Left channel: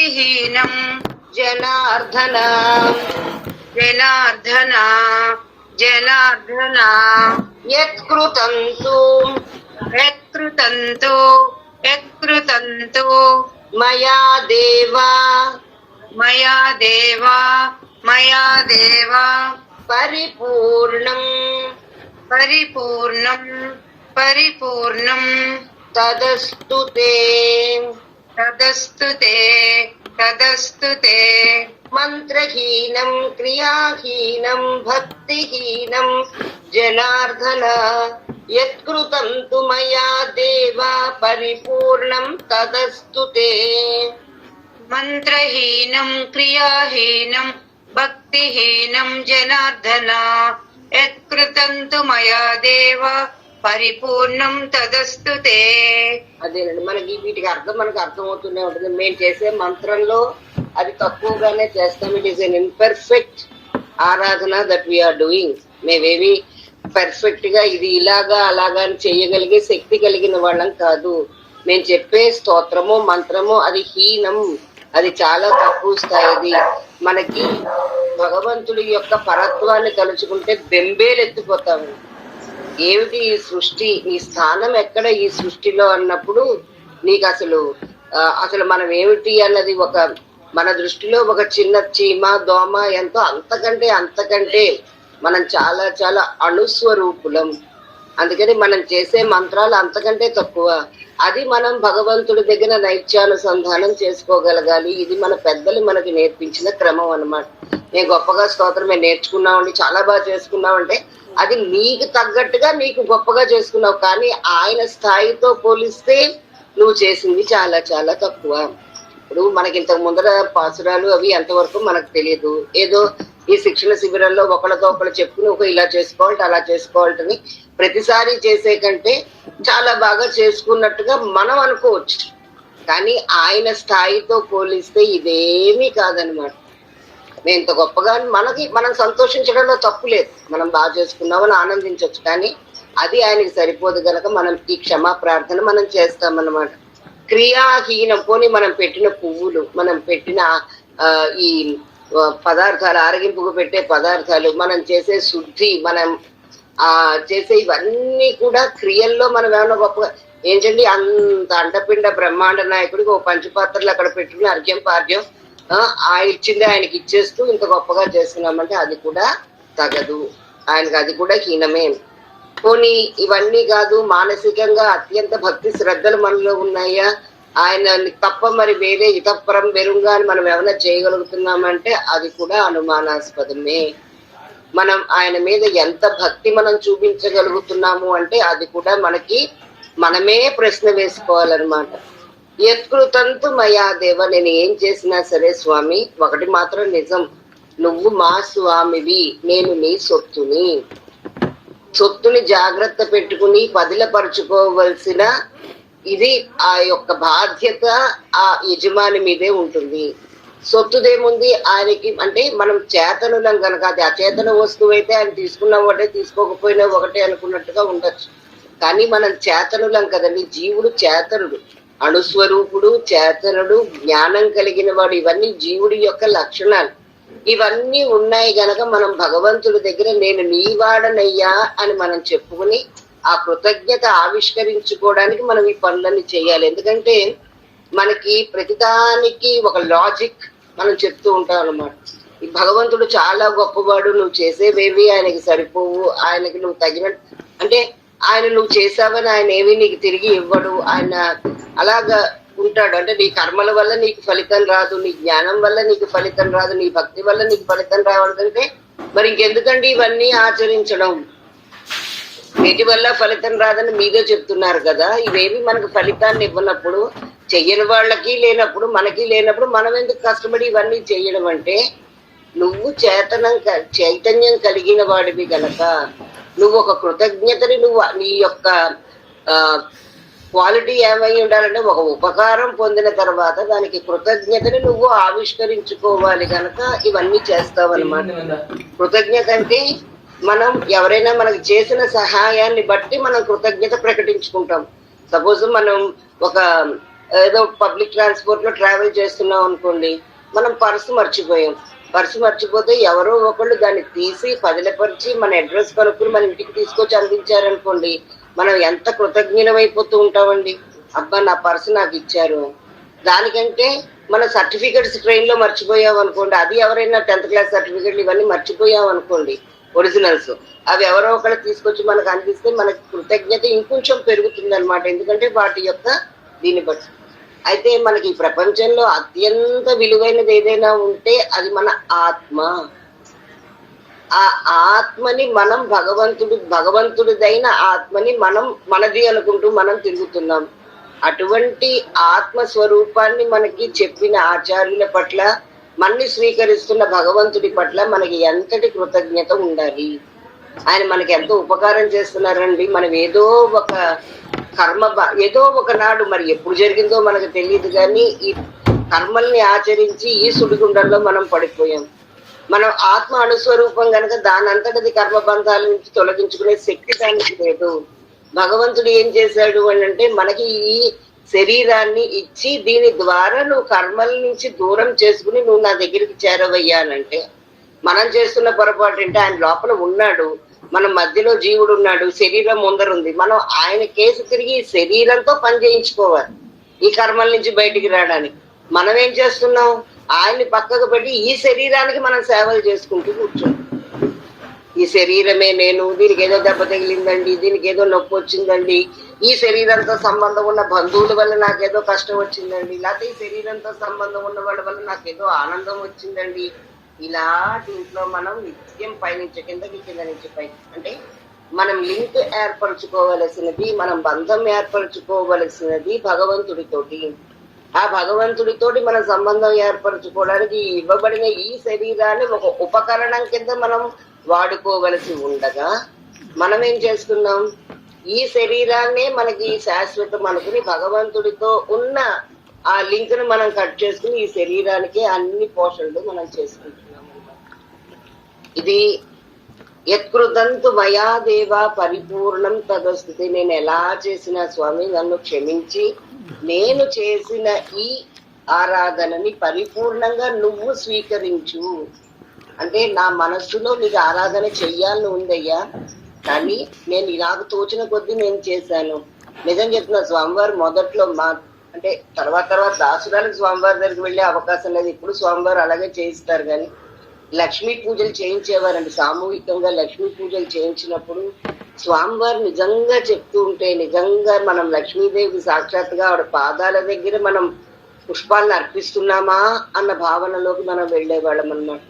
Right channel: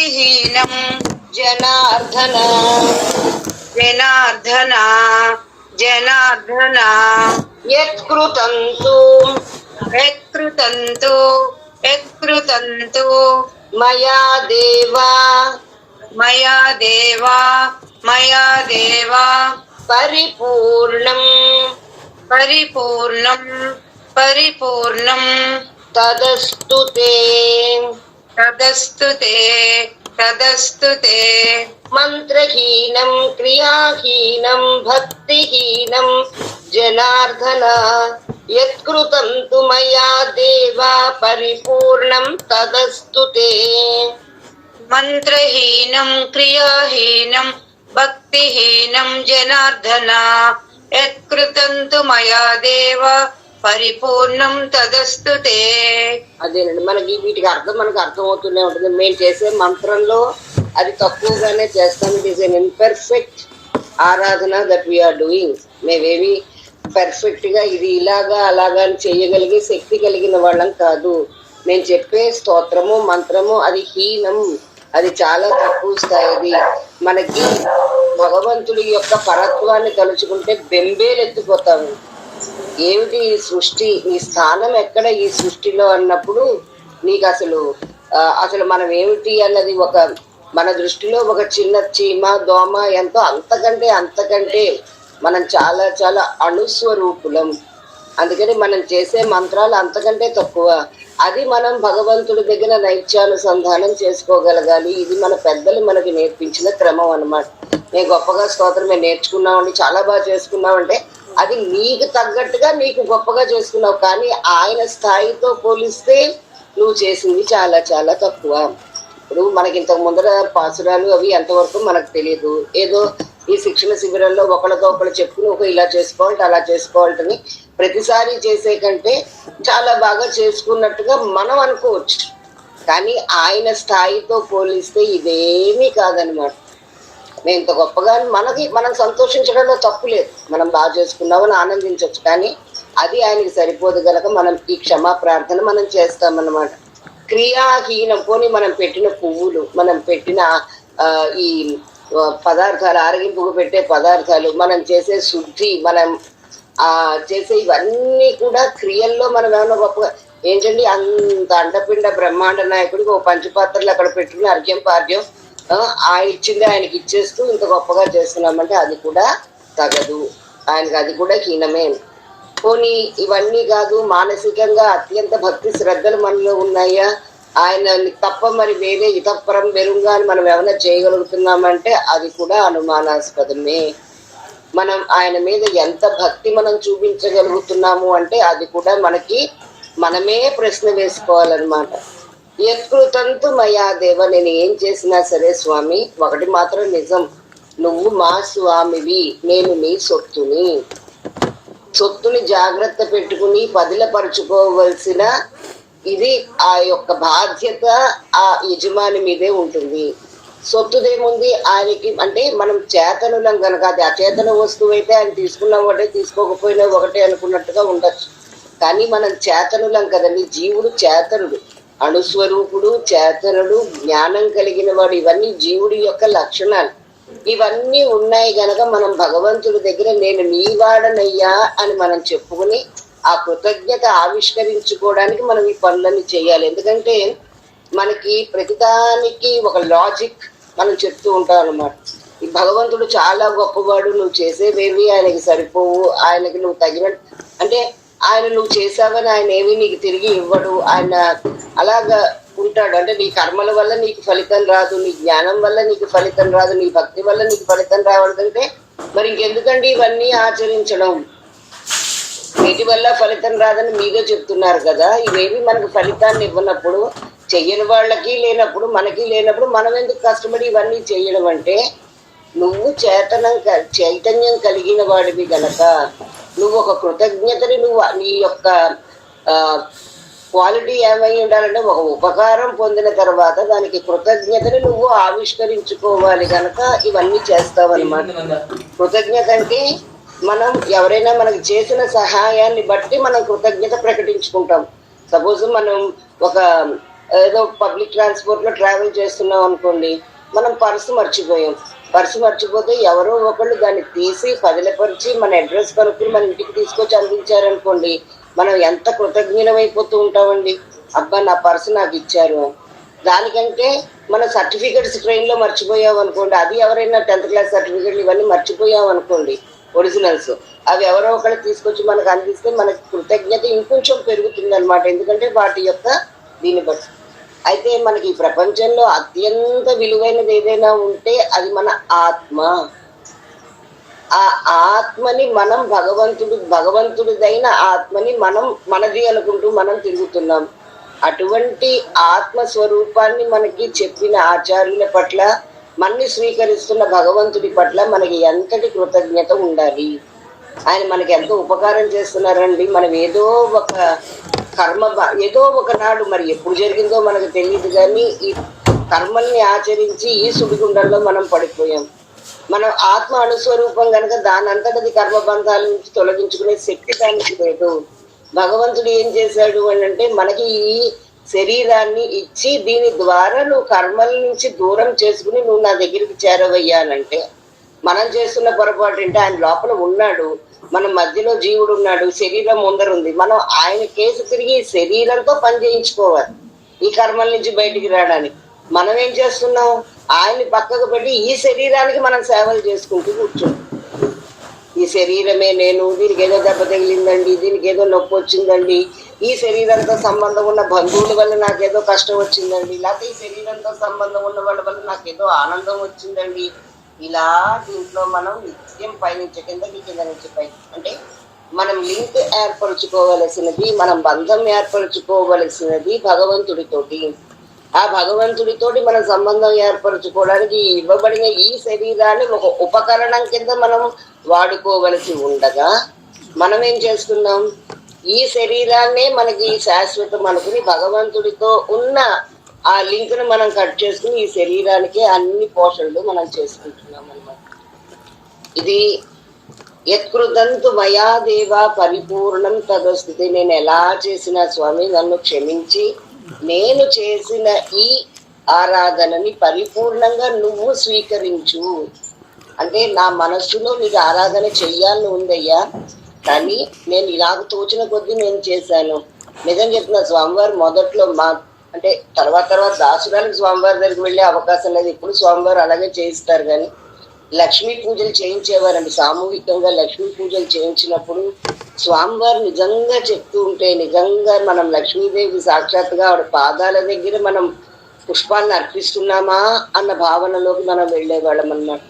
భక్తిహీనం జనార్దన జనార్దన జనార్దన యత్కృతంతు యత్కృతంతు యత్కృతంతు మయా దేవా మయా దేవా మయా దేవా పరిపూర్ణం పరిపూర్ణం పరిపూర్ణం తదస్తు తే తదస్తు తే తదస్తు తే మంత్రహీనం క్రియాహీనం భక్తిహీనం జనార్దన యత్కృతం తు మయా దేవా పరిపూర్ణం తదస్తు తే మంత్రహీనం క్రియాహీనం భక్తిహీనం జనార్దన యత్కృతం తు మయా దేవ పరిపూర్ణం తదస్తు తే. అదేనండి, మనకి వీటికి అర్థం మనకు అర్థమవుతూనే ఉంటుంది. మేము చేసే మంత్రంలో అది తక్కువగానే చేస్తాం. ఇట్ ఈస్ ఎన్ ఇంపర్ఫెక్ట్ ఆరాధన దట్ వీఆర్ డూయింగ్. మేమేవి పర్ఫెక్ట్ గా ఇది ఇలాగా అలాగా అని చేయగలిగే శక్తి కలిగిన వాళ్ళం కాదు. మేము చెప్పే స్తోత్రము మంత్రము అది హీనం, అది చాలా తక్కువ స్థాయిది. మనకి భగవంతుడి యొక్క పరత్వాన్ని తలుచుకుంటే బెంబేలు ఎత్తిపోతాము. ఏమిటి ఈ సృష్టి, నీ స్థానం ఎక్కడ ఈ సృష్టిలో అన్నప్పుడు నీకు అసలు మనం ఏమిటి అన్నది ఒక మన దృష్టిలో ఒక చిన్న చీమ దోమ ఎంతో అంతకంటే మనం చాలా చాలా అణుస్వరూపులం. అందుకని మనం చేసే మంత్రాలు అంతకంటే తక్కువ. అది మనం భగవంతుడి దగ్గర నైత్యానుసంధానం చేసుకోగలగాలి. ఇది మన పెద్దలు మనకి నేర్పించిన క్రమం అన్నమాట. నేను గొప్పగా స్తోత్రం మేము నేర్చుకున్నామండి, చాలా బాగా చేసుకున్నామంటే అది నీకు తగ్గట్టుగా నీకు గొప్పగా చేసుకున్నావు. కానీ ఆయన స్థాయితో పోలిస్తే నువ్వు చేసింది చాలా చాలా తక్కువ. ఇప్పుడు మనకి ఇంతకు ముందర పాసురాలు అవి ఎంతవరకు మనకు తెలియదు. ఏదో ఈ శిక్షణ శిబిరంలో ఒకళ్ళతో ఒకళ్ళు చెప్పుకుని ఒక ఇలా చేసుకోవాలి అలా చేసుకోవాలని ప్రతిసారి చేసే కంటే చాలా బాగా చేసుకున్నట్టుగా మనం అనుకోవచ్చు. కానీ ఆయన స్థాయితో పోలిస్తే ఇదేమీ కాదనమాట. నేను ఇంత గొప్పగా మనం సంతోషించడంలో తప్పు లేదు. మనం బాగా చేసుకున్నామని ఆనందించవచ్చు. కానీ అది ఆయనకి సరిపోదు గనక మనం ఈ క్షమా ప్రార్థన మనం చేస్తామన్నమాట. క్రియాహీనం పోని మనం పెట్టిన పువ్వులు, మనం పెట్టిన ఈ పదార్థాలు, ఆరగింపుకు పెట్టే పదార్థాలు, మనం చేసే శుద్ధి, మనం చేసే ఇవన్నీ కూడా క్రియల్లో మనం ఏమన్నా గొప్పగా ఏంటండి అంత అండపిండ బ్రహ్మాండ నాయకుడికి ఓ పంచపాత్రలు అక్కడ పెట్టుకుని అర్ఘ్యం పార్ఘ్యం ఆయన ఇచ్చింది ఆయనకి ఇచ్చేస్తూ ఇంత గొప్పగా చేస్తున్నామంటే అది కూడా తగదు. ఆయనకి అది కూడా హీనమే. పోనీ ఇవన్నీ కాదు, మానసికంగా అత్యంత భక్తి శ్రద్ధలు మనలో ఉన్నాయా, ఆయన తప్ప మరి వేరే ఇతపరం వెరుంగా అని మనం ఏమైనా చేయగలుగుతున్నామంటే అది కూడా అనుమానాస్పదమే. మనం ఆయన మీద ఎంత భక్తి మనం చూపించగలుగుతున్నాము అంటే అది కూడా మనమే ప్రశ్న వేసుకోవాలన్నమాట. యత్కృతంతు మయా దేవ, నేను ఏం చేసినా సరే స్వామి ఒకటి మాత్రం నిజం, నువ్వు మా స్వామివి, నేను నీ సొత్తుని జాగ్రత్త పెట్టుకుని పదిలపరుచుకోవలసిన ఇది ఆ యొక్క బాధ్యత ఆ యజమాని మీదే ఉంటుంది. సొత్తుదేముంది ఆయనకి అంటే మనం చేతనులం కనుక, అది అచేతన వస్తువు అయితే ఆయన తీసుకున్నా ఒకటే తీసుకోకపోయినా ఒకటే అనుకున్నట్టుగా ఉండొచ్చు. కానీ మనం చేతనులం కదండి. జీవుడు చేతనుడు, అణుస్వరూపుడు, చేతనుడు, జ్ఞానం కలిగిన వాడు. ఇవన్నీ జీవుడి యొక్క లక్షణాలు. ఇవన్నీ ఉన్నాయి గనక మనం భగవంతుడి దగ్గర నేను నీవాడనయ్యా అని మనం చెప్పుకుని ఆ కృతజ్ఞత ఆవిష్కరించుకోవడానికి మనం ఈ పనులన్నీ చేయాలి. ఎందుకంటే మనకి ప్రతిదానికి ఒక లాజిక్ మనం చెప్తూ ఉంటాం అన్నమాట. ఈ భగవంతుడు చాలా గొప్పవాడు, నువ్వు చేసేవేవి ఆయనకి సరిపోవు, ఆయనకి నువ్వు తగినట్టు అంటే ఆయన నువ్వు చేసావని ఆయన ఏమీ నీకు తిరిగి ఇవ్వడు. ఆయన అలాగా ఉంటాడు. అంటే నీ కర్మల వల్ల నీకు ఫలితం రాదు, నీ జ్ఞానం వల్ల నీకు ఫలితం రాదు, నీ భక్తి వల్ల నీకు ఫలితం రావడంటే మరి ఇంకెందుకండి ఇవన్నీ ఆచరించడం? వీటి వల్ల ఫలితం రాదని మీదే చెప్తున్నారు కదా. ఇవేవి మనకు ఫలితాన్ని ఇవ్వనప్పుడు, చెయ్యని వాళ్ళకి లేనప్పుడు, మనకి లేనప్పుడు మనం ఎందుకు కష్టపడి ఇవన్నీ చేయడం? అంటే నువ్వు చైతన్యం కలిగిన వాడివి గనక నువ్వు ఒక కృతజ్ఞతని నీ యొక్క క్వాలిటీ ఏమై ఉండాలంటే ఒక ఉపకారం పొందిన తర్వాత దానికి కృతజ్ఞతని నువ్వు ఆవిష్కరించుకోవాలి కనుక ఇవన్నీ చేస్తావన్నమాట. కృతజ్ఞత అంటే మనం ఎవరైనా మనకు చేసిన సహాయాన్ని బట్టి మనం కృతజ్ఞత ప్రకటించుకుంటాం. సపోజ్ మనం ఒక ఏదో పబ్లిక్ ట్రాన్స్పోర్ట్ లో ట్రావెల్ చేస్తున్నాం అనుకోండి, మనం పర్సు మర్చిపోయాం. పర్సు మర్చిపోతే ఎవరో ఒకళ్ళు దాన్ని తీసి పదిలపరిచి మన అడ్రస్ కనుక్కుని మన ఇంటికి తీసుకొచ్చి అందించారనుకోండి, మనం ఎంత కృతజ్ఞమైపోతూ ఉంటామండి. అబ్బా నా పర్సు నాకు ఇచ్చారు. దానికంటే మన సర్టిఫికెట్స్ ట్రైన్ లో మర్చిపోయాం అనుకోండి, అది ఎవరైనా 10th క్లాస్ సర్టిఫికెట్లు ఇవన్నీ మర్చిపోయాం అనుకోండి, ఒరిజినల్స్, అవి ఎవరో ఒకళ్ళు తీసుకొచ్చి మనకు అందిస్తే మనకి కృతజ్ఞత ఇంకొంచెం పెరుగుతుంది అనమాట. ఎందుకంటే వాటి యొక్క దీన్ని బట్టి. అయితే మనకి ఈ ప్రపంచంలో అత్యంత విలువైనది ఏదైనా ఉంటే అది మన ఆత్మ. ఆ ఆత్మని మనం భగవంతుడిదైన ఆత్మని మనం మనది అనుకుంటూ మనం తిరుగుతున్నాం. అటువంటి ఆత్మస్వరూపాన్ని మనకి చెప్పిన ఆచార్యుల పట్ల, మన్ని స్వీకరిస్తున్న భగవంతుడి పట్ల మనకి ఎంతటి కృతజ్ఞత ఉండాలి. ఆయన మనకి ఎంతో ఉపకారం చేస్తున్నారండి. మనం ఏదో ఒక ఏదో ఒకనాడు, మరి ఎప్పుడు జరిగిందో మనకు తెలియదు, కానీ ఈ కర్మల్ని ఆచరించి ఈ సుడిగుండంలో మనం పడిపోయాం. మనం ఆత్మ అణుస్వరూపం కనుక దానంతటది కర్మబంధాల నుంచి తొలగించుకునే శక్తి దానికి లేదు. భగవంతుడు ఏం చేశాడు అని అంటే, మనకి ఈ శరీరాన్ని ఇచ్చి దీని ద్వారా నువ్వు కర్మల నుంచి దూరం చేసుకుని నువ్వు నా దగ్గరికి చేరవయ్యానంటే, మనం చేస్తున్న పొరపాటు అంటే ఆయన లోపల ఉన్నాడు, మన మధ్యలో జీవుడు ఉన్నాడు, శరీరం ముందరుంది. మనం ఆయన కేసు తిరిగి శరీరంతో పని చేయించుకోవాలి ఈ కర్మల నుంచి బయటికి రావడానికి. మనం ఏం చేస్తున్నాం, ఆయన్ని పక్కకు పెట్టి ఈ శరీరానికి మనం సేవలు చేసుకుంటూ కూర్చుంటాం. ఈ శరీరమే నేను, దీనికి ఏదో దెబ్బ తగిలిందండి, దీనికి ఏదో నొప్పి వచ్చిందండి, ఈ శరీరంతో సంబంధం ఉన్న బంధువుల వల్ల నాకేదో కష్టం వచ్చిందండి, లేకపోతే ఈ శరీరంతో సంబంధం ఉన్న వాళ్ళ వల్ల నాకేదో ఆనందం వచ్చిందండి. ఇలా దీంట్లో మనం నిత్యం పైనుంచి కిందకి, కింద నుంచి పైకి, అంటే మనం లింక్ ఏర్పరచుకోవలసినది, మనం బంధం ఏర్పరచుకోవలసినది భగవంతుడితోటి. ఆ భగవంతుడితోటి మన సంబంధం ఏర్పరచుకోవడానికి ఇవ్వబడిన ఈ శరీరాన్ని ఒక ఉపకరణం కింద మనం వాడుకోవలసి ఉండగా, మనం ఏం చేస్తున్నాం, ఈ శరీరాన్నే మనకి శాశ్వతం అనుకుని భగవంతుడితో ఉన్న ఆ లింక్ ను మనం కట్ చేసుకుని ఈ శరీరానికి అన్ని పోషణలు మనం చేసుకుంటున్నాం అన్నమాట. ఇది యత్కృతంతు మయా దేవ పరిపూర్ణం తదస్తుతే. నేను ఎలా చేసిన స్వామి నన్ను క్షమించి నేను చేసిన ఈ ఆరాధనని పరిపూర్ణంగా నువ్వు స్వీకరించు. అంటే నా మనస్సులో నీకు ఆరాధన చెయ్యాలని ఉందయ్యా, కానీ నేను ఇలాగ తోచిన కొద్దీ నేను చేశాను. నిజం చెప్తున్నా, స్వామివారు మొదట్లో అంటే తర్వాత దాసురాలకు స్వామివారి దగ్గరికి వెళ్ళే అవకాశం లేదు. ఇప్పుడు స్వామివారు అలాగే చేయిస్తారు, కానీ లక్ష్మీ పూజలు చేయించేవారండి. సామూహికంగా లక్ష్మీ పూజలు చేయించినప్పుడు స్వామివారు నిజంగా చెప్తూ ఉంటే, నిజంగా మనం లక్ష్మీదేవి సాక్షాత్గా ఆవిడ పాదాల దగ్గర మనం పుష్పాలను అర్పిస్తున్నామా అన్న భావనలోకి మనం వెళ్ళేవాళ్ళం అన్నమాట.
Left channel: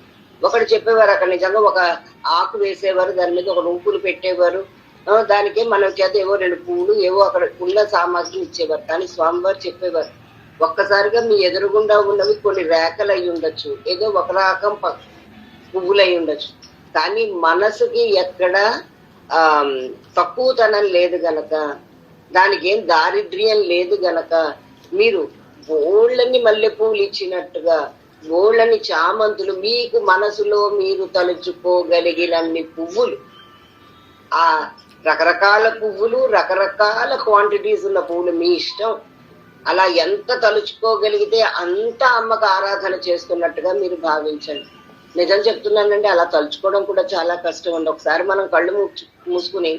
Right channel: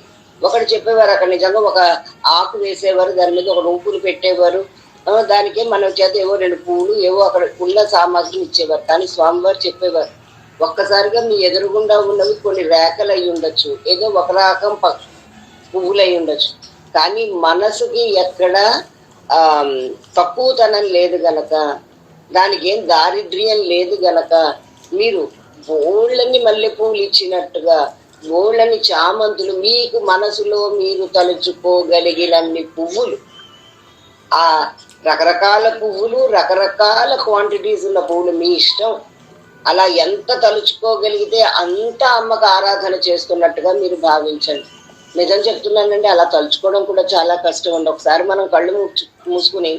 ఒకటి చెప్పేవారు, అక్కడ నిజంగా ఒక ఆకు వేసేవారు, దాని మీద ఒక రూపులు పెట్టేవారు, దానికే మనం చేత ఏవో 2 పువ్వులు ఏవో అక్కడ ఉన్న సామాగ్రిని ఇచ్చేవారు. కానీ స్వామివారు చెప్పేవారు, ఒక్కసారిగా మీ ఎదురుగుండా ఉన్నవి కొన్ని రేఖలు అయి ఉండొచ్చు, ఏదో ఒక రకం పువ్వులు అయి ఉండొచ్చు, కానీ మనసుకి ఎక్కడ తక్కువతనం లేదు గనక, దానికి ఏం దారిద్ర్యం లేదు గనక, మీరు బోళ్ళని మల్లెపూలు ఇచ్చినట్టుగా బోళ్ళని చామంతులు మీకు మనసులో మీరు తలుచుకోగలిగినన్ని పువ్వులు, ఆ రకరకాల పువ్వులు, రకరకాల క్వాంటిటీస్ ఉన్న పువ్వులు మీ ఇష్టం, అలా ఎంత తలుచుకోగలిగితే అంత అమ్మకు ఆరాధన చేస్తున్నట్టుగా మీరు భావించండి. నిజం చెప్తున్నానండి, అలా తలుచుకోవడం కూడా చాలా కష్టం అండి. ఒకసారి మనం కళ్ళు మూసుకుని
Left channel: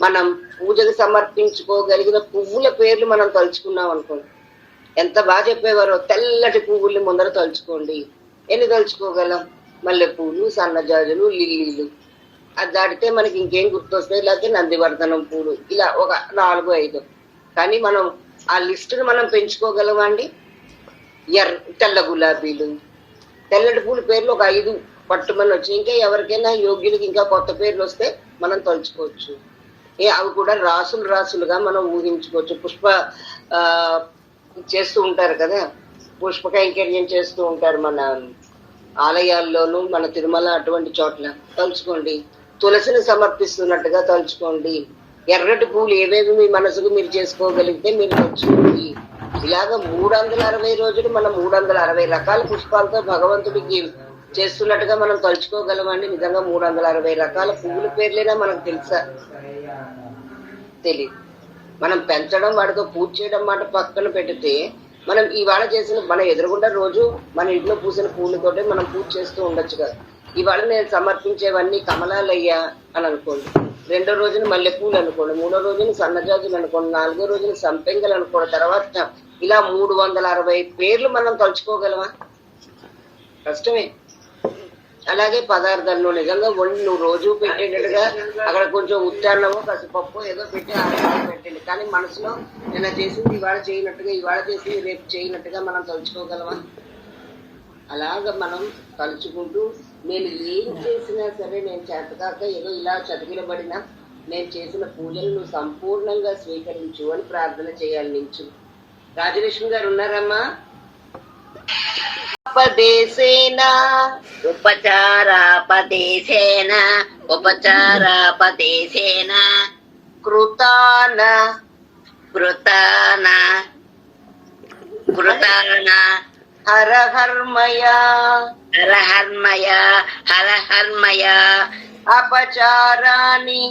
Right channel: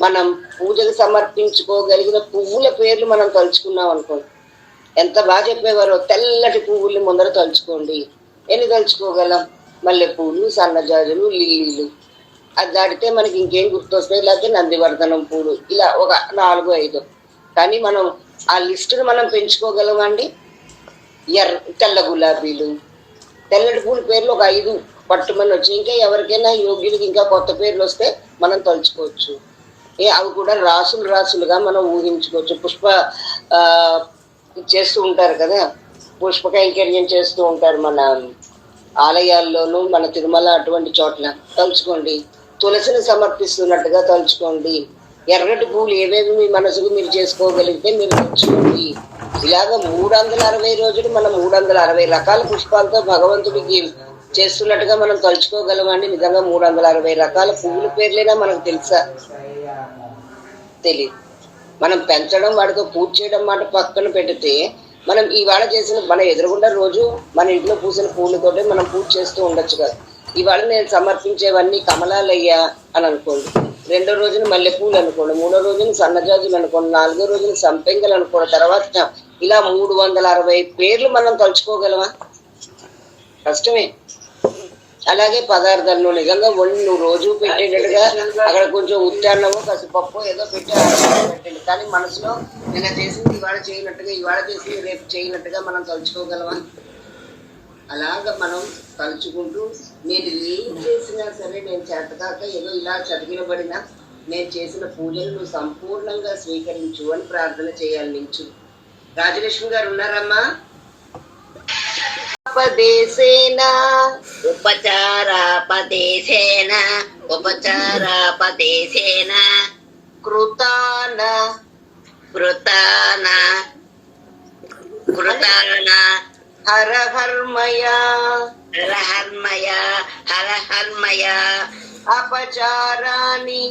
మనం పూజకు సమర్పించుకోగలిగిన పువ్వుల పేర్లు మనం తలుచుకున్నాం అనుకోండి, ఎంత బాగా చెప్పేవారో. తెల్లటి పువ్వుల్ని ముందర తలుచుకోండి. ఎన్ని తలుచుకోగలం? మల్లెపూలు, సన్నజాజులు, లిల్లీలు. అది దాటితే మనకి ఇంకేం గుర్తొస్తాయి, లేకపోతే నందివర్ధనం పూలు, ఇలా ఒక 4-5. కానీ మనం ఆ లిస్టును మనం పెంచుకోగలమండి. తెల్ల గులాబీలు, తెల్లటి పూల పేర్లు ఒక 5 పట్టుమని వచ్చి, ఇంకా ఎవరికైనా యోగ్యులకి ఇంకా కొత్త పేర్లు వస్తే మనం తలుచుకోవచ్చు. అవి కూడా రాసులుగా మనం ఊహించుకోవచ్చు. చేస్తూ ఉంటారు కదా, పుష్ప కైంకర్యం చేస్తూ ఉంటారు మన ఆలయాల్లోనూ, మన తిరుమల అటువంటి చోట్ల తలుచుకోండి. తులసిని సమర్పిస్తున్నట్టుగా తలుచుకోండి. ఎర్రటి పూలు ఏవేవి మీ మనసుకు మీరు చేసుకోగలిగితే మీరు తెచ్చుకోండి. ఇలాగ 360 రోజులు మనం 360 రకాల పుష్పాలతో భగవంతుడికి చేస్తున్నట్టుగా మనం తలుచుకోగలమండి. నిజంగా 360 రకాల పువ్వుల పేర్లైనా మనకు తెలుసా? తెలియదు. మనం పెంచడం వాడితో పూజ చేయడం మాట పక్కన పెడితే, మనం ఇవాళ చేసిన మన ఎదురుగుండా రోజు మన ఇంట్లో పూసిన పూలతోటే మనం పూజ చేస్తూ ఉండొచ్చు కదా. ఇవాళ నేను సమర్పించేవన్నీ కమలాలయ్యా అని అనుకోండి, రెండో రోజున మల్లెపూలు అనుకోండి, మూడో రోజున సన్నజాజులు అనుకోండి, నాలుగో రోజున సంపెంగలు అనుకోండి, తర్వాత ఇలా 360 పేర్లు మనం తలుచుకోగలమా? కష్టమే. అలాగే పదార్థాలు నువ్వు నిజంగా వండి నువ్వు రోజు పెట్టేటట్టుగా అక్కడ కొంచెం ఉచ్చారణమో కసిపప్పు ఏదో పెట్టండి, కానీ మనసులో నిన్న చేసింది ఇవాళ చేయనట్టుగా, ఇవాళ చేసింది రేపు చేయనట్టుగా మనం తలుచుకోగలమా? అలాగ మనం తలుచుకుంటూ నేను ఏం చేసినా సరే, నేను చేతకాక ఏదో ఇలా చతికిలబడినా నేను చేసిన పూజలు నువ్వు సంపూర్ణంగా స్వీకరించు అని ప్రార్థన చేయాలి. నించు రాజలక్ష్మి గారు ఉన్నారమ్మా? ఉపచారాపదేశేన కృతాన హరహర్మయ అపచారాని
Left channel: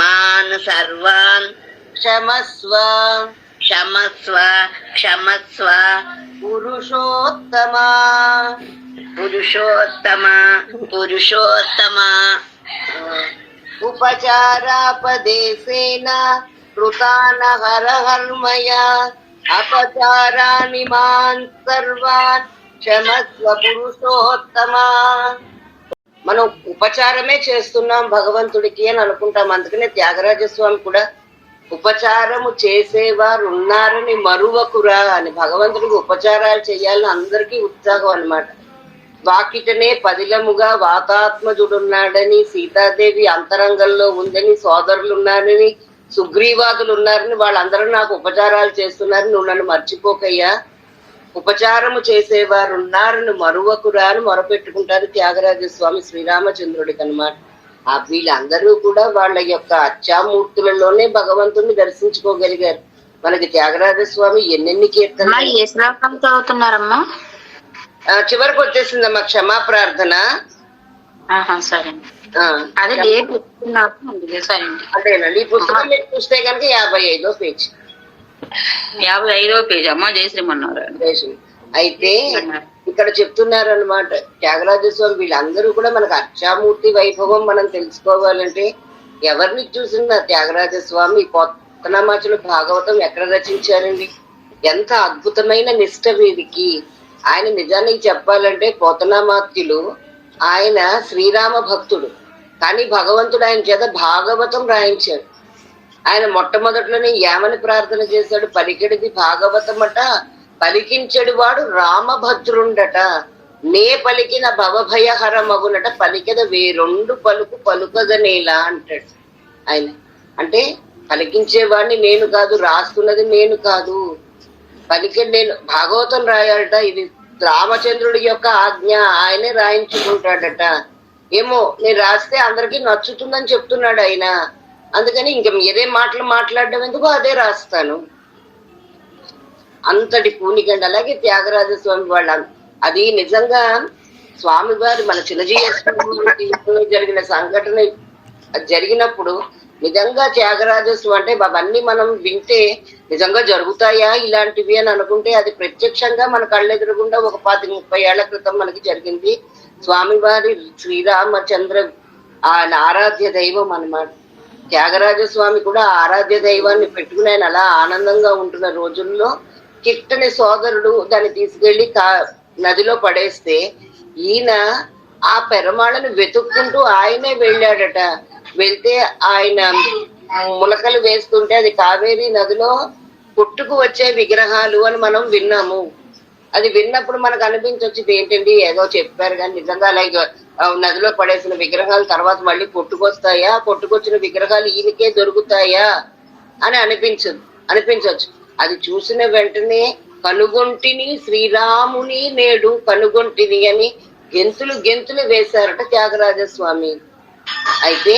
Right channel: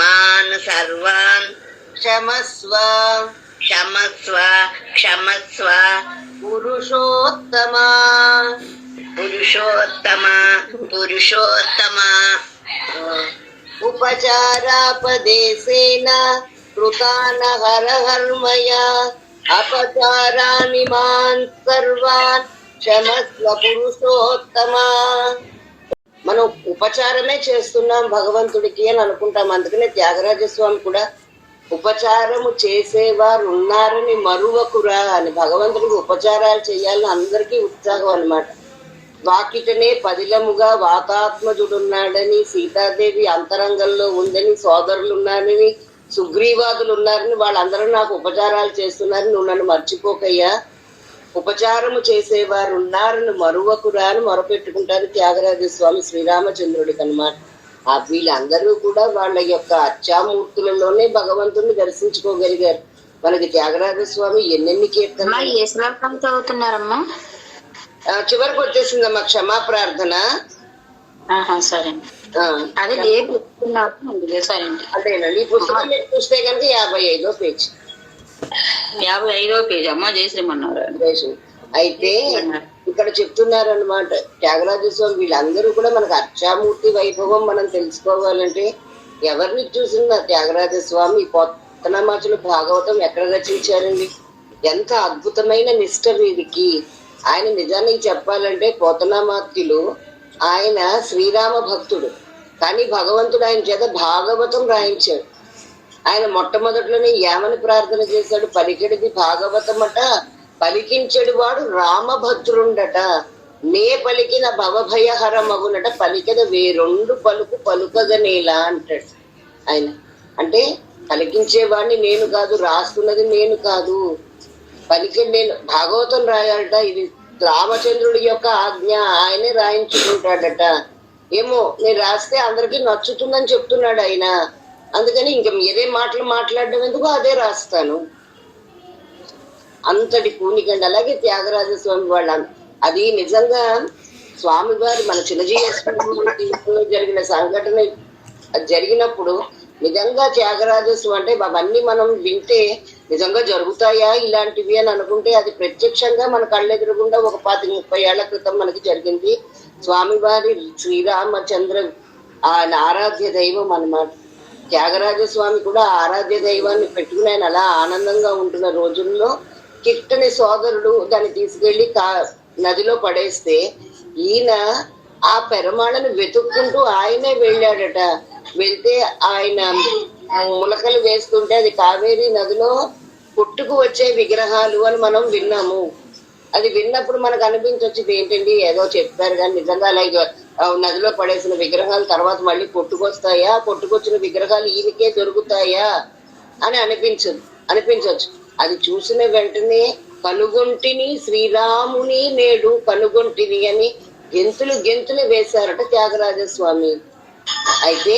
మాన్ సర్వాన్ క్షమస్వ పురుషోత్తమ ఉపచారాపదేశేన కృతాన హరహర్మయ అపచారాని మాన్ సర్వాన్ క్షమస్వ పురుషోత్తమ. మనం ఉపచారమే చేస్తున్నాం భగవంతుడికి అని అనుకుంటాం. అందుకనే త్యాగరాజస్వామి కూడా ఉపచారము చేసేవారు ఉన్నారని మరువకురా అని, భగవంతుడికి ఉపచారాలు చేయాలని అందరికీ ఉత్సాహం అన్నమాట. వాకిటనే పదిలముగా వాతాత్మజుడున్నాడని, సీతాదేవి అంతరంగంలో ఉందని, సోదరులు ఉన్నారని, సుగ్రీవాదులు ఉన్నారని, వాళ్ళందరూ నాకు ఉపచారాలు చేస్తున్నారని నువ్వు నన్ను మర్చిపోకయ్యా, ఉపచారము చేసేవారు ఉన్నారని మరువకురా అని మొరపెట్టుకుంటారు త్యాగరాజస్వామి శ్రీరామచంద్రుడికి అన్నమాట. వీళ్ళందరూ కూడా వాళ్ళ యొక్క అచ్చామూర్తులలోనే భగవంతుని దర్శించుకోగలిగారు. మనకి త్యాగరాజస్వామి ఎన్నెన్ని కీర్తనలు చదువుతున్నారమ్మా? చివరికి వచ్చేసిందమ్మా క్షమా ప్రార్థన. అదేనండి. ఈ పుస్తకం చూస్తే కనుక 55వ పేజీ. 55వ పేజీ అమ్మా. జయశ్రీమన్నారు. అయితే ఇక్కడ చెప్తున్నారు అనమాట త్యాగరాజస్వామి వీళ్ళందరూ కూడా మనకు అర్చామూర్తి వైభవం మనం తెలుసుకోవాలంటే ఎవరిని చూసినా త్యాగరాజస్వామి పోతనామాచులు భాగవతం ఎక్కడ రచించారండి? ఎంత అద్భుతమైన నిష్ఠ వీరికి. ఆయన నిజానికి చెప్పాలంటే పోతనామాత్యులు ఆయన శ్రీరామ భక్తుడు, కానీ భగవంతుడు ఆయన చేత భాగవతం రాయించాడు. ఆయన మొట్టమొదట్లోనే ఏమని ప్రార్థన చేశాడు? పలికెడిది భాగవతమట, పలికించెడు వాడు రామభద్రుండట, నే పలికిన భవభయహర మగునట, పలికెద వేరొండు పలుకు పలుకగనేలా అంటాడు ఆయన. అంటే పలికించేవాడిని నేను కాదు, రాస్తున్నది నేను కాదు, పలికెడు నేను. భాగవతం రాయాలట, ఇది రామచంద్రుడి యొక్క ఆజ్ఞ, ఆయనే రాయించుకుంటాడట. ఏమో నేను రాస్తే అందరికీ నచ్చుతుందని చెప్తున్నాడు ఆయన, అందుకని ఇంక మీరే మాటలు మాట్లాడడం ఎందుకు, అదే రాస్తాను. అంతటి పూనికండి. అలాగే త్యాగరాజస్వామి వాళ్ళ అది నిజంగా స్వామివారి మన చిన్నజీవితంలో జరిగిన సంఘటన జరిగినప్పుడు నిజంగా త్యాగరాజస్వామి అంటే అవన్నీ మనం వింటే నిజంగా జరుగుతాయా ఇలాంటివి అని అనుకుంటే అది ప్రత్యక్షంగా మన కళ్ళెదురుగుండా ఒక 25-30 ఏళ్ల క్రితం మనకి జరిగింది. స్వామివారి శ్రీరామచంద్ర ఆయన ఆరాధ్య దైవం అన్నమాట. త్యాగరాజస్వామి కూడా ఆరాధ్య దైవాన్ని పెట్టుకుని ఆయన అలా ఆనందంగా ఉంటున్న రోజుల్లో కిట్టని సోదరుడు దాన్ని తీసుకెళ్లి నదిలో పడేస్తే ఈయన ఆ పెరమాళను వెతుక్కుంటూ ఆయనే వెళ్ళాడట. వెళ్తే ఆయన ములకలు వేస్తుంటే అది కావేరీ నదిలో పుట్టుకు వచ్చే విగ్రహాలు అని మనం విన్నాము. అది విన్నప్పుడు మనకు అనిపించొచ్చింది ఏంటండి ఏదో చెప్పారు కానీ నిజంగా అలాగే నదిలో పడేసిన విగ్రహాలు తర్వాత మళ్ళీ పుట్టుకొస్తాయా, పుట్టుకొచ్చిన విగ్రహాలు ఈయనకే దొరుకుతాయా అని అనిపించవచ్చు. అది చూసిన వెంటనే కనుగొంటిని శ్రీరాముని నేడు కనుగొంటిని అని గెంతులు వేశారట త్యాగరాజస్వామి. అయితే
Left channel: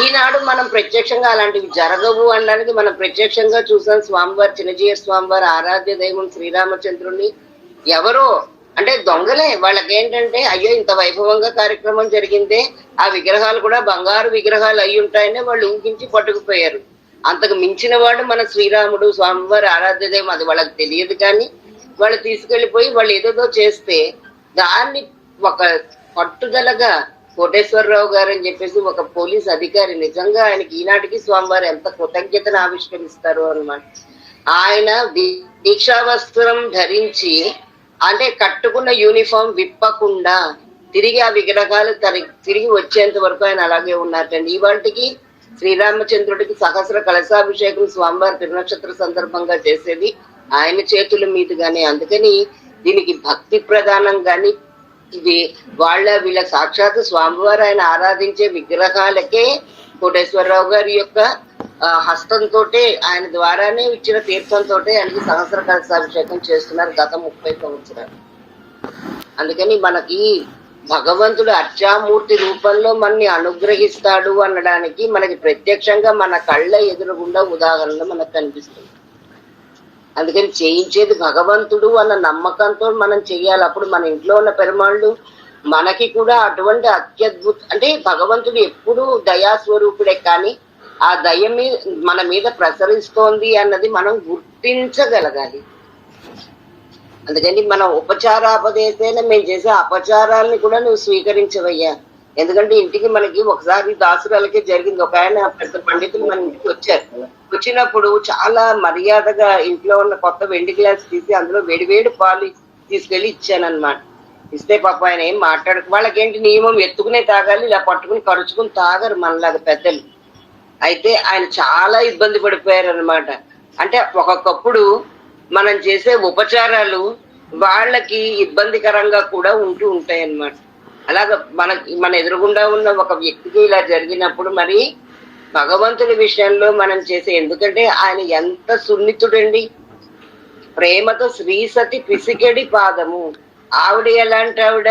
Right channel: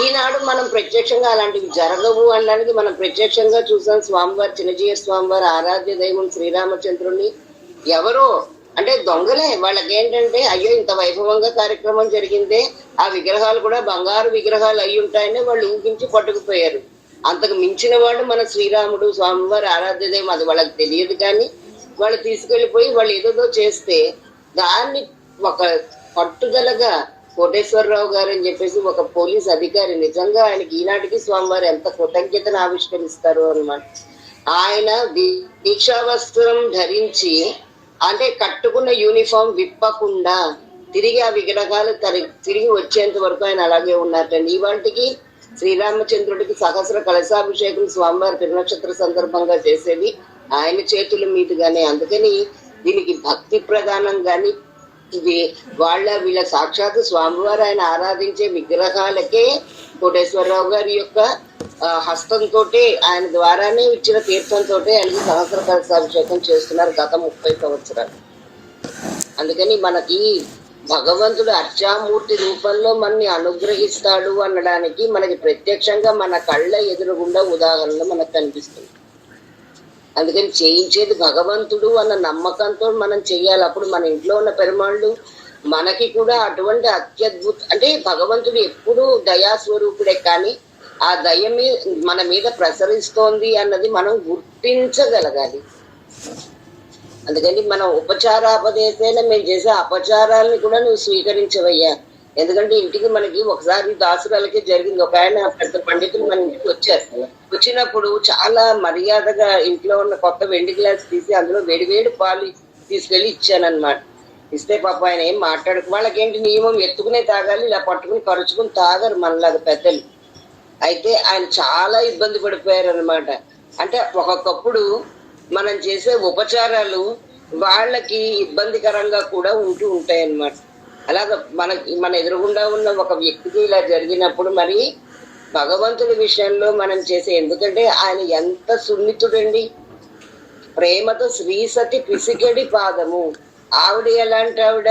ఈనాడు మనం ప్రత్యక్షంగా అలాంటివి జరగవు అనడానికి మనం ప్రత్యక్షంగా చూసాం. స్వామివారి చిన్నజీయ స్వామివారి ఆరాధ్య దైవం శ్రీరామచంద్రుని ఎవరో అంటే దొంగలే. వాళ్ళకి ఏంటంటే అయ్యో ఇంత వైభవంగా కార్యక్రమం జరిగిందే, ఆ విగ్రహాలు కూడా బంగారు విగ్రహాలు అయి ఉంటాయని వాళ్ళు ఊహించి పట్టుకుపోయారు. అంతకు మించిన వాడు మన శ్రీరాముడు, స్వామివారి ఆరాధ్యదేమో అది వాళ్ళకి తెలియదు. కానీ వాళ్ళు తీసుకెళ్లిపోయి వాళ్ళు ఏదేదో చేస్తే దాన్ని ఒక పట్టుదలగా కోటేశ్వరరావు గారు అని చెప్పేసి ఒక పోలీస్ అధికారి, నిజంగా ఆయనకి ఈనాటికి స్వామివారు ఎంత కృతజ్ఞతను ఆవిష్కరిస్తారు అన్నమాట. ఆయన దీక్షా వస్త్రం ధరించి, అంటే కట్టుకున్న యూనిఫామ్ విప్పకుండా తిరిగి ఆ విగ్రహాలు తిరిగి వచ్చేంత వరకు ఆయన అలాగే ఉన్నారటండి. ఇవాటికి శ్రీరామచంద్రుడికి సహస్ర కలశాభిషేకం స్వామివారి తిరునక్షత్ర సందర్భంగా చేసేది ఆయన చేతుల మీదుగానే. అందుకని దీనికి భక్తి ప్రధానం. గాని ఇది వీళ్ళ సాక్షాత్ స్వామివారు ఆయన ఆరాధించే విగ్రహాలకే కోటేశ్వరరావు గారి యొక్క హస్తంతో, ఆయన ద్వారానే ఇచ్చిన తీర్థంతో ఆయనకి సహస్ర కలశాభిషేకం చేస్తున్నారు గత 30 సంవత్సరాలు. అందుకని మనకి భగవంతుడు అర్చామూర్తి రూపంలో మనని అనుగ్రహిస్తాడు అనడానికి మనకి ప్రత్యక్షంగా మన కళ్ళ ఎదురుగుండా ఉదాహరణలు మనకు కనిపిస్తుంది. అందుకని చేయించేది భగవంతుడు అన్న నమ్మకంతో మనం చెయ్యాలి. అప్పుడు మన ఇంట్లో ఉన్న పెరుమాళ్ళు మనకి కూడా అటువంటి అత్యద్భుత, అంటే భగవంతుడు ఎప్పుడు దయాస్వరూపుడే, కానీ ఆ దయ మన మీద ప్రసరిస్తోంది అన్నది మనం గుర్తించగలగాలి. అందుకని మనం ఉపచారాపదేశైన మేము చేసే అపచారాలని కూడా నువ్వు స్వీకరించవయ్యా. ఎందుకంటే ఇంటికి మనకి ఒకసారి దాసురాలకే జరిగింది. ఒక ఆయన పెద్ద పండితులు మన ఇంటికి వచ్చారు. వచ్చినప్పుడు చాలా మర్యాదగా ఇంట్లో ఉన్న కొత్త వెండి గ్లాస్ తీసి అందులో వేడివేడి పాలు తీసుకెళ్లి ఇచ్చానన్నమాట. ఇస్తే పాప ఆయన ఏం మాట్లాడకు, వాళ్ళకేంటి నియమం ఎత్తుకునే తాగాలి, ఇలా పట్టుకుని కరుచుకుని తాగరు మనలాగా పెద్దలు. అయితే ఆయన చాలా ఇబ్బంది పడిపోయారు అనమాట. అంటే ఒక్కొక్కప్పుడు మనం చేసే ఉపచారాలు వాళ్ళకి ఇబ్బందికరంగా కూడా ఉంటాయి అన్నమాట. అలాగ మన ఎదురుగుండా ఉన్న ఒక వ్యక్తికి ఇలా జరిగినప్పుడు మరి భగవంతుడి విషయంలో మనం చేసే, ఎందుకంటే ఆయన ఎంత సున్నితుడండి, ప్రేమతో శ్రీసతి పిసికెడి పాదము. ఆవిడ ఎలాంటి ఆవిడ,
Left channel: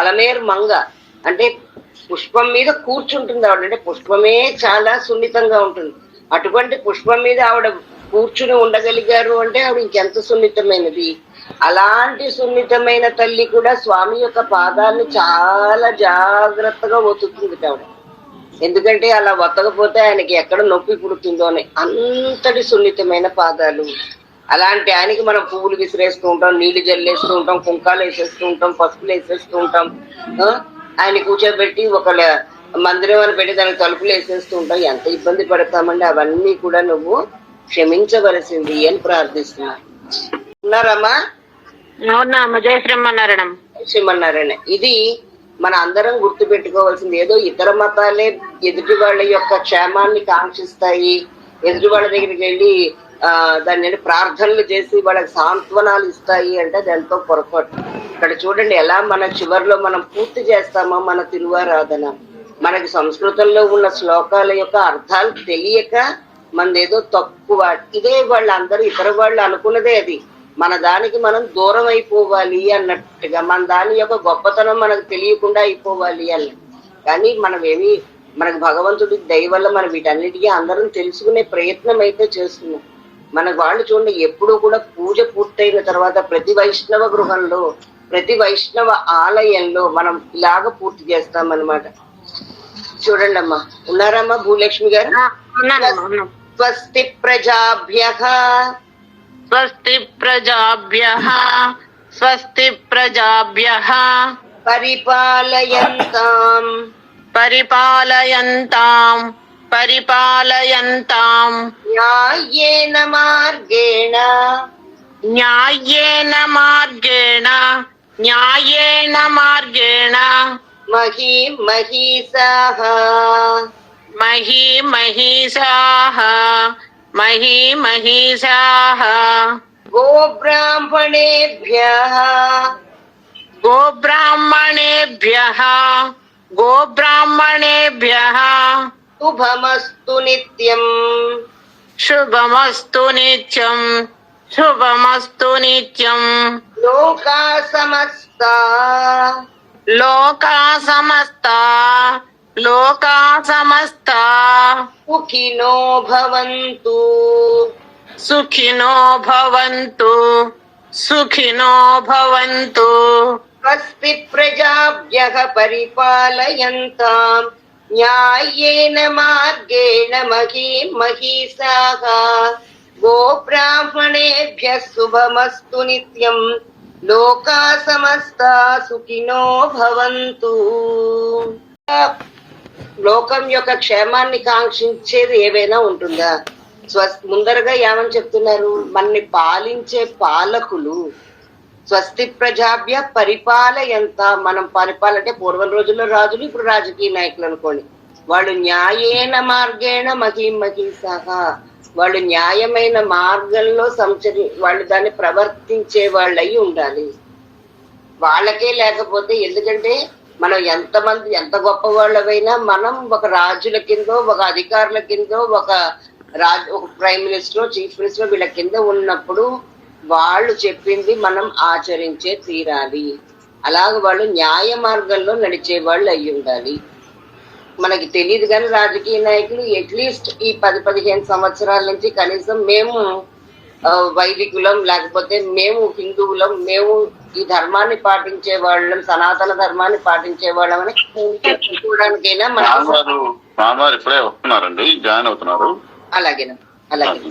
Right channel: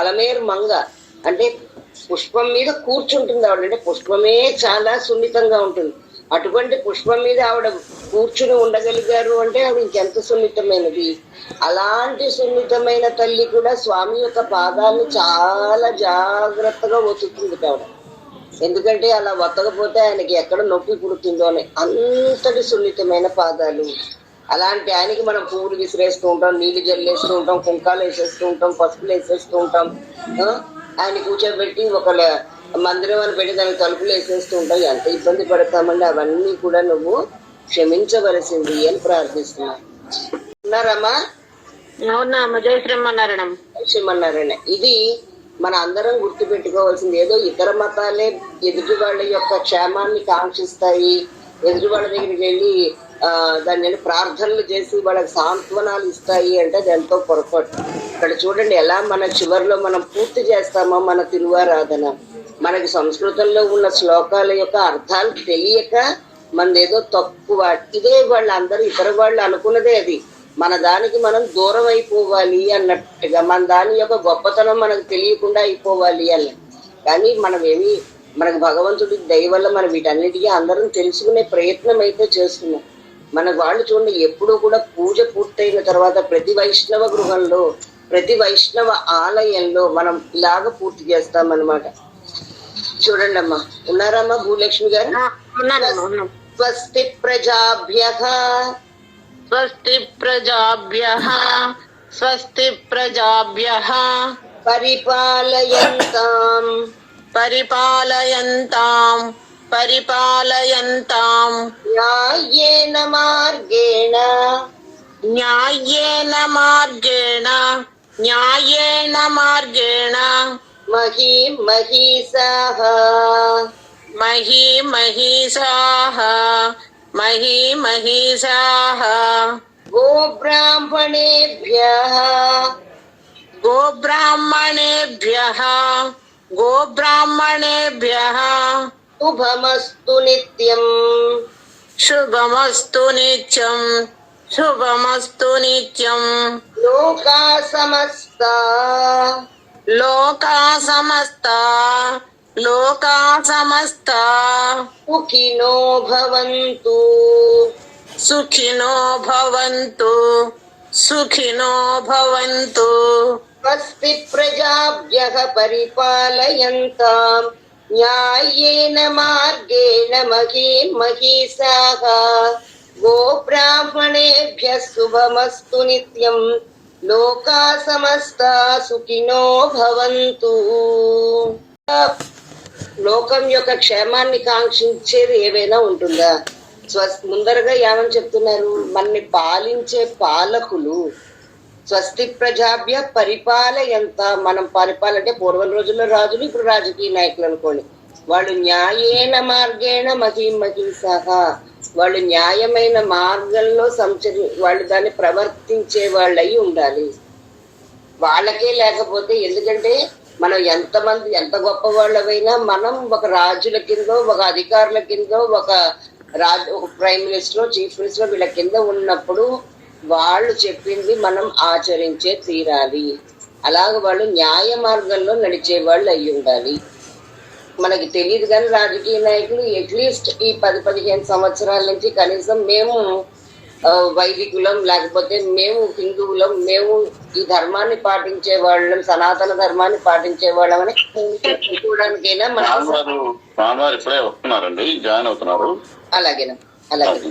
అలమేర్ మంగ, అంటే పుష్పం మీద కూర్చుంటుంది ఆవిడ. అంటే పుష్పమే చాలా సున్నితంగా ఉంటుంది. అటువంటి పుష్పం మీద ఆవిడ కూర్చుని ఉండగలిగారు అంటే ఆవిడ ఇంకెంత సున్నితమైనది. అలాంటి సున్నితమైన తల్లి కూడా స్వామి యొక్క పాదాలను చాలా జాగ్రత్తగా ఒత్తుతుంది ఆవిడ. ఎందుకంటే అలా ఒత్తకపోతే ఆయనకి ఎక్కడ నొప్పి పుడుతుందో అని, అంతటి సున్నితమైన పాదాలు. అలాంటి ఆయనకి మనం పువ్వులు విసిరేస్తూ ఉంటాం, నీళ్లు జల్లేస్తూ ఉంటాం, కుంకాలు వేసేస్తూ ఉంటాం, పసుపులు వేసేస్తూ ఉంటాం. ఆయన కూర్చోబెట్టి ఒక మందిరం అని పెట్టి దానికి తలుపులు వేసేస్తూ ఉంటాం. ఎంత ఇబ్బంది పడతామండి. అవన్నీ కూడా నువ్వు క్షమించవలసింది అని ప్రార్థిస్తున్నా. ఉన్నారమ్మా? శ్రీమన్నారాయణ. ఇది మన అందరం గుర్తు పెట్టుకోవాల్సింది. ఏదో ఇతర మతాలే ఎదుటి వాళ్ళ యొక్క క్షేమాన్ని కాంక్షిస్తాయి, ఎదుటి వాళ్ళ దగ్గరికి వెళ్ళి దాన్ని ప్రార్థనలు చేసి వాళ్ళకి సాంత్వనాలు ఇస్తాయి అంటే అది ఎంతో పొరపాటు. ఇక్కడ చూడండి ఎలా మన చివరిలో మనం పూర్తి చేస్తామో మన తిరువారాధన. మనకి సంస్కృతంలో ఉన్న శ్లోకాల యొక్క అర్థాలు తెలియక మనదేదో తక్కువ. ఇదే వాళ్ళందరూ ఇతర వాళ్ళు అనుకున్నదే అది. మన దానికి మనం దూరం అయిపోవాలి అన్నట్టుగా, మన దాని యొక్క గొప్పతనం మనకు తెలియకుండా అయిపోవాలి అన్నట్టు. కానీ మనకు భగవంతుడి దయ వల్ల మనం వీటన్నిటికీ అందరం తెలుసుకునే ప్రయత్నం అయితే చేస్తున్నాం. మన వాళ్ళు చూడండి, ఎప్పుడూ కూడా పూజ పూర్తయిన తర్వాత ప్రతి వైష్ణవ గృహంలో, ప్రతి వైష్ణవ ఆలయంలో మనం ఇలాగ పూర్తి చేస్తామన్నమాట. చూడండి అమ్మా. ఉన్నారమ్మా భూలక్ష్మి గారు? స్వస్తి ప్రజాభ్యః స్వస్తి ప్రజాభ్యః స్వస్తి ప్రజాభ్యః పరిపాలయంతాం పరిపాలయంతాం పరిపాలయంతాం న్యాయేన మార్గేణ న్యాయేన మార్గేణ న్యాయేన మార్గేణ మహీం మహీసాః మహీమహీసాః మహీమహీసాః గోబ్రాహ్మణేభ్యః గోబ్రాహ్మణేభ్యః గోబ్రాహ్మణేభ్యః శుభమస్తు నిత్యం శుభమస్తు నిత్యం శుభమస్తు నిత్యం లోకా సమస్తా లోకా సమస్తా లోకా సమస్తా సుఖినో భవంతు సుఖినో భవంతు సుఖినో భవంతు. స్వస్తి ప్రజాభ్యః పరిపాలయంతాం న్యాయేన మార్గేణ మహీం మహీసాః గోబ్రాహ్మణేభ్యः శుభమస్తు నిత్యం లోకా సమస్తా సుఖినో భవంతు. లోకం యొక్క క్షేమాన్ని కాంక్షించేది ఏవైనా ఉంటుందా? ముందరగా ఏమని చెప్తున్నారు? మనని పాలించే పాలకులు స్వస్తి ప్రజాభ్య పరిపాలయంత. మనం పరిపాలంటే పూర్వం రోజుల్లో రాజులు, ఇప్పుడు రాజకీయ నాయకులు అనుకోండి. వాళ్ళు న్యాయేన మార్గేణ మహీం మహీసాః, వాళ్ళు న్యాయమైన మార్గంలో వాళ్ళు దాన్ని ప్రవర్తించే వాళ్ళు అయి ఉండాలి. వాళ్ళకే లేకపోతే, ఎందుకంటే మనం ఎంత గొప్ప వాళ్ళమైనా మనం ఒక రాజుల కిందో, ఒక అధికారుల కిందో, ఒక ప్రైమ్ మినిస్టర్, చీఫ్ మినిస్టర్ వీళ్ళ కింద ఉన్నప్పుడు వాళ్ళు చెప్పింది మనం ఆచరించే తీరాలి. అలాగ వాళ్ళు న్యాయ మార్గంలో నడిచే వాళ్ళు అయి ఉండాలి. మనకి తెలియదు కానీ రాజకీయ నాయకులు అట్లీస్ట్ ఈ 10-15 సంవత్సరాల నుంచి కనీసం మేము వైదికులం, లేకపోతే మేము హిందువులం, మేము ఈ ధర్మాన్ని పాటించే వాళ్ళం, సనాతన ధర్మాన్ని పాటించే వాళ్ళం అని చెప్పుకోవడానికైనా మనం ఇప్పుడే వస్తున్నారండి, జాయిన్ అవుతున్నారు. అలాగేనా? అలాగే.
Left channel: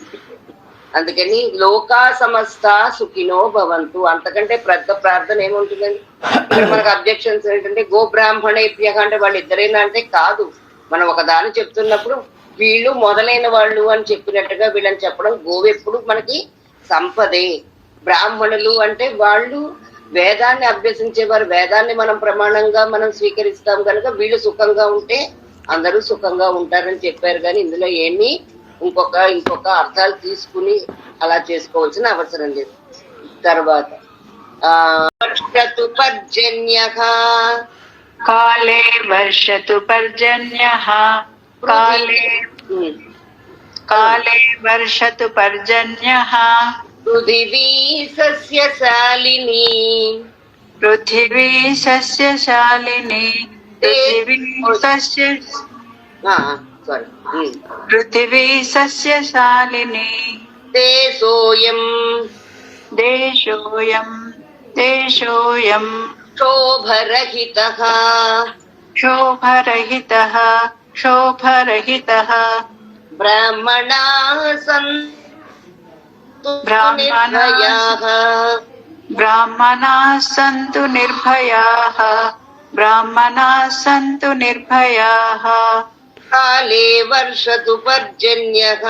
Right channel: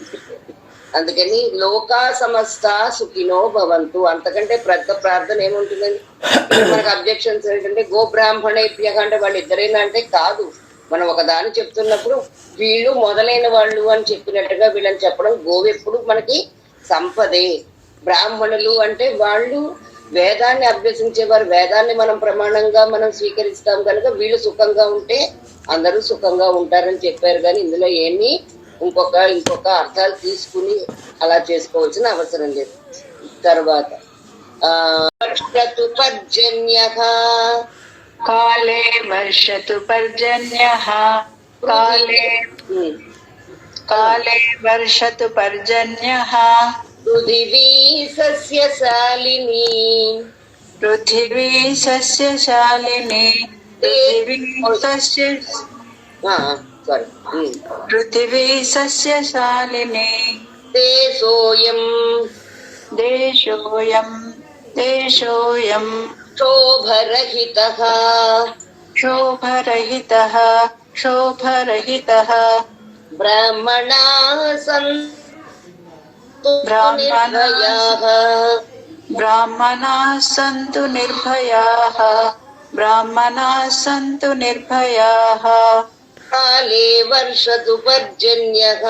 అందుకని లోకా సమస్త సుఖినో భవంతు. అంతకంటే పెద్ద ప్రార్థన ఏముంటుందండి? ఇక్కడ మనకు అబ్జెక్షన్స్ ఏంటంటే గోబ్రాహ్మణేభ్య అంటే వాళ్ళు ఇద్దరైనా అంటే కాదు. మనం ఒక దాన్ని చెప్తున్నప్పుడు వీళ్ళు మొదలైన వాళ్ళు అని చెప్పినట్టుగా వీళ్ళని చెప్పడం. గోవు ఎప్పుడు మనకి సంపదే. బ్రాహ్మణులు అంటే వాళ్ళు వేదాన్ని అభ్యసించేవారు, వేదాన్ని మనం ప్రమాణంగా మనం స్వీకరిస్తాం కనుక వీళ్ళు సుఖంగా ఉంటే అందరూ సుఖంగా ఉంటారని చెప్పారు. కానీ ఇందులో ఏమీ ఇంకొక అర్థాలు తీసుకుని అలా చేసుకోవాల్సిన అవసరం లేదు. తర్వాత వర్షతు పర్జన్యః కాలే వర్షతు పర్జన్యః కాలే వర్షతు పర్జన్యః పృథివీ సస్యశాలినీ పృథివీ సస్యశాలినీ పృథివీ సస్యశాలినీ దేశోయం శోభరహితః శోభరహితః బ్రాహ్మణాః సంతు నిర్భయాః కాలే వర్షతు పర్జన్యః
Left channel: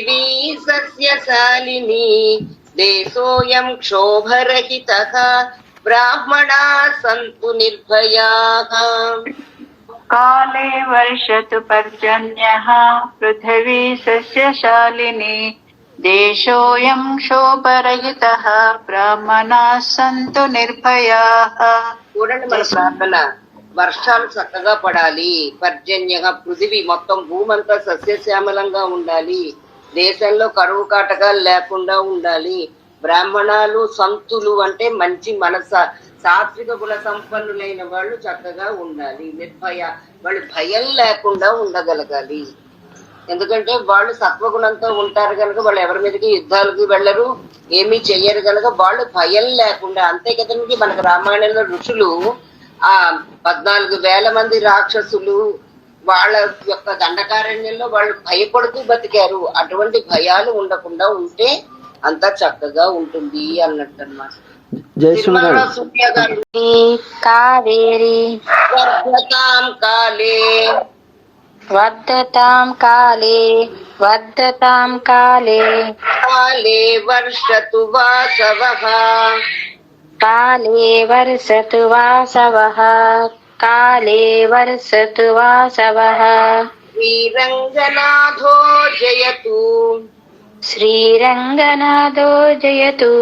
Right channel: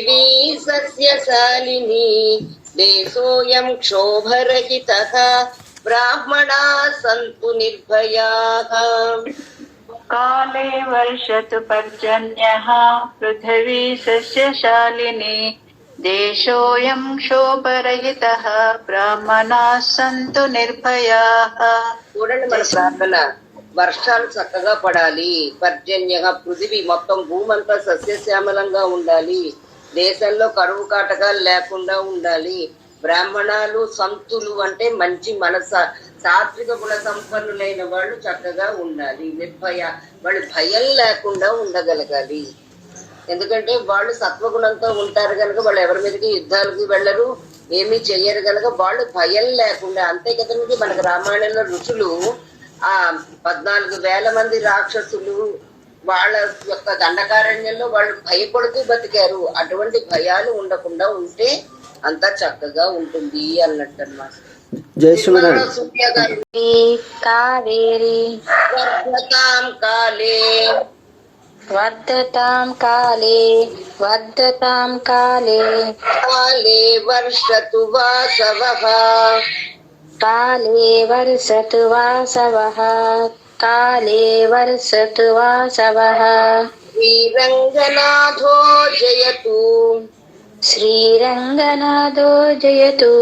పృథివీ సస్యశాలినీ దేశోయం క్షోభరహితః బ్రాహ్మణాః సంతు నిర్భయాః. కాలే వర్షతు పర్జన్యః పృథివీ సస్యశాలినీ దేశోయం శోభరహితః బ్రాహ్మణాః సంతు నిర్భయాః. చూడండి మన ప్రార్థన. వర్షాలు చక్కగా పడాలి. పర్జన్యః పృథివీ మొత్తం భూమంతా సస్యశ్యామలంగా ఉండాలి. దేశంలో కరువు కాటకాలు లేకుండా ఉండాలి. బ్రాహ్మణాలు సంతులు అంటే మంచి సాత్విక గుణ సంపన్నులైన వాళ్ళు చక్కగా ఉండాలి. నిర్భయ, వాళ్ళు భయం లేకుండా ఉండగలగాలి. ఎందుకంటే వాళ్ళు సత్వగుణంతో ఉంటారు కనుక వాళ్ళు ఎవరి మీదకి యుద్ధాలకి వెళ్ళరు, ఏమీ చెయ్యరు కనుక వాళ్ళు భయం లేకుండా. అంతే కదండి మనకు రామాయణంలో ఋషులు 14,000 మంది రాక్షసులు వాళ్ళ యొక్క దండకారణ్యంలో వాళ్ళు భయపడుతూ బతికారు. అటువంటి భయాలు ఉండకుండా ఉంటే అంతా చక్కగా ఉంటుంది అన్నట్టు అన్నమాట. కావేరి వర్ధతాం కాలే కాలే వర్షతు వాసవః కాలే వర్షతు వాసవః శ్రీరంగనాథో జయతు శ్రీరంగనాథో జయతు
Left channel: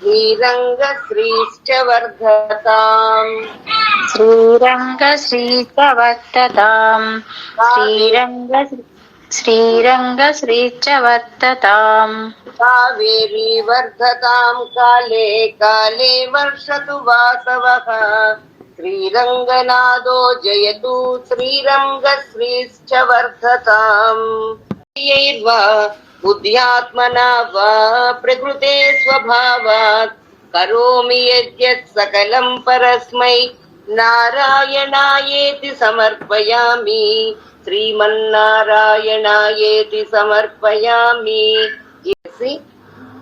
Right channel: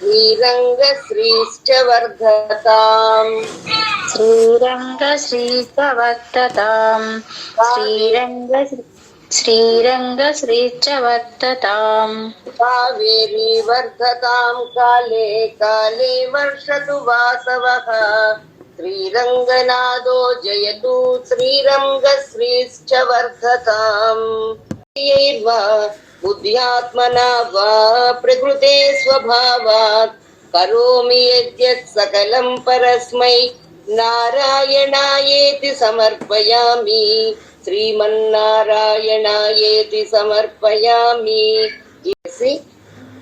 శ్రీరంగశ్రీశ్చ వర్ధతాం శ్రీరంగశ్రీశ్చ వర్ధతాం కావేరీ వర్ధతాం కాలే వర్షతు వాసవః శ్రీరంగనాథో జయతు శ్రీరంగశ్రీశ్చ వర్ధతాం. బుద్ధ్యాత్మనా వా ప్రకృతే స్వభావాత్ కరోమి యద్యత్ సకలం పరస్మై నారాయణాయేతి సమర్పయామి, శ్రీమన్నారాయణాయేతి సమర్పయామి. చేసి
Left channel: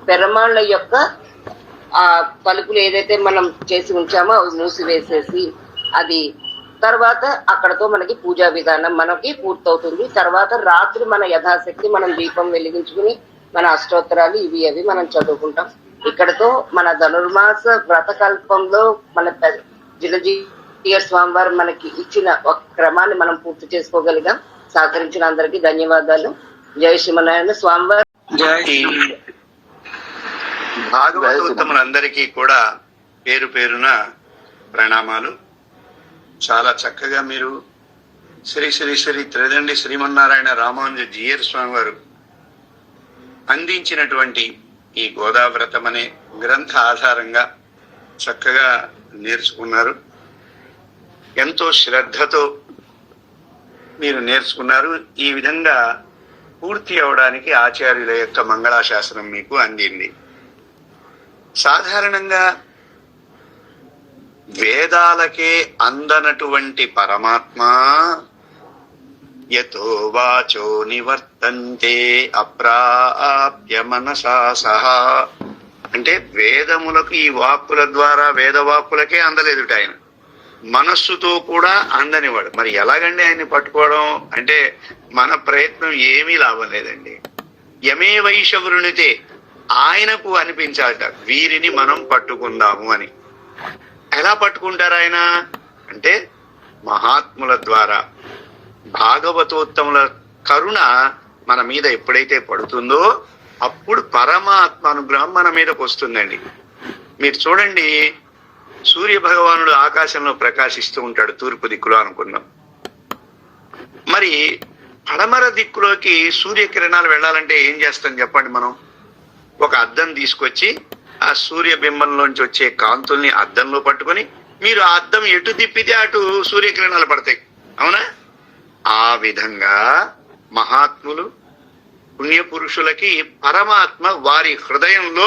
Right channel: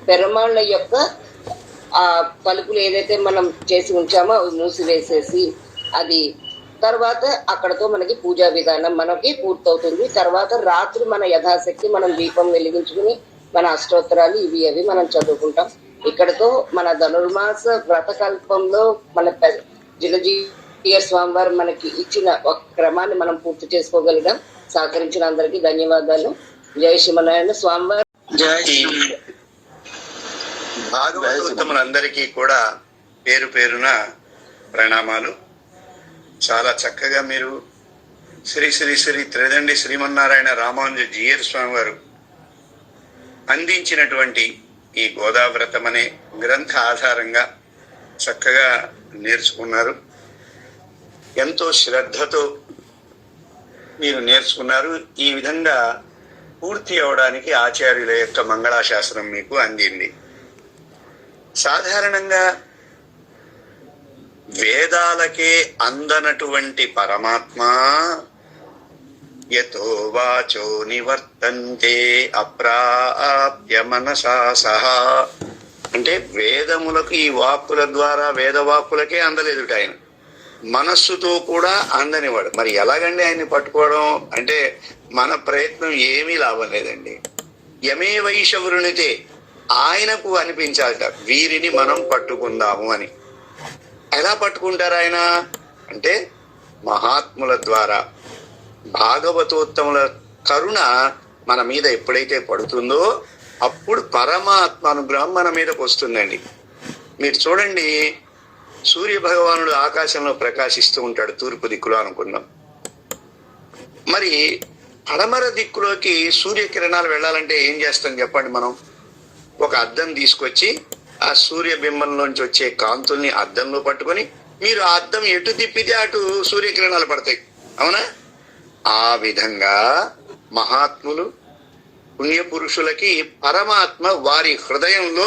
పెరమాళ్ళ యొక్క ఆ పలుకులు ఏదైతే మనం చేసి ఉంచామో అవి మూసివేసేసి, అది తర్వాత అక్కడతో మనకి పూజా విధానం మనకి పూర్తవుతుంది. తర్వాత రాత్రి మన యథాశక్తి మనం దీపం వెలిగించుకుని మన అష్టోత్తరాలు ఇవి అవి మనం చదువుకుంటాం. ఇక్కడతో మన ధనుర్మాస వ్రతకల్పంలో మన జిలజీయ స్వామివారు మనకి ఇచ్చిన ఒక క్రమాన్ని మనం పూర్తి చేసుకోగలిగాం. సహకరించిన అందరికీ ధన్యవాదాలు. జై శ్రీమన్నారాయణ. స్వామివారు భాగవతోత్తములందరికీ కూడా పేరు పేరున ప్రణామాలు. చాలా చక్కగా మీరు శ్రీ శ్రీ శ్రీ త్రిదండి శ్రీమన్నారాయణ రామానుజ జీయర్ స్వామి వారు అందించినటువంటి ఈ గోదావ్రతం అనే గ్రంథ ఆధారంగా చక్కగా నేర్చుకున్నారు. ఎంతో శ్రద్ధతో మీరు నేర్చుకున్నారు. ఈ విధంగా పూర్తి అవడానికి ఆచార్యుల యొక్క మంగళాశాసనం మీకు అందింది. సాధారణంగా వేదాలకే అందనటువంటి పరమాత్మ యతో వాచో నివర్తంతే అప్రాప్య మనసా సహా అంటే వేదములకు ఈ వాక్కుల ద్వారా వేదవాక్కులకే అందలేదుట ఆయన, మనస్సుతో కూడా అందనివాడు. మరి ఎలాగండి ఆయన్ని పట్టుకోవడం అంటే మన ప్రయత్నం ఏమీ లాభం లేదండి. యమే వైశవృణితే ఆయనకు అనిపించాలట వీరిని మనం పట్టుకుందాము అని. ఎలా పట్టుకుంటారు ఆయన అంటే మహాత్ముల ద్వారా, భాగవతోత్తముల కరుణ మన మీద ఎప్పుడైతే పడుతుందో అప్పుడు పరమాత్మ అనుగ్రహం మన మీదకి వస్తుందండి. మీరు చూడండి, సూర్య భగవానుడు ఆకాశంలో ప్రకాశిస్తూ ఉంటాడు తూర్పు దిక్కులో అనుకుందాం. మరి పడమర దిక్కులోకి సూర్యకిరణాలు వెళ్ళాలంటే ఏం చేస్తాం చెప్పండి? మనం ఒక అద్దం తీసుకొచ్చి ఆ సూర్య బింబంలోంచి వచ్చే కాంతుల్ని అద్దంలో పట్టుకొని మీరు ఆ అద్దం ఎటు తిప్పితే అటు సూర్యకిరణాలు పడతాయి, అవునా? ఆ విధంగా మహాత్ములు పుణ్యపురుషులకి పరమాత్మ వారి హృదయంలో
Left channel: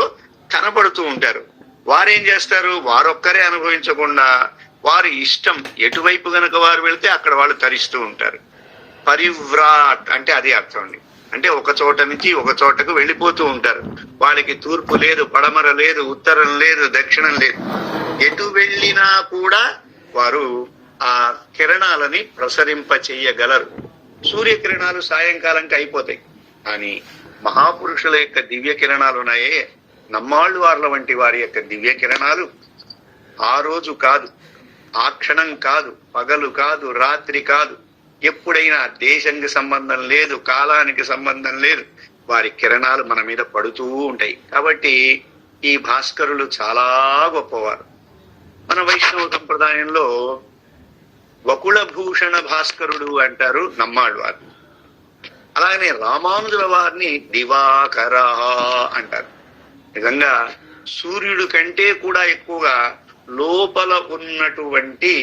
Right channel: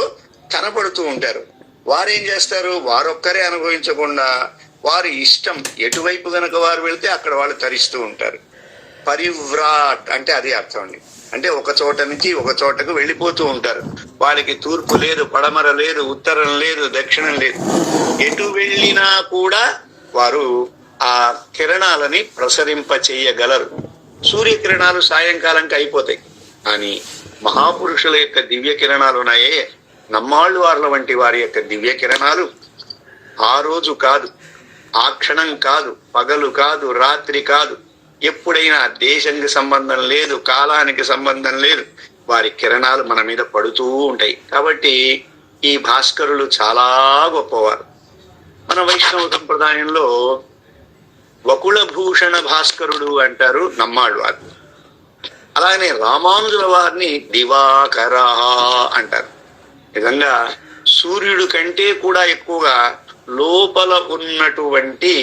కనపడుతూ ఉంటారు. వారేం చేస్తారు? వారొక్కరే అనుభవించకుండా వారి ఇష్టం ఎటువైపు గనక వారు వెళితే అక్కడ వాళ్ళు తరిస్తూ ఉంటారు. పరివ్రాట్ అంటే అది అర్థం అండి. అంటే ఒక చోట నుంచి ఒక చోటకు వెళ్ళిపోతూ ఉంటారు. వాళ్ళకి తూర్పు లేదు, పడమర లేదు, ఉత్తరం లేదు, దక్షిణం లేదు. ఎటు వెళ్ళినా కూడా వారు ఆ కిరణాలని ప్రసరింప చేయగలరు. సూర్యకిరణాలు సాయంకాలంకి అయిపోతాయి, కానీ మహాపురుషుల యొక్క దివ్య కిరణాలు ఉన్నాయే, నమ్మాళ్ళు వార్ల వంటి వారి యొక్క దివ్య కిరణాలు ఆ రోజు కాదు, ఆ క్షణం కాదు, పగలు కాదు, రాత్రి కాదు, ఎప్పుడైనా దేశానికి సంబంధం లేదు, కాలానికి సంబంధం లేదు, వారి కిరణాలు మన మీద పడుతూ ఉంటాయి. కాబట్టి ఈ భాస్కరులు చాలా గొప్పవారు. మన వైష్ణవ సంప్రదాయంలో వకుళభూషణ భాస్కరుడు అంటారు నమ్మాడు వారు. అలాగనే రామానుజుల వారిని దివాకర అంటారు. నిజంగా సూర్యుడు కంటే కూడా ఎక్కువగా లోపల ఉన్నటువంటి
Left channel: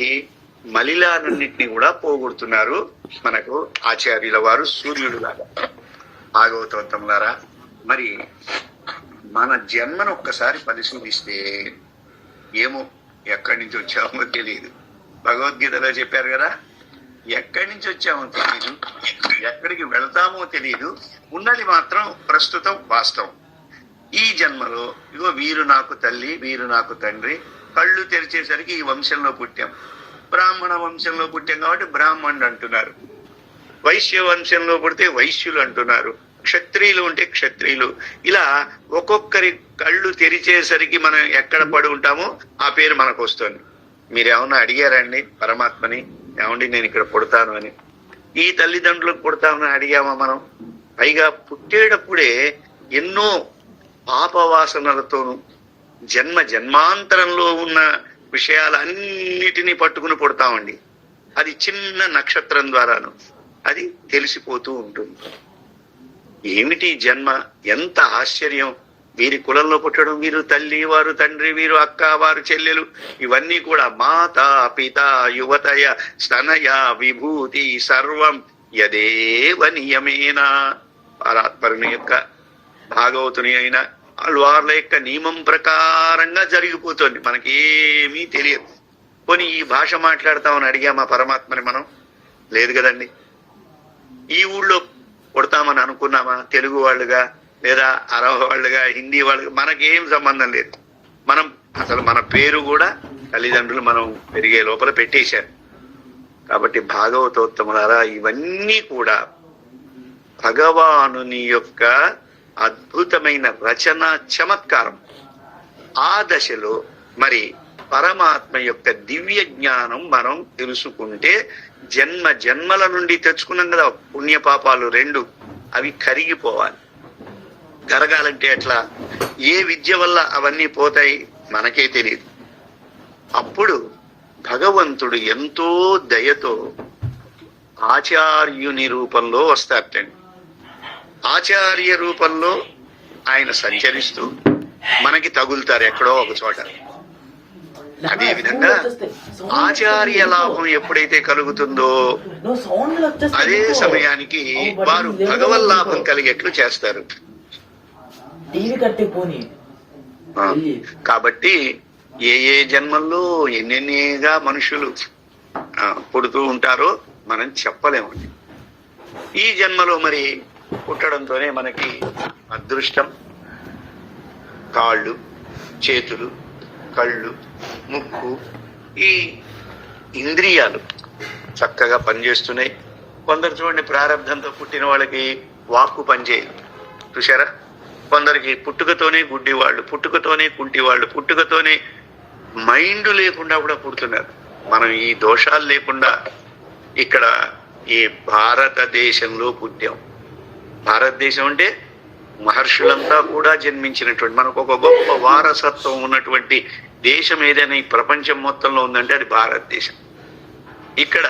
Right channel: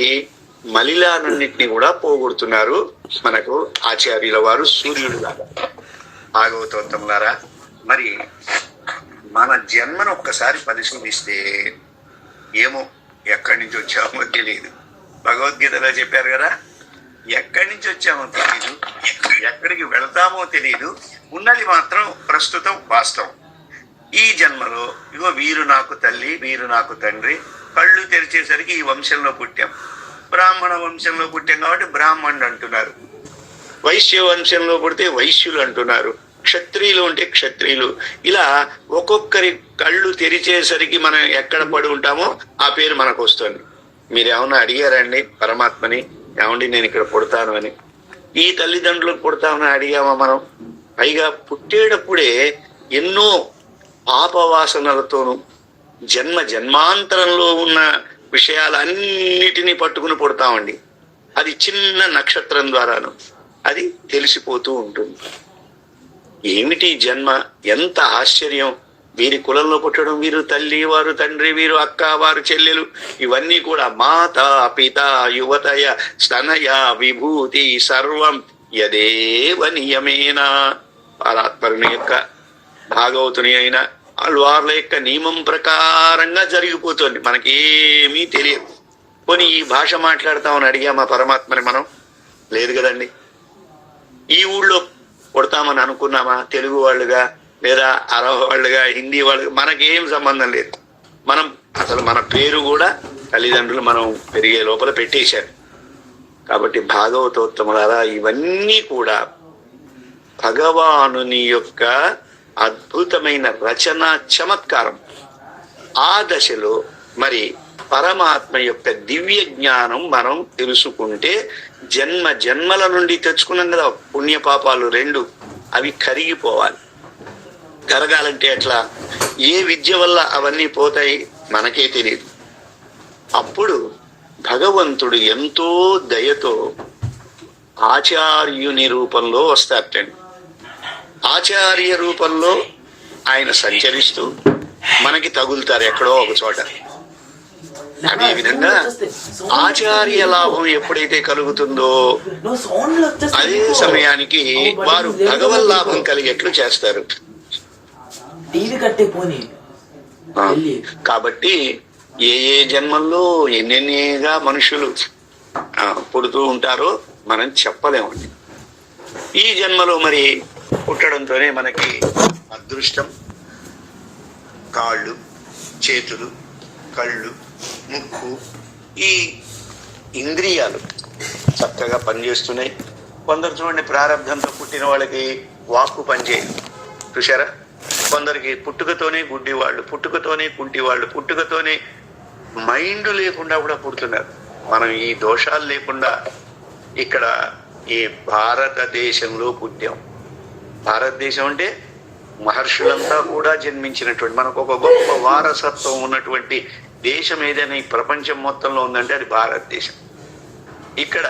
మలిలాలన్నింటినీ కూడా పోగొడుతున్నారు మనకు ఆచార్యుల వారు సూర్యుడు లాగా. భాగవతోత్తములారా, మరి మన జన్మను ఒక్కసారి పరిశోధిస్తే ఏమో ఎక్కడి నుంచి వచ్చామో తెలియదు. భగవద్గీతలో చెప్పారు కదా, ఎక్కడి నుంచి వచ్చామో తెలియదు, ఎక్కడికి వెళతామో తెలియదు, ఉన్నది మాత్రం ప్రస్తుతం వాస్తవం. ఈ జన్మలో ఇగో వీరు నాకు తల్లి, వీరు నాకు తండ్రి, కళ్ళు తెరిచేసరికి ఈ వంశంలో పుట్టాం. బ్రాహ్మణ వంశంలో పుట్టాం కాబట్టి బ్రాహ్మణుడు అంటున్నారు, వైశ్య వంశంలో పుడితే వైశ్యులు అంటున్నారు, క్షత్రియులు ఉంటే క్షత్రియులు. ఇలా ఒక్కొక్కరి కళ్ళు తెరిచేసరికి మనం ఎక్కడ పడి ఉంటామో ఆ పేరు మనకు వస్తుంది. మీరు ఏమన్నా అడిగారండి పరమాత్మని, ఏమండి నేను ఇక్కడ పుడతాను అని? ఈ తల్లిదండ్రులకు పుడతామని అడిగామా మనం? పైగా పుట్టేటప్పుడే ఎన్నో పాపవాసనలతోనూ జన్మ జన్మాంతరంలో ఉన్న విషయాలన్నిటినీ పట్టుకుని పుడతామండి. అది చిన్న నక్షత్రం ద్వారాను అది తెలిసిపోతూ ఉంటుంది. ఏమిటి జన్మ, ఎంత ఆశ్చర్యం! వీరి కులంలో పుట్టడం, వీరు తల్లి, వారు తండ్రి, వీరు అక్క, వారు చెల్లెలు, ఇవన్నీ కూడా మాత పిత యువతయ స్తనయ విభూతి సర్వం యదేవ నియమేన. పరాత్పరుని యొక్క భాగవతుని అయినా వాళ్ళ యొక్క నియమం ప్రకారంగా జరిగిపోతుంది, మనకేమీ తెలియదు. పోనీ ఈ భాష మాట్లాడతామని అడిగామా పరమాత్మని మనం? లేదు కదండి. ఈ ఊళ్ళో కొడతామని అనుకున్నామా తెలుగు వాళ్ళుగా, లేదా అరవ వాళ్ళుగా, హిందీ వాళ్ళుగా? మనకేం సంబంధం లేదు. మనం అసలు మన పేరు కూడా తల్లిదండ్రులు మనం పెరిగే లోపల పెట్టేశారు. కాబట్టి భాగవతోత్తములారా, ఇవన్నీ కూడా భగవానుని యొక్క అద్భుతమైన రచన చమత్కారం. ఆ దశలో మరి పరమాత్మ యొక్క దివ్య జ్ఞానం మనం తెలుసుకుంటే జన్మ జన్మల నుండి తెచ్చుకున్నాం కదా పుణ్యపాపాలు రెండు, అవి కరిగిపోవాలి. కరగాలంటే ఎట్లా? ఏ విద్య వల్ల అవన్నీ పోతాయి మనకే తెలియదు. అప్పుడు భగవంతుడు ఎంతో దయతో ఆచార్యుని రూపంలో వస్తారటండి. ఆచార్య రూపంలో ఆయన సంచరిస్తూ మనకి తగులుతారు ఎక్కడో ఒక చోట. అదే విధంగా ఆచార్య లాభం ఎప్పుడైతే కలుగుతుందో అదే సమయానికి వారు భగవల్లాభం కలిగేట్లు చేస్తారు. కాబట్టి ఏ ఏ జన్మల్లో ఎన్నెన్నిగా మనుషులు పుడుతూ ఉంటారో మనం చెప్పలేమండి. ఈ జన్మలో మరి పుట్టడంతోనే మనకి అదృష్టం, కాళ్ళు, చేతులు, కళ్ళు, ముక్కు, ఈ ఇంద్రియాలు చక్కగా పనిచేస్తున్నాయి. కొందరు చూడండి, ప్రారంభంతో పుట్టిన వాళ్ళకి వాక్కు పనిచేయదు, చూశారా? కొందరికి పుట్టుకతోనే గుడ్డి వాళ్ళు, పుట్టుకతోనే కుంటి వాళ్ళు, పుట్టుకతోనే మైండ్ లేకుండా కూడా పుడుతున్నారు. మనం ఈ దోషాలు లేకుండా ఇక్కడ ఈ భారతదేశంలో పుట్టాం. భారతదేశం అంటే మహర్షులంతా కూడా జన్మించినటువంటి, మనకు ఒక గొప్ప వారసత్వం ఉన్నటువంటి దేశం ఏదైనా ఈ ప్రపంచం మొత్తంలో ఉందంటే అది భారతదేశం. ఇక్కడ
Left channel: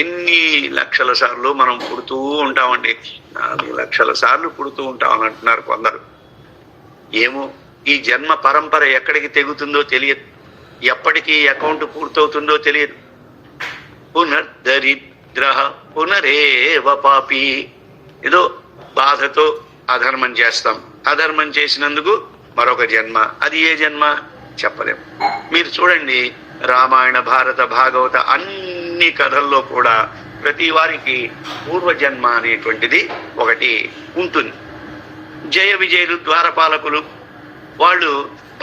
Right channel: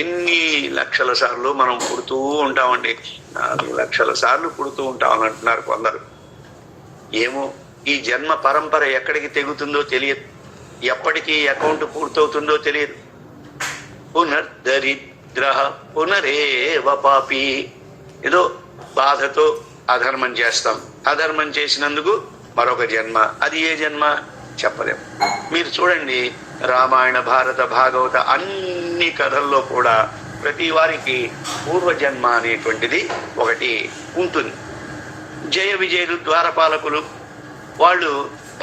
ఎన్ని లక్షల సార్లు మనం పుడుతూ ఉంటామండి. 4 లక్షల సార్లు పుడుతూ ఉంటామని అంటున్నారు కొందరు. ఏమో ఈ జన్మ పరంపర ఎక్కడికి తెగుతుందో తెలియదు, ఎప్పటికీ అకౌంట్ పూర్తవుతుందో తెలియదు. పునర్దరిద్ర పునరేవ పాపి. ఏదో బాధతో అధర్మం చేస్తాం, అధర్మం చేసినందుకు మరొక జన్మ. అది ఏ జన్మ చెప్పలేము. మీరు చూడండి, రామాయణ, భారత, భాగవత అన్ని కథల్లో కూడా ప్రతి వారికి పూర్వజన్మ అనేటువంటిది ఒకటి ఉంటుంది. జయ విజయులు, ద్వారపాలకులు, వాళ్ళు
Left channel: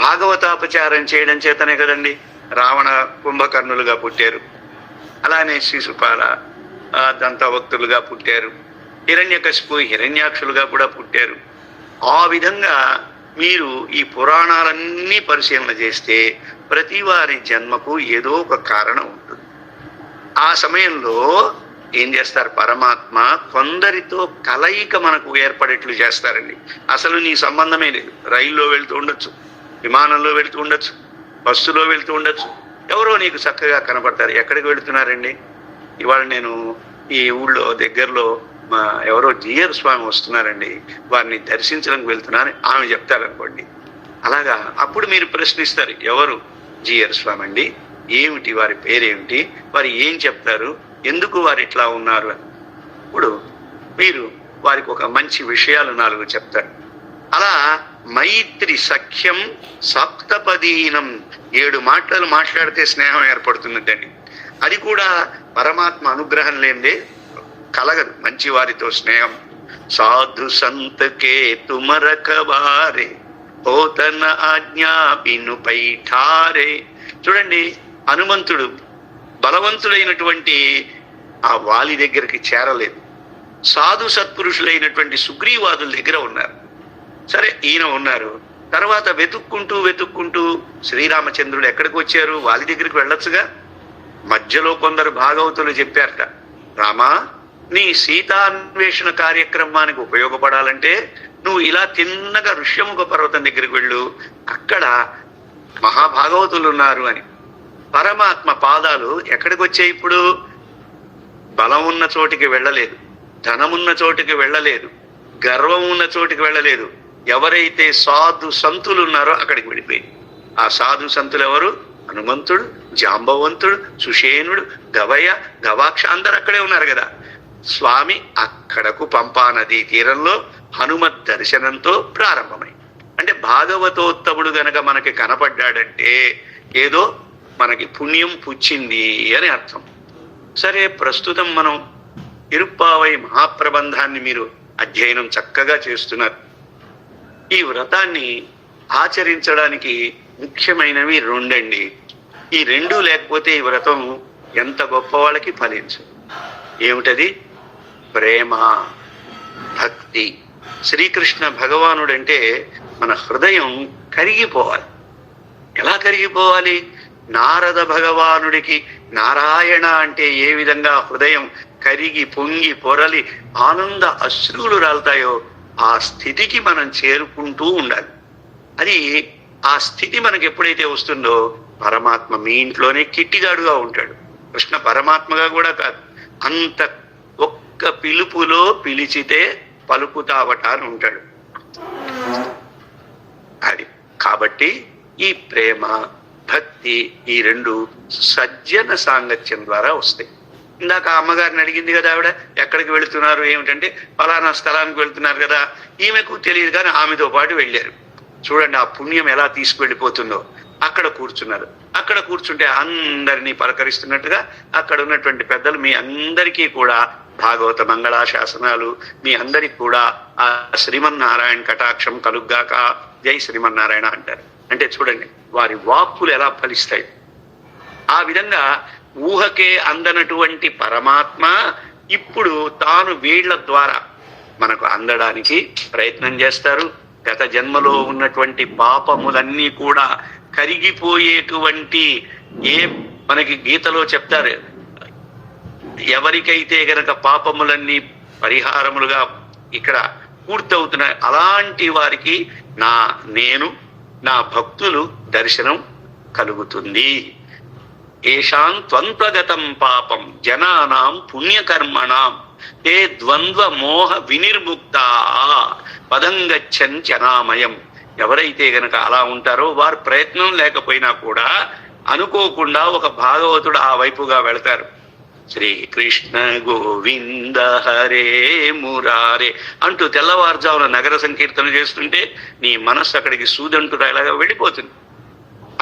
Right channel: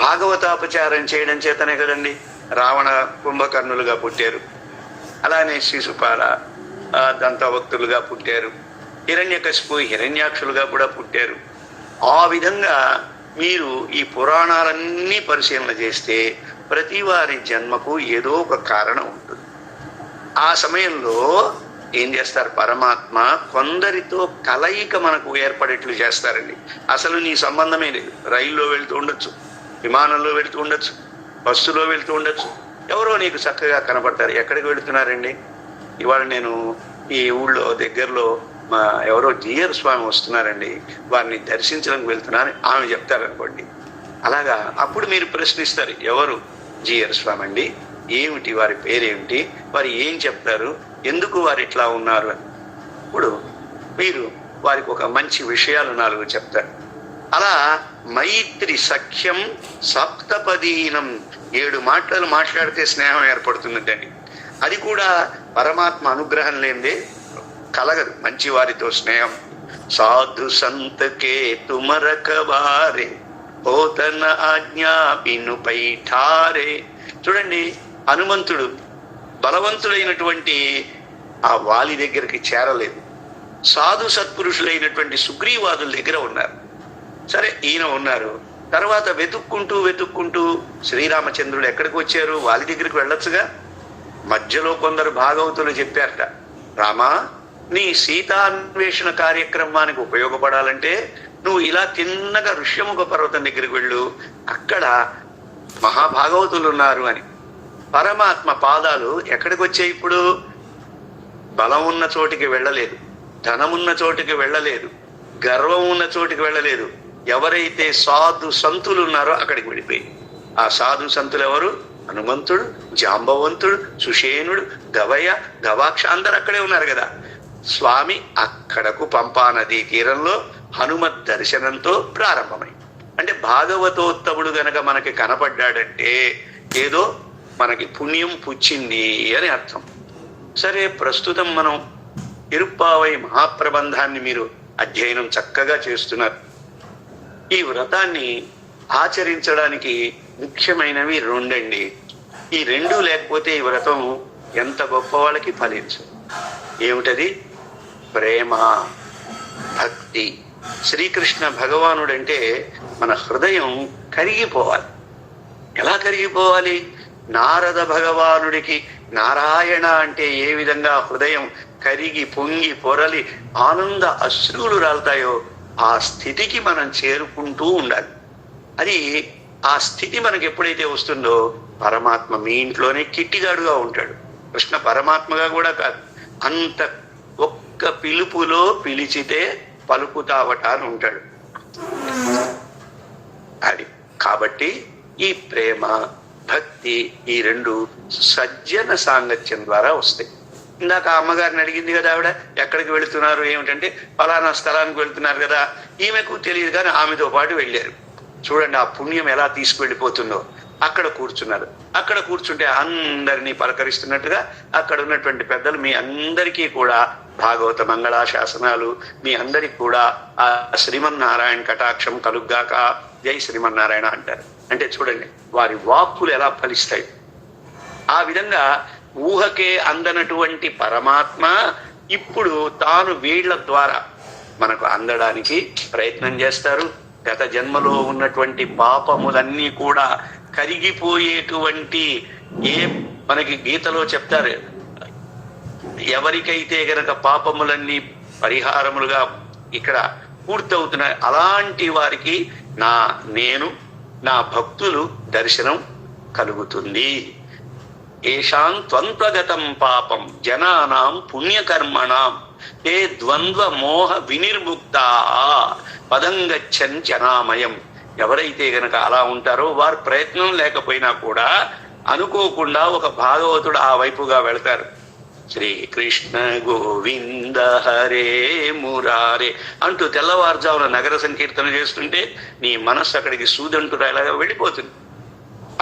భాగవతాపచారం చేయడం చేతనే కదండి రావణ కుంభకర్ణులుగా పుట్టారు. అలానే శిశుపాల దంతభక్తులుగా పుట్టారు. హిరణ్యకశిపు హిరణ్యాక్షులుగా కూడా పుట్టారు. ఆ విధంగా మీరు ఈ పురాణాలన్నీ పరిశీలన చేస్తే ప్రతి వారి జన్మకు ఏదో ఒక కారణం ఉంటుంది. ఆ సమయంలో ఏం చేస్తారు? పరమాత్మ కొందరితో కలయిక మనకు ఏర్పడేట్లు చేస్తారండి. అసలు నీ సంబంధమే లేదు. రైల్లో వెళ్తూ ఉండొచ్చు, విమానంలో వెళ్తూ ఉండొచ్చు, బస్సులో వెళ్తూ ఉండొచ్చు, ఎవరో నీకు చక్కగా కనపడతారు. ఎక్కడికి వెళుతున్నారండి? ఇవాళ నేను ఈ ఊళ్ళో దగ్గరలో మా ఎవరో జిఆర్ స్వామి వస్తున్నారండి, వారిని దర్శించడానికి వెళ్తున్నారని ఆమె చెప్తారనుకోండి. అలాగా అప్పుడు మీరు ప్రశ్నిస్తారు, ఎవరు జిఆర్ స్వామి అండి, ఏమిటి వారి పేరేమిటి, వారు ఏం చెప్తారు, ఎందుకు వారు ఇట్లా ఉన్నారు అని. ఇప్పుడు మీరు వారికి ఒక మంచి విషయాలు 4 చెప్తారు. అలా మైత్రి సఖ్యం సప్తపదీనం 7 మాటలు మాట్లాడితే స్నేహం ఏర్పడుతుందండి. అది కూడా పరమాత్మ అనుగ్రహం లేనిదే కలగదు మంచి వారితో స్నేహం. సాధు సంతకే తుమరకవారే పోతన ఆజ్ఞా పిను పైఠారే. చూడండి, హనుమంతుడు బలవంతుడైనటువంటి ఆ వాలి దగ్గరికి చేరలేదు. సాధు సత్పురుషులైనటువంటి సుగ్రీవాదుల దగ్గర ఉన్నారు. సరే, ఈయన ఉన్నారు. తర్వాత వెతుక్కుంటూ శ్రీరామచంద్రుడు ఎక్కడికి వచ్చారు? వాలి దగ్గరికి వెళ్ళొచ్చుగా. మధ్యలో కొందరు భాగవతులు చెప్పారట, రామా, నీ సీతాన్వేషణ కార్యక్రమానికి ఉపయోగపడాలంటే నువ్వు ఇలా తిన్నగా ఋష్యముఖ పర్వతం దగ్గరికి వెళ్ళు, అక్కడ మహాభాగవతులు ఉన్నారు అని. పరమాత్మ పాదాలు ఎక్కడికి వచ్చాయి? ఇప్పుడు బలం ఉన్న చోటికి వెళ్ళలేదు, ధనమున్న చోటికి వెళ్ళలేదు, గర్వం ఉన్న చోటికి వెళ్ళలేదు. ఎవరైతే సాధు సంతులు ఉన్నారో అక్కడికి వెళ్ళిపోయి. ఆ సాధు సంతులు ఎవరు? హనుమంతుడు, జాంబవంతుడు, సుషేనుడు, గవయ, గవాక్ష అందరు అక్కడే ఉన్నారు కదా. స్వామి అక్కడకు పంపా నదీ తీరంలో హనుమత్ దర్శనంతో ప్రారంభమై, అంటే భాగవతోత్తముడు గనక మనకి కనపడ్డాడంటే ఏదో మనకి పుణ్యం పుచ్చింది అని అర్థం. సరే, ప్రస్తుతం మనం తిరుప్పావై మహాప్రబంధాన్ని మీరు అధ్యయనం చక్కగా చేస్తున్నారు. ఈ వ్రతాన్ని ఆచరించడానికి ముఖ్యమైనవి రెండండి. ఈ రెండు లేకపోతే ఈ వ్రతం ఎంత గొప్ప వాళ్ళకి ఫలించదు. ఏమిటది? ప్రేమ, భక్తి. శ్రీకృష్ణ భగవానుడంటే మన హృదయం కరిగిపోవాలి. ఎలా కరిగిపోవాలి? నారద భగవానుడికి నారాయణ అంటే ఏ విధంగా హృదయం కరిగి పొంగి పొరలి ఆనంద అశ్రువులు రాలుతాయో ఆ స్థితికి మనం చేరుకుంటూ ఉండాలి. అది ఆ స్థితి మనకి ఎప్పుడైతే వస్తుందో పరమాత్మ మీ ఇంట్లోనే కిట్టిగాడుగా ఉంటాడు. కృష్ణ పరమాత్మగా కూడా కాదు, అంత ఒక్క పిలుపులో పిలిచితే పలుకుతావట అని ఉంటాడు. అది కాబట్టి ఈ ప్రేమ, భక్తి ఈ రెండు సజ్జన సాంగత్యం ద్వారా వస్తాయి. ఇందాక అమ్మగారిని అడిగింది కదా ఆవిడ, ఎక్కడికి వెళుతున్నారు ఏమిటంటే ఫలానా స్థలానికి వెళ్తున్నారు కదా. ఈమెకు తెలియదు కానీ ఆమెతో పాటు వెళ్ళారు. చూడండి ఆ పుణ్యం ఎలా తీసుకువెళ్ళిపోతుందో. అక్కడ కూర్చున్నారు. అక్కడ కూర్చుంటే అందరినీ పలకరిస్తున్నట్టుగా అక్కడ ఉన్నటువంటి పెద్దలు మీ అందరికీ కూడా భాగవత మంగళాశాసనాలు, మీ అందరికి కూడా ఆ శ్రీమన్నారాయణ కటాక్షం కలుగ్గాక, జై శ్రీమన్నారాయణ అంటారు. అంటే చూడండి వారి వాక్కులు ఎలా ఫలిస్తాయి. ఆ విధంగా ఊహకే అందనటువంటి పరమాత్మ ఇప్పుడు తాను వీళ్ల ద్వారా మనకు అందడానికి ప్రయత్నం చేస్తారు. గత జన్మలో ఉన్నటువంటి పాపములన్నీ కూడా కరిగిపోయేటువంటి, ఏ మనకి గీతలో చెప్తారు, ఎవరికైతే గనక పాపములన్నీ పరిహారములుగా ఇక్కడ పూర్తవుతున్నాయి అలాంటి వారికి నేను నా భక్తులు దర్శనం కలుగుతుంది. ఏషాం త్వంత్వగతం పాపం జనానాం పుణ్యకర్మణాం ఏ ద్వంద్వ మోహ వినిర్ముక్త పదం గచ్చన్ జనామయం. ఎవరైతే గనక అలా ఉంటారో వారు ప్రయత్నం లేకపోయినా కూడా అనుకోకుండా ఒక భాగవతుడు ఆ వైపుగా వెళతారు. శ్రీకృష్ణ గోవింద హరే మురారే అంటూ తెల్లవారుజామున నగర సంకీర్తన చేస్తుంటే నీ మనస్సు అక్కడికి సూదంటులాగా వెళ్ళిపోతుంది.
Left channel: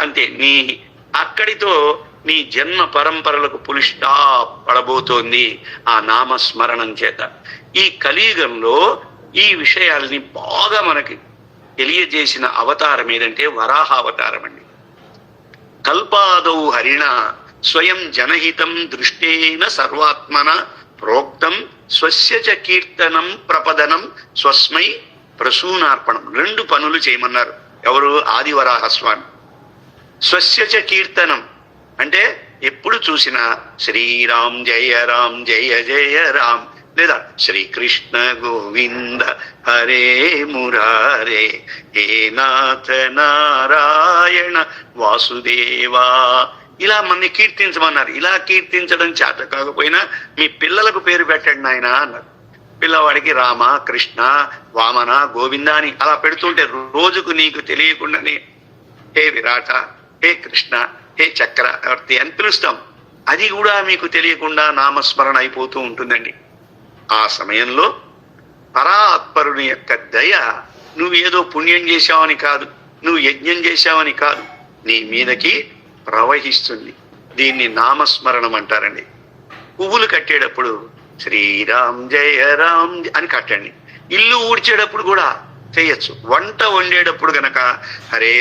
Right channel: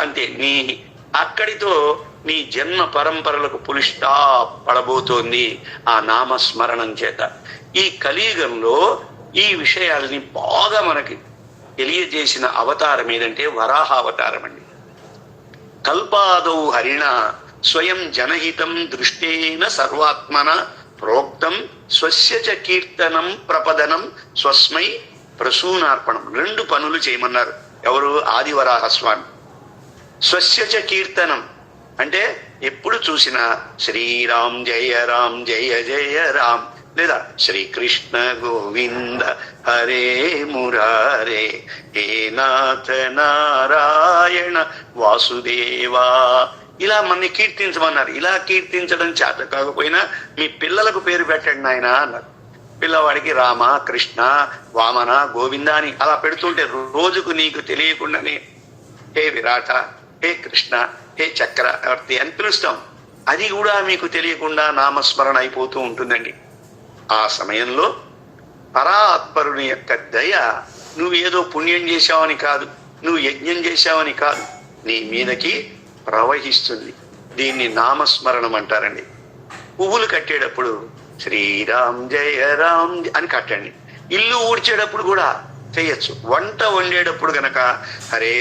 అంతే, అక్కడితో నీ జన్మ పరంపరలకు పులిష్టా పడబోతోంది ఆ నామస్మరణం చేత. ఈ కలియుగంలో ఈ విషయాల్ని బాగా మనకి తెలియజేసిన అవతారం ఏదంటే వరాహ అవతారం అండి. కల్పాదౌ హరిణ స్వయం జనహితం దృష్టేన సర్వాత్మన ప్రోక్తం స్వస్య చ కీర్తనం ప్రపదనం స్వస్మై ప్రసూనార్పణం. రెండు పనులు చేయమన్నారు ఎవరు? ఆదివరాహ స్వామి. స్వస్య చ కీర్తనం అంటే ఎప్పుడు చూసినా శ్రీరామ్ జయ రామ్ జయ జయ రామ్, లేదా శ్రీకృష్ణ గోవింద హరే మురారే హే నాథ నారాయణ వాసుదేవా ఇలా మనని కీర్తించమన్నారు. ఇలా కీర్తించడం చేత కాకపోయినా మీ పిల్లలకు పేరు పెట్టండి నాయన అన్నారు. పిల్లవాడికి రామ, కృష్ణ, వామన, గోవింద అని అలా పెడుతుంటే రోజుకు నీకు తెలియకుండానే హే విరాట, హే కృష్ణ, హే చక్రవర్తి అని పిలుస్తాం. అది కూడా మీకు తెలియకుండా నామస్మరణ అయిపోతూ ఉంటుందండి. ఆ సమయంలో పరాత్పరుని యొక్క దయ, నువ్వేదో పుణ్యం చేశావని కాదు, నువ్వు యజ్ఞం చేశావని కాదు, నీ మీదకి ప్రవహిస్తుంది. దీన్ని నామస్మరణం అంటారండి. పువ్వులు కట్టేటప్పుడు శ్రీరామ్ జయ రామ్ అని కట్టండి. ఇల్లు ఊడ్చేటప్పుడు కూడా చేయొచ్చు. వంట వండేటప్పుడు గనక హరే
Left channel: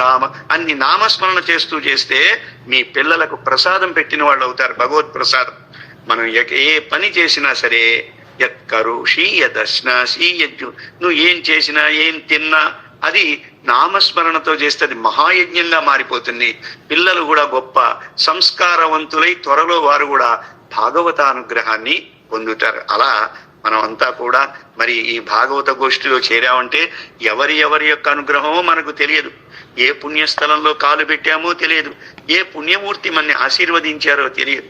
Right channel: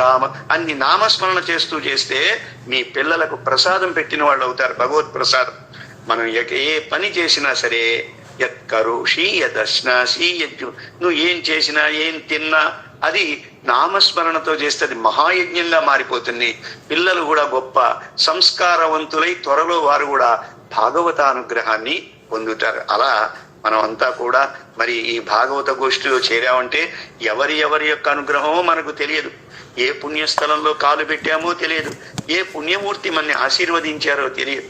రామ అన్ని నామస్మరణ చేస్తూ చేస్తే మీ పిల్లలకు ప్రసాదం పెట్టిన వాళ్ళు అవుతారు, భగవత్ ప్రసాదం. మనం ఏ పని చేసినా సరే యత్కరోషి యదశ్నాసి నువ్వు ఏం చేసినా ఏం తిన్నా అది నామస్మరణతో చేస్తే అది మహాయజ్ఞంగా మారిపోతుంది. పిల్లలు కూడా గొప్ప సంస్కారవంతులై త్వరలో వారు కూడా భాగవతానుగ్రహాన్ని పొందుతారు. అలా మనం అంతా కూడా మరి ఈ భాగవత గోష్ఠిలో చేరామంటే ఎవరి యొక్క అనుగ్రహమో మనకు తెలియదు, ఏ పుణ్యస్థలంలో కాలు పెట్టామో తెలియదు, ఏ పుణ్యమూర్తి మనని ఆశీర్వదించారో తెలియదు.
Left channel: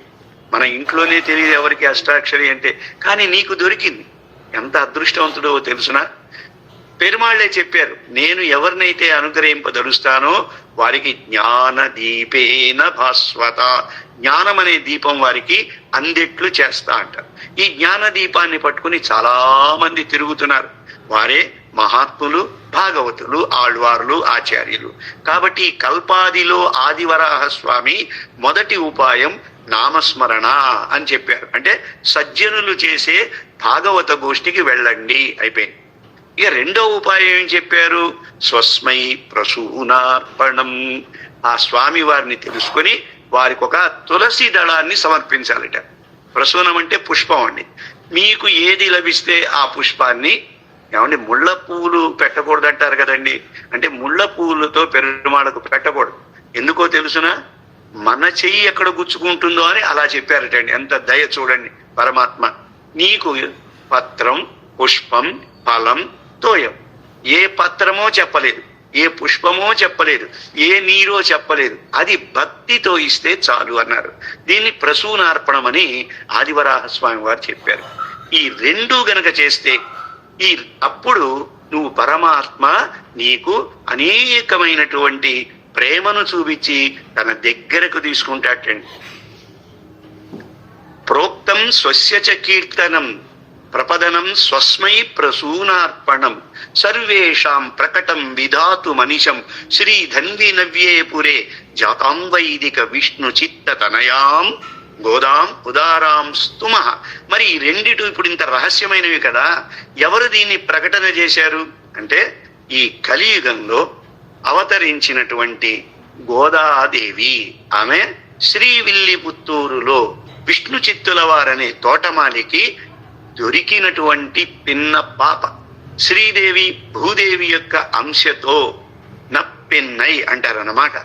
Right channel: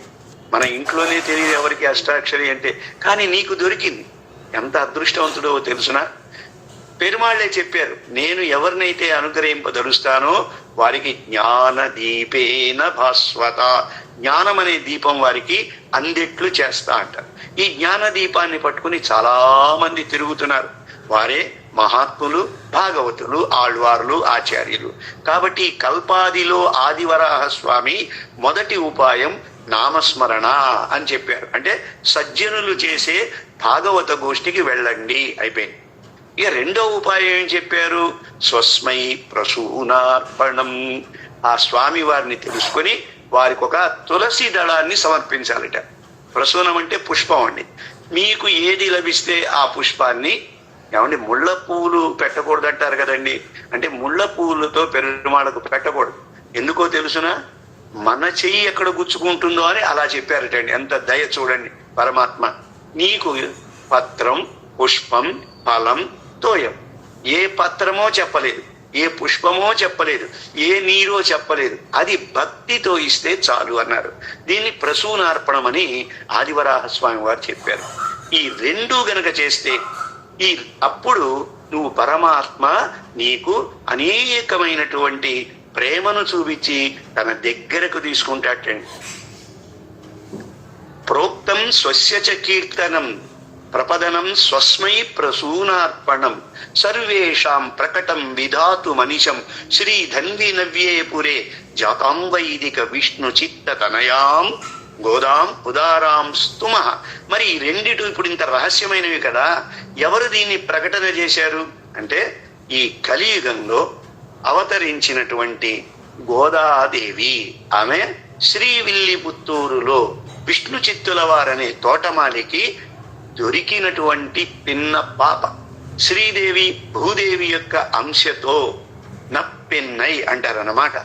మన ఇంట్లోనే తెలియదు ఎవరికి అష్టాక్షరి అంటే, కానీ నీకు దొరికింది. ఎంత అదృష్టవంతుడో తెలుసునా? పెరుమాళ్లే చెప్పారు, నేను ఎవరినైతే అనుగ్రహింపదలుస్తానో వారికి జ్ఞాన దీపేన భాస్వత, జ్ఞానం అనే దీపం వారికి అందెట్లు చేస్తా అంటారు. ఈ జ్ఞాన దీపాన్ని పట్టుకుని చాలా మంది తిరుగుతున్నారు. వారే మహాత్ములు, భాగవతులు, ఆళ్వార్లు, ఆచార్యులు. కాబట్టి ఈ కల్పాదిలో ఆదివరాహ స్వామి మొదటి ఉపాయం నామస్మరణ అని చెప్పారు. అంటే సజ్జనులు చేసే భాగవత గోష్ఠికి వెళ్ళండి అయిపోయింది. ఇక రెండో ఉపాయం ఏం చెప్పారు? స్వస్మై ప్రసూనార్పణం. ఆ స్వామి వారిని తెలుసుకొని వారికి ఒక తులసి దళాన్ని సమర్పించాలట. ప్రసూనం అంటే పుష్పం అండి. మీకు ఏది లభిస్తే ఆ పుష్పాన్ని, ఏమంటే ముళ్ళ పువ్వులు పెట్టకూడదు అంటారు కదండి, అంటే ముళ్ళ పువ్వులతో పెరుమాళకు పెట్టకూడదు. ఎందుకో తెలుసునా? మన చెయ్యి ఎక్కడ గుచ్చుకుంటుందో అని అలా చెప్పారటండి. ఎంత దయ చూడండి పరమాత్మ. నీకు పత్రం, పుష్పం, ఫలం, తోయం, ఏ పత్రమో చెప్పలేదు, ఏ పుష్పమో చెప్పలేదు, ఏ నీరో చెప్పలేదు, అది భక్తితో ఇస్తే చాలు అన్నారు. దీన్ని ప్రసూనార్పణమని ఆదివరాహ స్వామి వారు చెప్పారు. ఈ రెండు గనక చేస్తే అప్పుడు నువ్వు పరమాత్మ నీకు అనేకమైనటువంటి ప్రేమను చూపించి తన దగ్గరకు తీసుకుంటాటండి. ప్రోక్తం స్వస్య చ కీర్తనం ప్రపదనం స్వస్మై ప్రసూనార్పణం సర్వేషాం ప్రకటం విధాతు మనిషం శ్రీ ధన్వి నవ్యే పురే జాతాం వైదిక విష్ణు చిత్త తనయాం గోదాం ఉదారాం స్తుమ. మరి ఈ రెండిటి ఇప్పుడు ఇంత రహస్యమైనవి కదా, ఎవరు దీన్ని ప్రకటన చేశారు అంటే ఈ కలియుగంలో అవతరించినటువంటి గోదాదేవి. ఆమె శ్రీవిల్లిపుత్తూరులో విష్ణు చిత్తుల వారనే తోటమాలికి దొరికినటువంటి పిన్న పాప. శ్రీదేవి భూదేవి యొక్క అంశతో నప్పిన్నై అంటారన్నమాట.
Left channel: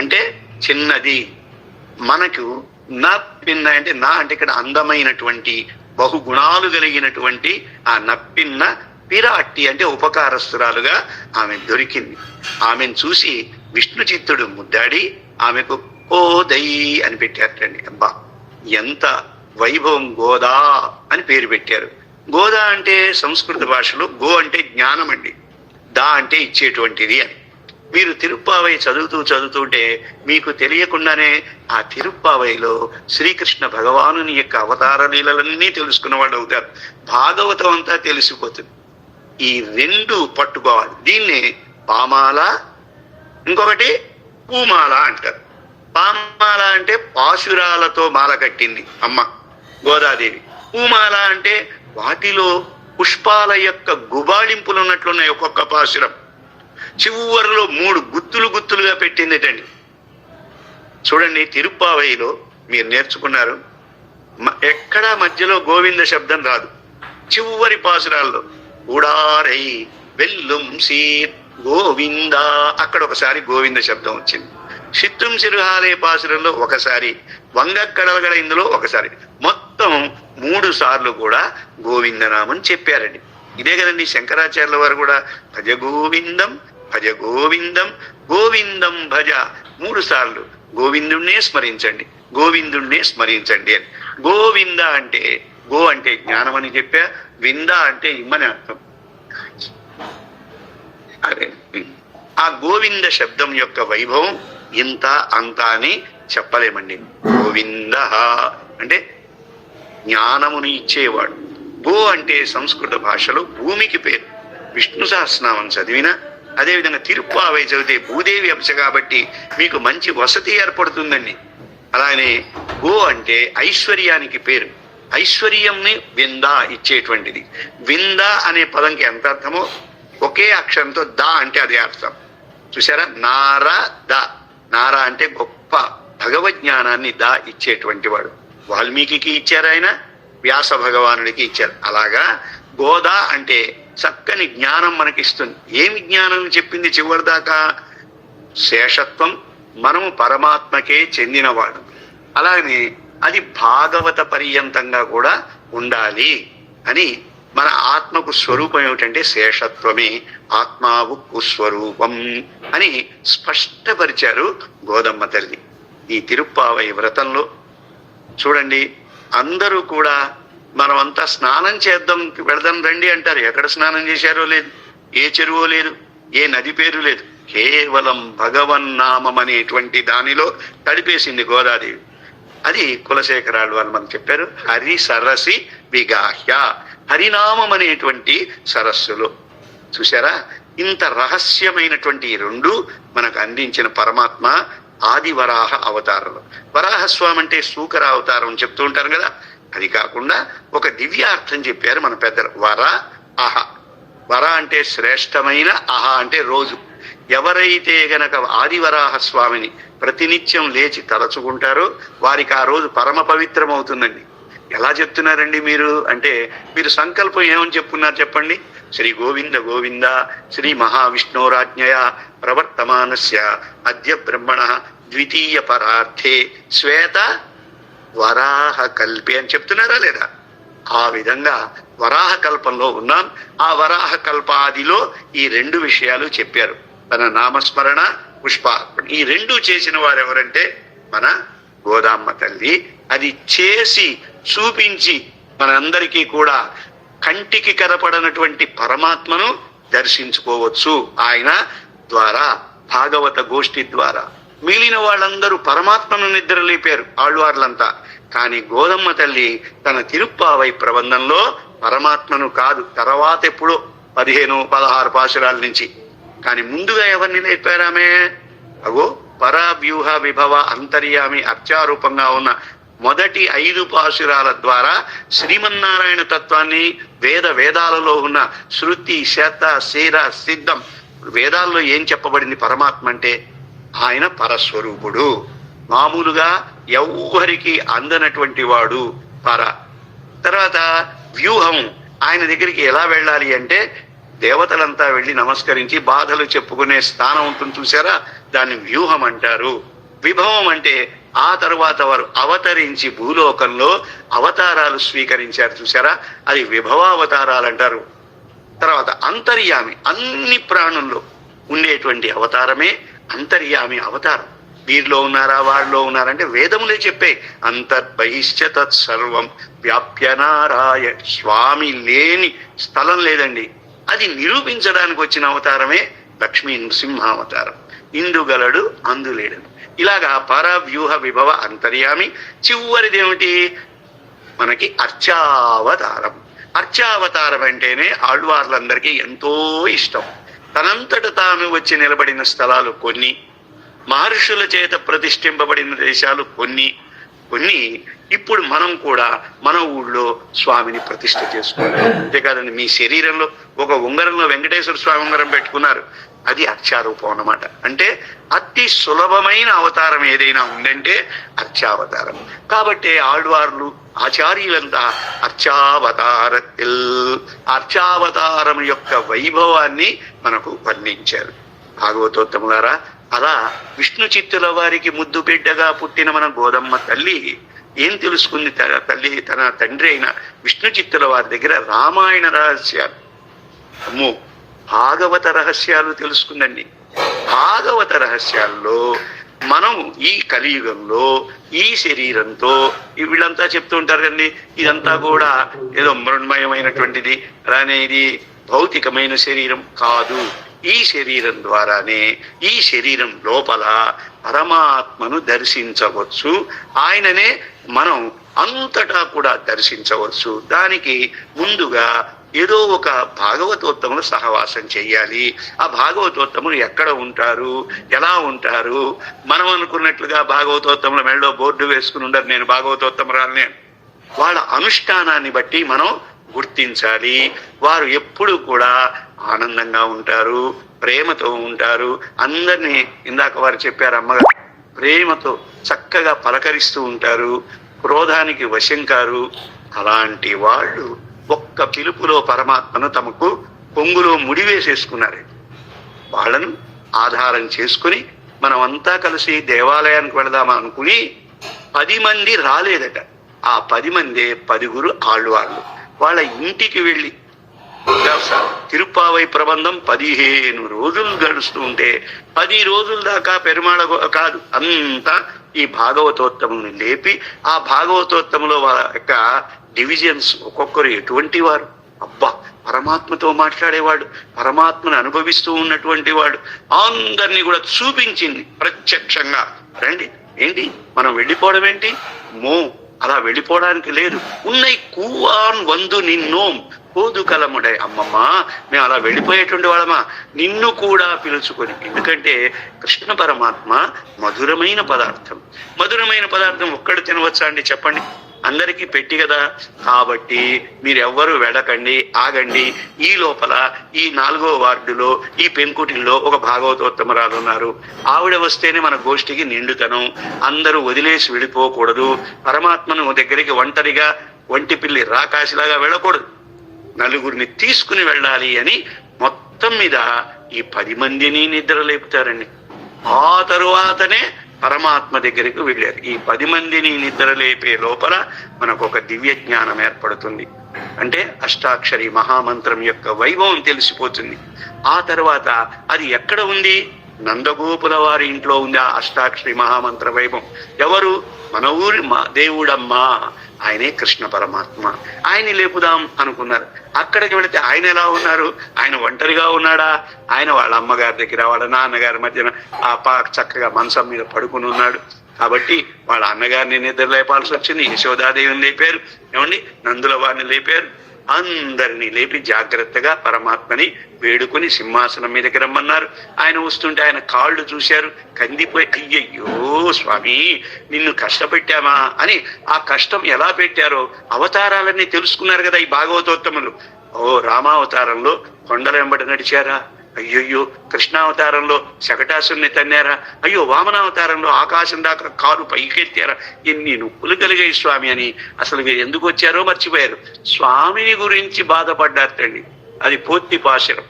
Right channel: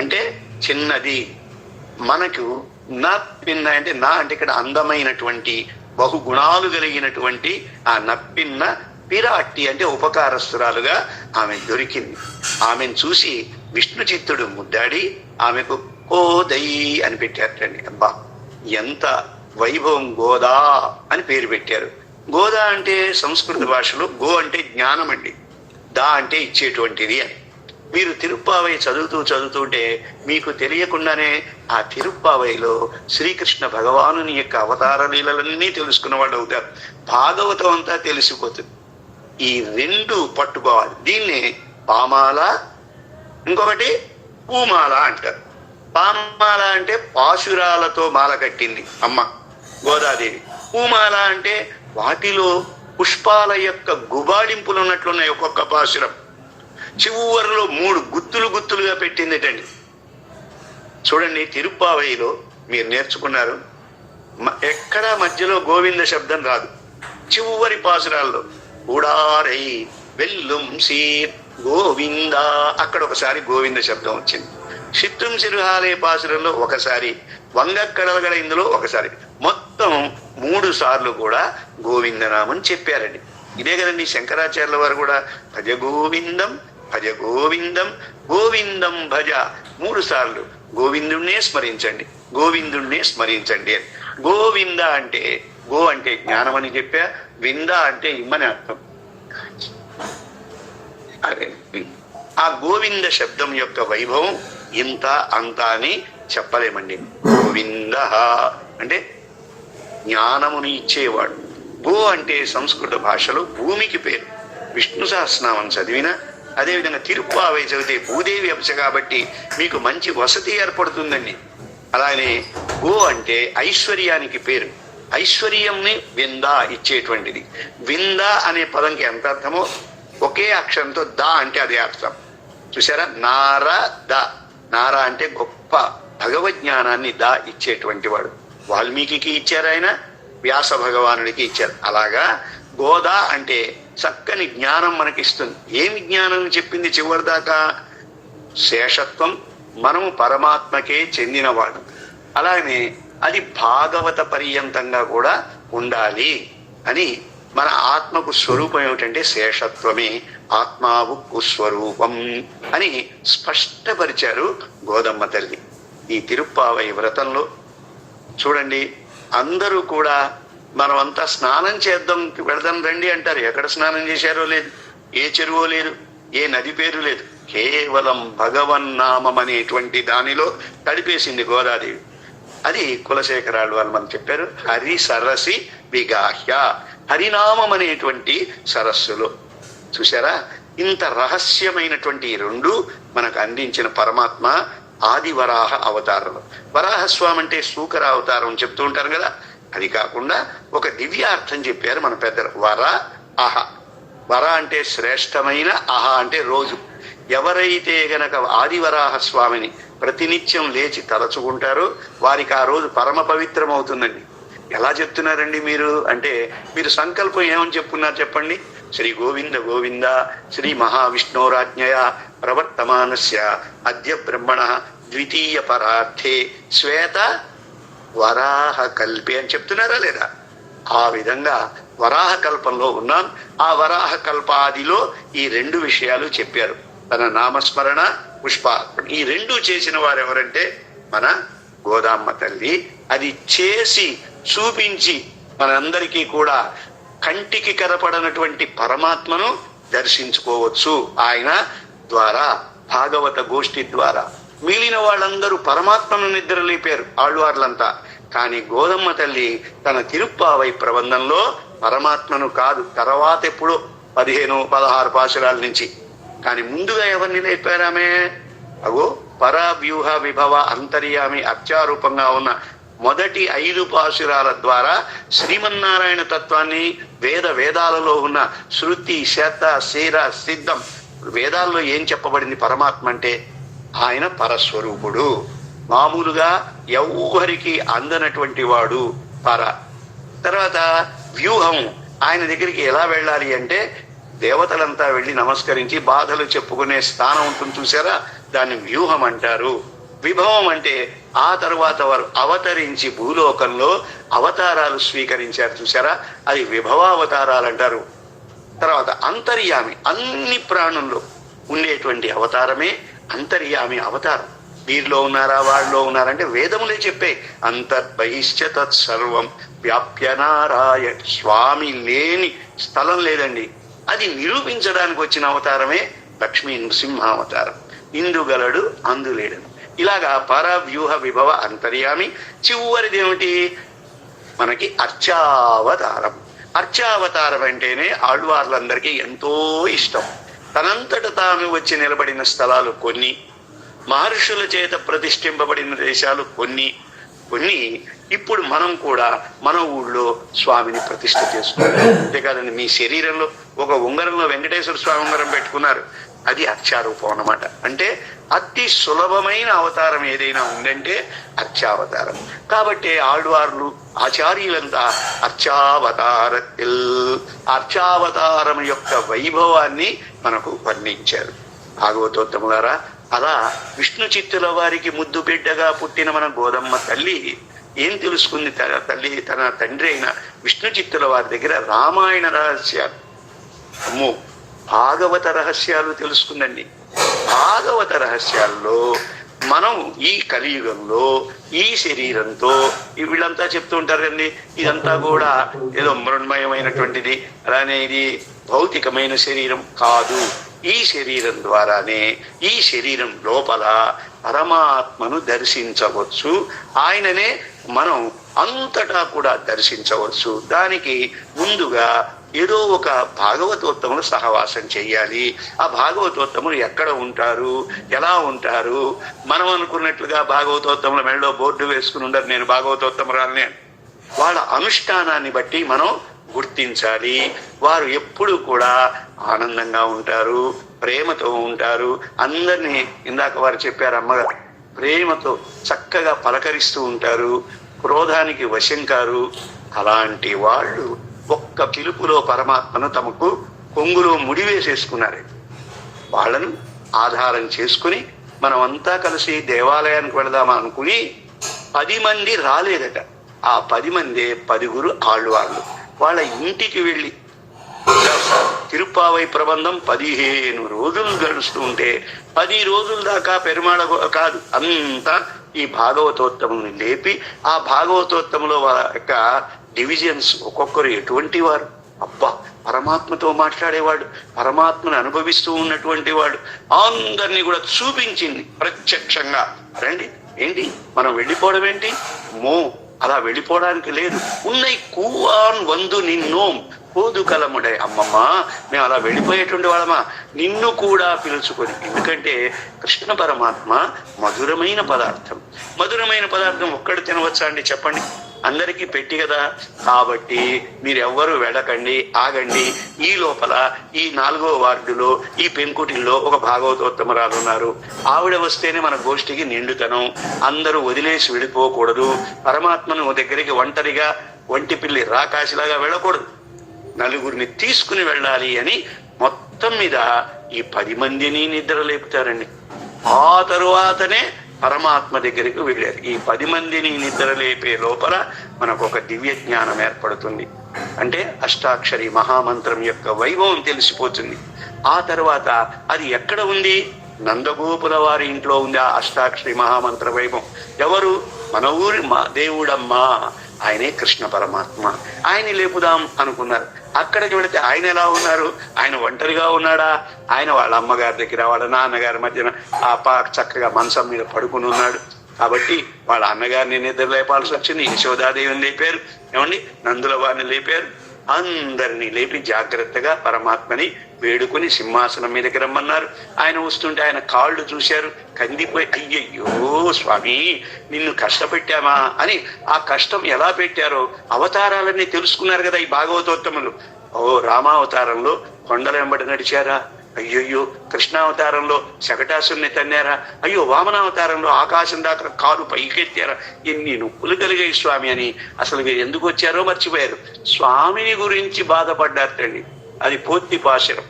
అంటే చిన్నది. మనకు నప్పిన్న అంటే నా అంటే ఇక్కడ అందమైనటువంటి బహుగుణాలు కలిగినటువంటి ఆ నప్పిన్న పిరాట్టి అంటే ఉపకారస్తురాలుగా ఆమె దొరికింది. ఆమెను చూసి విష్ణు చిత్తుడు ముద్దాడి ఆమెకు ఓదై అని పెట్టారటండి. అబ్బా ఎంత వైభవం! గోదా అని పేరు పెట్టారు. గోదా అంటే సంస్కృత భాషలో గో అంటే జ్ఞానం అండి, దా అంటే ఇచ్చేటువంటిది అని. మీరు తిరుప్పావై చదువుతుంటే మీకు తెలియకుండానే ఆ తిరుప్పావైలో శ్రీకృష్ణ భగవానుని యొక్క అవతార లీలలన్నీ తెలుసుకున్న వాళ్ళు అవుతారు. భాగవతం అంతా తెలిసిపోతుంది. ఈ రెండు పట్టుకోవాలి. దీన్నే పామాల, ఇంకొకటి పూమాల అంటారు. పామాల అంటే పాశురాలతో మాల కట్టింది అమ్మ గోదాదేవి. పూమాల అంటే వాటిలో పుష్పాల యొక్క గుబాళింపులు ఉన్నట్లున్నాయి. ఒక్కొక్క పాశురం చివరిలో 3 గుత్తులుగా పెట్టిందిటండి. చూడండి, తిరుప్పావైలో మీరు నేర్చుకున్నారు, ఎక్కడా మధ్యలో గోవింద శబ్దం రాదు. చివరి పాసురాల్లో ఉడారై వెల్లుం సీర్ గోవింద, అక్కడ ఒకసారి గోవింద శబ్దం వచ్చింది. చిత్తం సిరుహాలే పాసురంలో ఒకసారి, వంగక్కడలగడ ఇందులో ఒకసారి, మొత్తం 3 సార్లు కూడా గోవిందనామని చెప్పారండి. ఇదే కదండి శంకరాచార్యుల వారు కూడా భజ గోవిందం భజ గోవిందం గోవిందం భజ 3 సార్లు గోవిందుణ్ణే స్మరించండి, గోవిందుణ్ణే స్మరించండి అని. గోవింద అంటే గో అంటే జ్ఞానం అని చెప్పా, వింద అంటే ఇమ్మని అర్థం. అదే ఆ గోవింద శబ్దం యొక్క వైభవం ఇంత అంత అని చెప్పలేమండి. గోవింద అంటే జ్ఞానమును ఇచ్చేవాడు. గో అంటే సంస్కృత భాషలో భూమికి పేరు. విష్ణు సహస్రనామం చదివినా, అదేవిధంగా తిరుప్పావై చదివితే భూదేవి అంశ కాబట్టి మీకు మంచి వసతి ఏర్పడుతుందండి. అలానే గో అంటే ఐశ్వర్యానికి పేరు. ఐశ్వర్యంని వింద ఇచ్చేటువంటిది. వింద అనే పదంకి ఎంత అర్థమో ఒకే అక్షరంతో దా అంటే అదే అర్థం. చూసారా, నారా దా. నారా అంటే గొప్ప భగవజ్ఞానాన్ని దా ఇచ్చేటువంటి వాడు. వాల్మీకి ఇచ్చారు, ఆయన వ్యాస భగవానుడికి ఇచ్చారు. అలాగా గోదా అంటే చక్కని జ్ఞానం మనకిస్తుంది. ఏమి జ్ఞానం చెప్పింది చివరిదాకా? శేషత్వం, మనము పరమాత్మకే చెందినవాడు. అలానే అది భాగవత పర్యంతంగా కూడా ఉండాలి అని. మన ఆత్మకు స్వరూపం ఏమిటంటే శేషత్వమే, ఆత్మావు స్వరూపం అని స్పష్టపరిచారు గోదమ్మ తల్లి. ఈ తిరుప్పావై వ్రతంలో చూడండి, అందరూ కూడా మనమంతా స్నానం చేద్దాం వెళదాం రండి అంటారు. ఎక్కడ స్నానం చేశారో లేదు. ఏ చెరువు లేదు, ఏ నది పేరు లేదు, కేవలం భగవన్నామం అనేటువంటి దానిలో తడిపేసింది గోదాదేవి. అది కులశేఖరాలు వాళ్ళు మనకు చెప్పారు. హరి సరసి విగాహ్య, హరినామం అనేటువంటి సరస్సులో. చూసారా, ఇంత రహస్యమైనటువంటి ఈ రెండు మనకు అందించిన పరమాత్మ ఆది వరాహ అవతారంలో. వరాహస్వామి అంటే శూకర అవతారం చెప్తూ ఉంటారు కదా, అది కాకుండా ఒక దివ్యార్థం చెప్పారు మన పెద్దలు. వర అహ. వర అంటే శ్రేష్టమైన, అహ అంటే రోజు. ఎవరైతే గనక ఆదివరాహ స్వామిని ప్రతినిత్యం లేచి తలచుకుంటారో వారికి ఆ రోజు పరమ పవిత్రం అవుతుందండి. ఎలా చెప్తున్నారండి మీరు అంటే, మీరు సంకల్పం ఏమని చెప్పున్నారు చెప్పండి. శ్రీ గోవింద గోవింద శ్రీ మహావిష్ణోరాజ్ఞయ ప్రవర్తమానస్య అద్య బ్రహ్మణ ద్వితీయ పరార్థే శ్వేత వరాహ కల్పే అని చెప్తున్నారా లేదా? ఆ విధంగా వరాహ కల్పంలో ఉన్నాం. ఆ వరాహ కల్పాదిలో ఈ రెండు విషయాలు చెప్పారు. తన నామస్మరణ, పుష్పార్పణ. ఈ రెండు చేసిన వారు ఎవరంటే మన గోదామ్మ తల్లి. అది చేసి చూపించి మనందరికీ కూడా కంటికి కనపడనటువంటి పరమాత్మను దర్శించుకోవచ్చు ఆయన ద్వారా, భాగవత గోష్ఠి ద్వారా. మిగిలిన వాళ్ళందరూ పరమాత్మను నిద్రలేపారు ఆళ్వార్లంతా. కానీ గోదమ్మ తల్లి తన తిరుప్పావై ప్రబంధంలో పరమాత్మను కాదు, తర్వాత ఎప్పుడో 15-16 పాశురాల నుంచి. కానీ ముందుగా ఎవరిని లేపారామే? అగో పరవ్యూహ విభవ అంతర్యామి అత్యారూపంగా ఉన్న మొదటి 5 పాశురాల ద్వారా శ్రీమన్నారాయణ తత్వాన్ని, వేదాలలో ఉన్న శృతి శత శీర సిద్ధం, వేదాల్లో ఏం చెప్పబడింది పరమాత్మ అంటే ఆయన పరస్వరూపుడు, మామూలుగా ఎవ్వరికి అందనటువంటి వాడు పర. తర్వాత వ్యూహం, ఆయన దగ్గరికి ఎలా వెళ్ళాలి అంటే దేవతలంతా వెళ్లి నమస్కరించి బాధలు చెప్పుకునే స్థానం ఉంటుంది చూసారా, దాన్ని వ్యూహం అంటారు. విభవం అంటే ఆ తరువాత వారు అవతరించి భూలోకంలో అవతారాలు స్వీకరించారు చూసారా, అది విభవావతారాలు అంటారు. తర్వాత అంతర్యామి, అన్ని ప్రాణుల్లో ఉండేటువంటి అవతారమే అంతర్యామి అవతారం. వీరిలో ఉన్నారా వారిలో ఉన్నారంటే వేదములే చెప్పే అంతర్బహిష్ట తత్సర్వం వ్యాప్యనారాయణ. స్వామి లేని స్థలం లేదండి. అది నిరూపించడానికి వచ్చిన అవతారమే లక్ష్మీ నృసింహావతారం. ఇందుగలడు అందులేడు. ఇలాగా పరవ్యూహ విభవ అంతర్యామి. చివరిదేమిటి మనకి అర్చావతారం. అర్చావతారం అంటేనే ఆళ్వార్లందరికీ ఎంతో ఇష్టం. తనంతట తాను వచ్చి నిలబడిన స్థలాలు కొన్ని, మహర్షుల చేత ప్రతిష్ఠింపబడిన దేశాలు కొన్ని. ఇప్పుడు మనం కూడా మన ఊళ్ళో స్వామిని ప్రతిష్ఠ చేసుకున్నాం. అంతేకాదండి, మీ శరీరంలో ఒక ఉంగరంలో వెంకటేశ్వర స్వామి ఉంగరం పెట్టుకున్నారు, అది అర్చారూపం అన్నమాట. అంటే అతి సులభమైన అవతారం ఏదైనా ఉందంటే అర్చావతారం. కాబట్టి ఆళ్వార్లు ఆచార్యులంతా అర్చావతారం యొక్క వైభవాన్ని మనకు వర్ణించారు. భాగవతోత్తములారా, అలా విష్ణు చిత్తుల వారికి ముద్దు బిడ్డగా పుట్టిన మన గోదమ్మ తల్లి ఏం తెలుసుకుంది? తన తండ్రి అయిన విష్ణు చిత్తుల వారి దగ్గర రామాయణ రహస్యాలు, అమ్మో భాగవత రహస్యాలు తెలుసుకుందండి. భాగవత రహస్యాల్లో మనం ఈ కలియుగంలో ఈ శరీరంతో, వీళ్ళంతా చెప్తూ ఉంటారు కండి, ఇదంతా కూడా ఏదో మృణ్మయమైనటువంటిది, అలానే ఇది భౌతికమైన శరీరం కాదు. ఈ శరీరం ద్వారానే, ఈ శరీరం లోపల పరమాత్మను దర్శించవచ్చు. ఆయననే మనం అంతటా కూడా దర్శించవచ్చు. దానికి ముందుగా ఏదో ఒక భాగవతోత్తములు సహవాసం చెయ్యాలి. ఆ భాగవతోత్తములు ఎక్కడ ఉంటారు, ఎలా ఉంటారు? మనం అనుకున్నట్లుగా భాగవతోత్తముల మెడలో బోర్డు వేసుకుని ఉండరు, నేను భాగవతోత్తమురాలని. వాళ్ళ అనుష్ఠానాన్ని బట్టి మనం గుర్తించాలి. వారు ఎప్పుడు కూడా ఆనందంగా ఉంటారు, ప్రేమతో ఉంటారు. అందరినీ ఇందాక వారు చెప్పారు, అమ్మగారు ప్రేమతో చక్కగా పలకరిస్తూ ఉంటారు, క్రోధానికి వశం కారు. అలాంటి వాళ్ళు ఒక్క పిలుపులో పరమాత్మను తమకు కొంగులో ముడివేసేసుకున్నారు. వాళ్ళను ఆధారం చేసుకుని మనమంతా కలిసి దేవాలయానికి వెళదామా అనుకుని 10 మంది రాలేదట. ఆ 10 మందే 10 ఆళ్వార్లు. వాళ్ళ ఇంటికి వెళ్ళి తిరుప్పావై ప్రబంధం 15 రోజులు గడుస్తూ ఉంటే 10 రోజుల దాకా పెరుమాళ కాదు, అంతా ఈ భాగవతోత్తముని లేపి, ఆ భాగవతోత్తములో వాళ్ళ యొక్క డివిజన్స్ ఒక్కొక్కరు ఎటువంటి వారు, అబ్బా పరమాత్మతో మాట్లాడేవాడు, పరమాత్మను అనుభవిస్తూ ఉన్నటువంటి వాడు, అందరినీ కూడా చూపించింది ప్రత్యక్షంగా. రండి, ఏంటి మనం వెళ్ళిపోవడం ఏంటి? అలా వెళ్ళిపోవడానికి లేదు. ఉన్నై కూవాన్ వందు నిన్నోం పోదు కలముడే. అమ్మమ్మ, మేము అలా వెళ్ళిపోయేటువంటి వాళ్ళమా? నిన్ను కూడా పిలుచుకొని. ఎందుకంటే కృష్ణ పరమాత్మ మధురమైన పదార్థం. మధురమైన పదార్థం ఒక్కడు తినవచ్చా అండి? చెప్పండి. అందరికీ పెట్టి కదా. కాబట్టి మీరెవ్వరూ వెడకండి, ఆగండి. ఈ లోపల ఈ 4వ వార్డులో ఈ పెంకుటిల్లో ఒక భాగవతోత్తమరాలు ఉన్నారు. ఆవిడ వస్తేనే మన గోష్ఠికి నిండుతనం. అందరూ వదిలేసి వెళ్ళిపోకూడదు. పరమాత్మను దగ్గరికి ఒంటరిగా ఒంటి పిల్లి రాకాశిలాగా వెళ్ళకూడదు, నలుగురిని తీసుకుని వెళ్ళాలి అని మొత్తం మీద ఈ 10 మందిని నిద్ర లేపుతారండి. ఆ తరువాతనే పరమాత్మ దగ్గరికి వెళ్ళారు. ఈ 10 మందిని నిద్ర లేపే లోపల మనకు ఒక దివ్య జ్ఞానం ఏర్పడుతుంది. అంటే అష్టాక్షరి మహామంత్రం యొక్క వైభవం తెలిసిపోతుంది. ఆ తర్వాత అది ఎక్కడ ఉంది? నందగోపుల వారి ఇంట్లో ఉంది ఆ అష్టాక్షరి మహామంత్ర వైభవం. ఎవరు? మన ఊరి దేవుడమ్మా, ఆయనే కృష్ణ పరమాత్మ. ఆయన్ని లేపుదాం అనుకున్నారు. అక్కడికి వెళితే ఆయన ఎలా ఉన్నారు? ఆయన ఒంటరిగా ఉన్నాడా? ఆయన వాళ్ళ అమ్మగారి దగ్గర, వాళ్ళ నాన్నగారి మధ్యన చక్కగా మంచం మీద పడుకుని ఉన్నాడు. కాబట్టి వాళ్ళ అన్నగారిని నిద్ర లేపాల్సి వచ్చింది. యశోదాదేవిని లేపారు, ఏమండి, నందుల వారిని లేపారు. అందరినీ లేపి జాగ్రత్తగా పరమాత్మని వేడుకొని సింహాసనం మీదకి రమ్మన్నారు. ఆయన వస్తుంటే ఆయన కాళ్ళు చూశారు, కందిపోయి, అయ్యయ్యో స్వామి, నిన్ను కష్టపెట్టామా అని. ఆ కష్టం ఎలా పెట్టారో అవతారాలన్నీ తెలుసుకున్నారు కదా ఈ భాగవతోత్తములు. రామావతారంలో కొండల వెంబడి నడిచారా? అయ్యయ్యో. కృష్ణావతారంలో శకటాసుని తన్నారా? అయ్యో. వామనావతారంలో ఆకాశం దాకా కారు పైకెత్తారా? ఎన్ని నొప్పులు కలిగాయి స్వామి అని అసలు మీరు ఎందుకు వచ్చారో మర్చిపోయారు. స్వామిని గురించి బాధపడ్డారండి. అది పూర్తి పాశరం,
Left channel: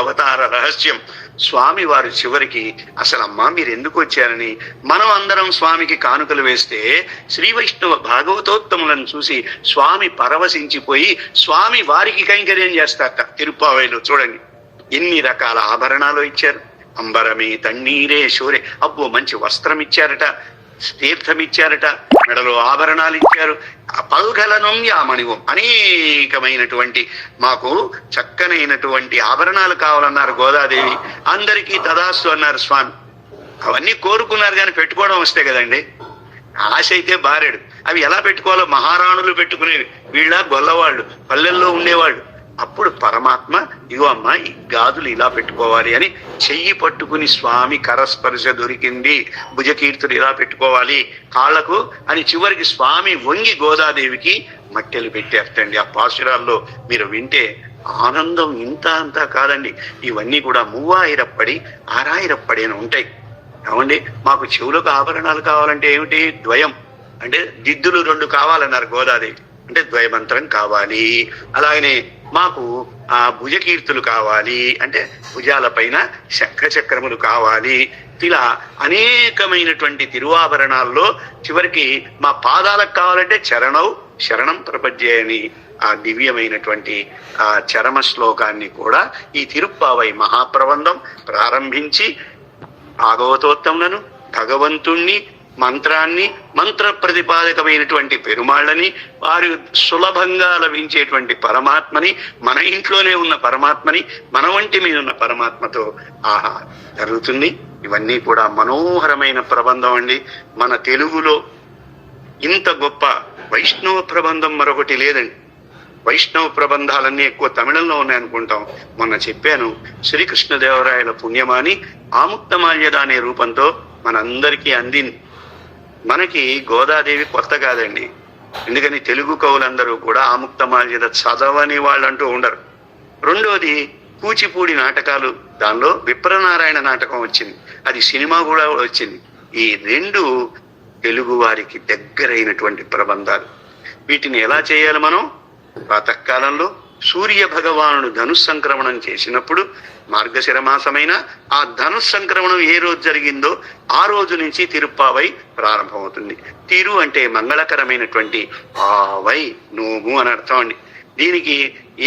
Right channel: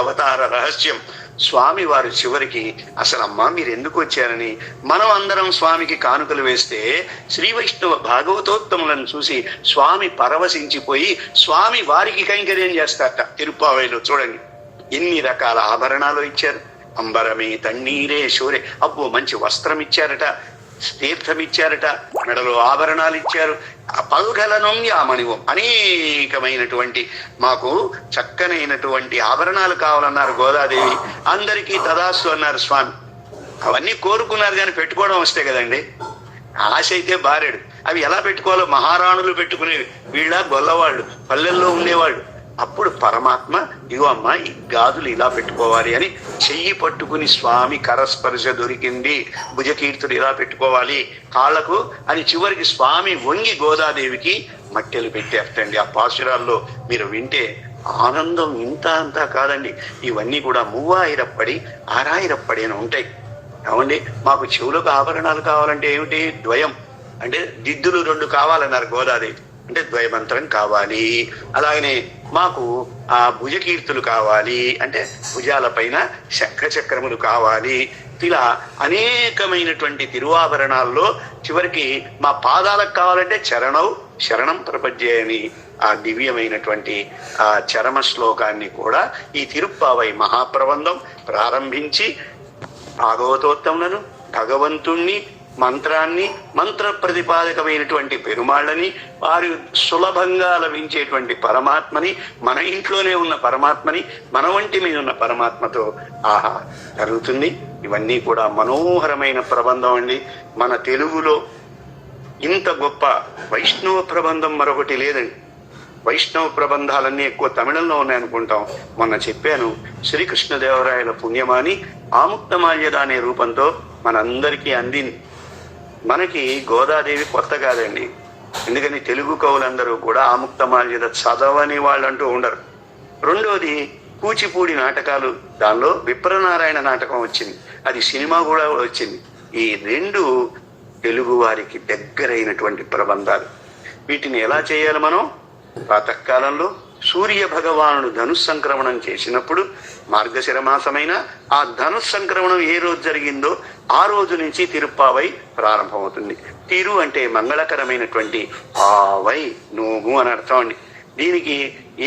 అవతార రహస్యం. స్వామి వారు చివరికి అసలు అమ్మా మీరు ఎందుకు వచ్చారని మనం అందరం స్వామికి కానుకలు వేస్తే శ్రీ వైష్ణవ భాగవతోత్తములను చూసి స్వామి పరవశించిపోయి స్వామి వారికి కైంకర్యం చేస్తారట. తిరుప్పావైలో చూడండి ఎన్ని రకాల ఆభరణాలు ఇచ్చారు. అంబరమే తన్నీరే శూరే. అబ్బో, మంచి వస్త్రం ఇచ్చారట, తీర్థం ఇచ్చారట, మెడలో ఆభరణాలు ఇచ్చారు. పల్గలనం యామణివం, అనేకమైనటువంటి మాకు చక్కనైనటువంటి ఆభరణాలు కావాలన్నారు గోదాదేవి. అందరికీ తదాస్తు అన్నారు స్వామి. అవన్నీ కోరుకున్నారు కానీ పెట్టుకోవడం వస్తే కదండి. ఆశ అయితే బారెడు. అవి ఎలా పెట్టుకోవాలో మహారాణులు పెట్టుకునేవి, వీళ్ళ గొల్లవాళ్ళు పల్లెల్లో ఉండేవాళ్ళు. అప్పుడు పరమాత్మ ఇగో అమ్మ ఈ గాజులు ఇలా పెట్టుకోవాలి అని చెయ్యి పట్టుకుని స్వామి కరస్పర్శ దొరికింది. భుజకీర్తులు ఇలా పెట్టుకోవాలి కాళ్లకు అని చివరికి స్వామి వంగి గోదాదేవికి మట్టెలు పెట్టేటండి. ఆ పాశురాల్లో మీరు వింటే ఆనందం ఇంత అంతా కాదండి. ఇవన్నీ కూడా 3000 6000 అని ఉంటాయి. ఏమండి, మాకు చెవులకు ఆభరణాలు కావాలంటే ఏమిటి? ద్వయం, అంటే దిద్దులు 2 కావాలన్నారు గోదాదేవి, అంటే ద్వయమంత్రం కావాలి. అలాగనే మాకు భుజకీర్తులు కావాలి, అంటే భుజాల పైన శంఖచక్రములు కావాలి. ఇలా అనేకమైనటువంటి తిరువాభరణాల్లో చివరికి మా పాదాలకు కావాలంటే శరణం ప్రపంచే అని ఆ దివ్యమైనటువంటి ఆ చరమ శ్లోకాన్ని కూడా ఈ తిరుప్పావై మహాప్రబంధం ప్రారంభించి భాగవతోత్తములను, భగవంతుణ్ణి, మంత్రాన్ని, మంత్ర ప్రతిపాదకమైనటువంటి పెరుమాళ్ళని, వారు సులభంగా లభించేటువంటి పరమాత్మని, మన ఇంట్లోనే ఉన్న పరమాత్మని, మన వంటి మీద ఉన్న పరమాత్మతో జరుగుతుంది. ఇవన్నీ కూడా మనోహరమైన ప్రబంధం అండి. మన తెలుగులో ఇంత గొప్ప వైష్ణవ ప్రబంధం మరొకటి లేదండి. వైష్ణవ ప్రబంధాలన్నీ ఎక్కువ తమిళంలో ఉన్నాయనుకుంటాం. మొన్న చెప్పాను, శ్రీకృష్ణదేవరాయల పుణ్యమాని ఆముక్తమాల్యద అనే రూపంతో మనందరికీ అందింది. మనకి గోదాదేవి కొత్త కాదండి. ఎందుకని తెలుగు కవులందరూ కూడా ఆముక్తమాల్యద చదవని వాళ్ళంటూ ఉండరు. రెండోది కూచిపూడి నాటకాలు, దానిలో విప్రనారాయణ నాటకం వచ్చింది, అది సినిమా కూడా వచ్చింది. ఈ 2 తెలుగు వారికి దగ్గరైనటువంటి ప్రబంధాలు. వీటిని ఎలా చేయాలి మనం? ప్రాతకాలంలో సూర్య భగవానుడు ధనుస్సంక్రమణం చేసినప్పుడు మార్గశిర మాసమైన ఆ ధనుస్సంక్రమణం ఏ రోజు జరిగిందో ఆ రోజు నుంచి తిరుప్పావై ప్రారంభమవుతుంది. తిరు అంటే మంగళకరమైనటువంటి, ఆవై నోము అని అర్థం అండి. దీనికి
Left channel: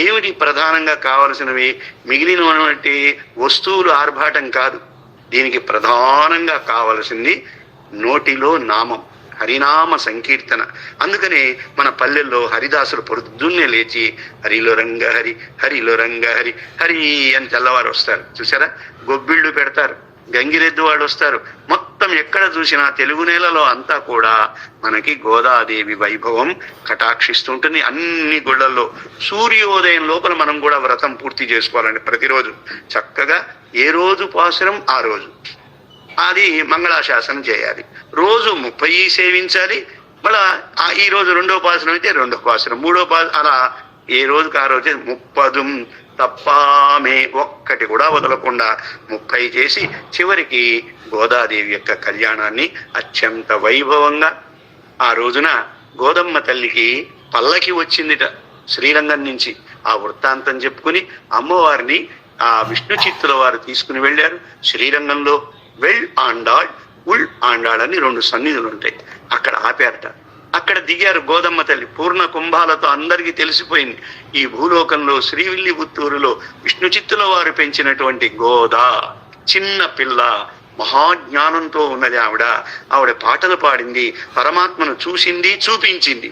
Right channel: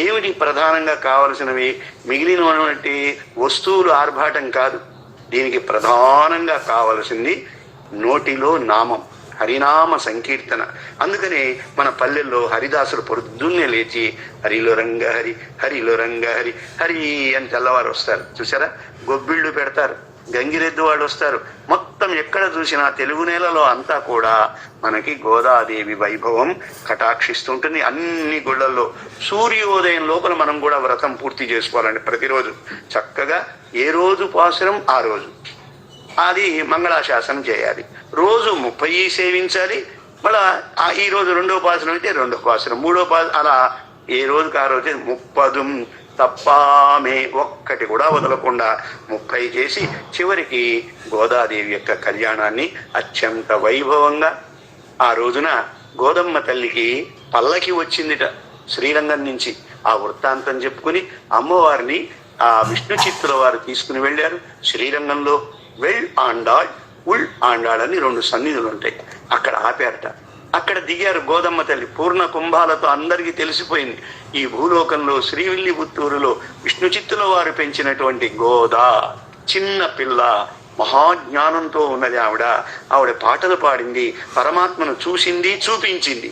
ఏమిటి ప్రధానంగా కావలసినవి? మిగిలినటువంటి వస్తువులు ఆర్భాటం కాదు. దీనికి ప్రధానంగా కావలసింది నోటిలో నామం, హరినామ సంకీర్తన. అందుకనే మన పల్లెల్లో హరిదాసులు పొద్దున్నే లేచి హరిలో రంగ హరి, హరిలో రంగ హరి, హరి అని తెల్లవారు వస్తారు. చూసారా, గొబ్బిళ్ళు పెడతారు, గంగిరెద్దు వాళ్ళు వస్తారు. మొత్తం ఎక్కడ చూసినా తెలుగు నేలలో అంతా కూడా మనకి గోదాదేవి వైభవం కటాక్షిస్తుంటుంది. అన్ని గుళ్ళల్లో సూర్యోదయం లోపల మనం కూడా వ్రతం పూర్తి చేసుకోవాలండి. ప్రతిరోజు చక్కగా ఏ రోజు పాసురం ఆ రోజు అది మంగళాశాసనం చేయాలి. రోజు 30 సేవించాలి. మళ్ళా ఈ రోజు 2వ పాసురం అయితే 2వ పాసురం, 3వ పాసురం, అలా ఏ రోజుకి ఆ రోజు 30 తప్పామే ఒక్కటి కూడా వదలకుండా 30 చేసి చివరికి గోదాదేవి యొక్క కళ్యాణాన్ని అత్యంత వైభవంగా ఆ రోజున గోదమ్మ తల్లికి పల్లకి వచ్చిందిట శ్రీరంగం నుంచి. ఆ వృత్తాంతం చెప్పుకుని అమ్మవారిని ఆ విష్ణు చిత్తుల వారు తీసుకుని వెళ్ళారు. శ్రీరంగంలో వెల్ ఆండాళ్, ఉల్ ఆండాళ్ అని 2 సన్నిధులు ఉంటాయి. అక్కడ ఆపారట. అక్కడ దిగారు గోదమ్మ తల్లి పూర్ణ కుంభాలతో. అందరికీ తెలిసిపోయింది ఈ భూలోకంలో శ్రీవిల్లిపుత్తూరులో విష్ణు చిత్తుల వారు పెంచినటువంటి గోదా చిన్న పిల్ల, మహాజ్ఞానంతో ఉన్నది ఆవిడ పాటలు పాడింది, పరమాత్మను చూసింది, చూపించింది.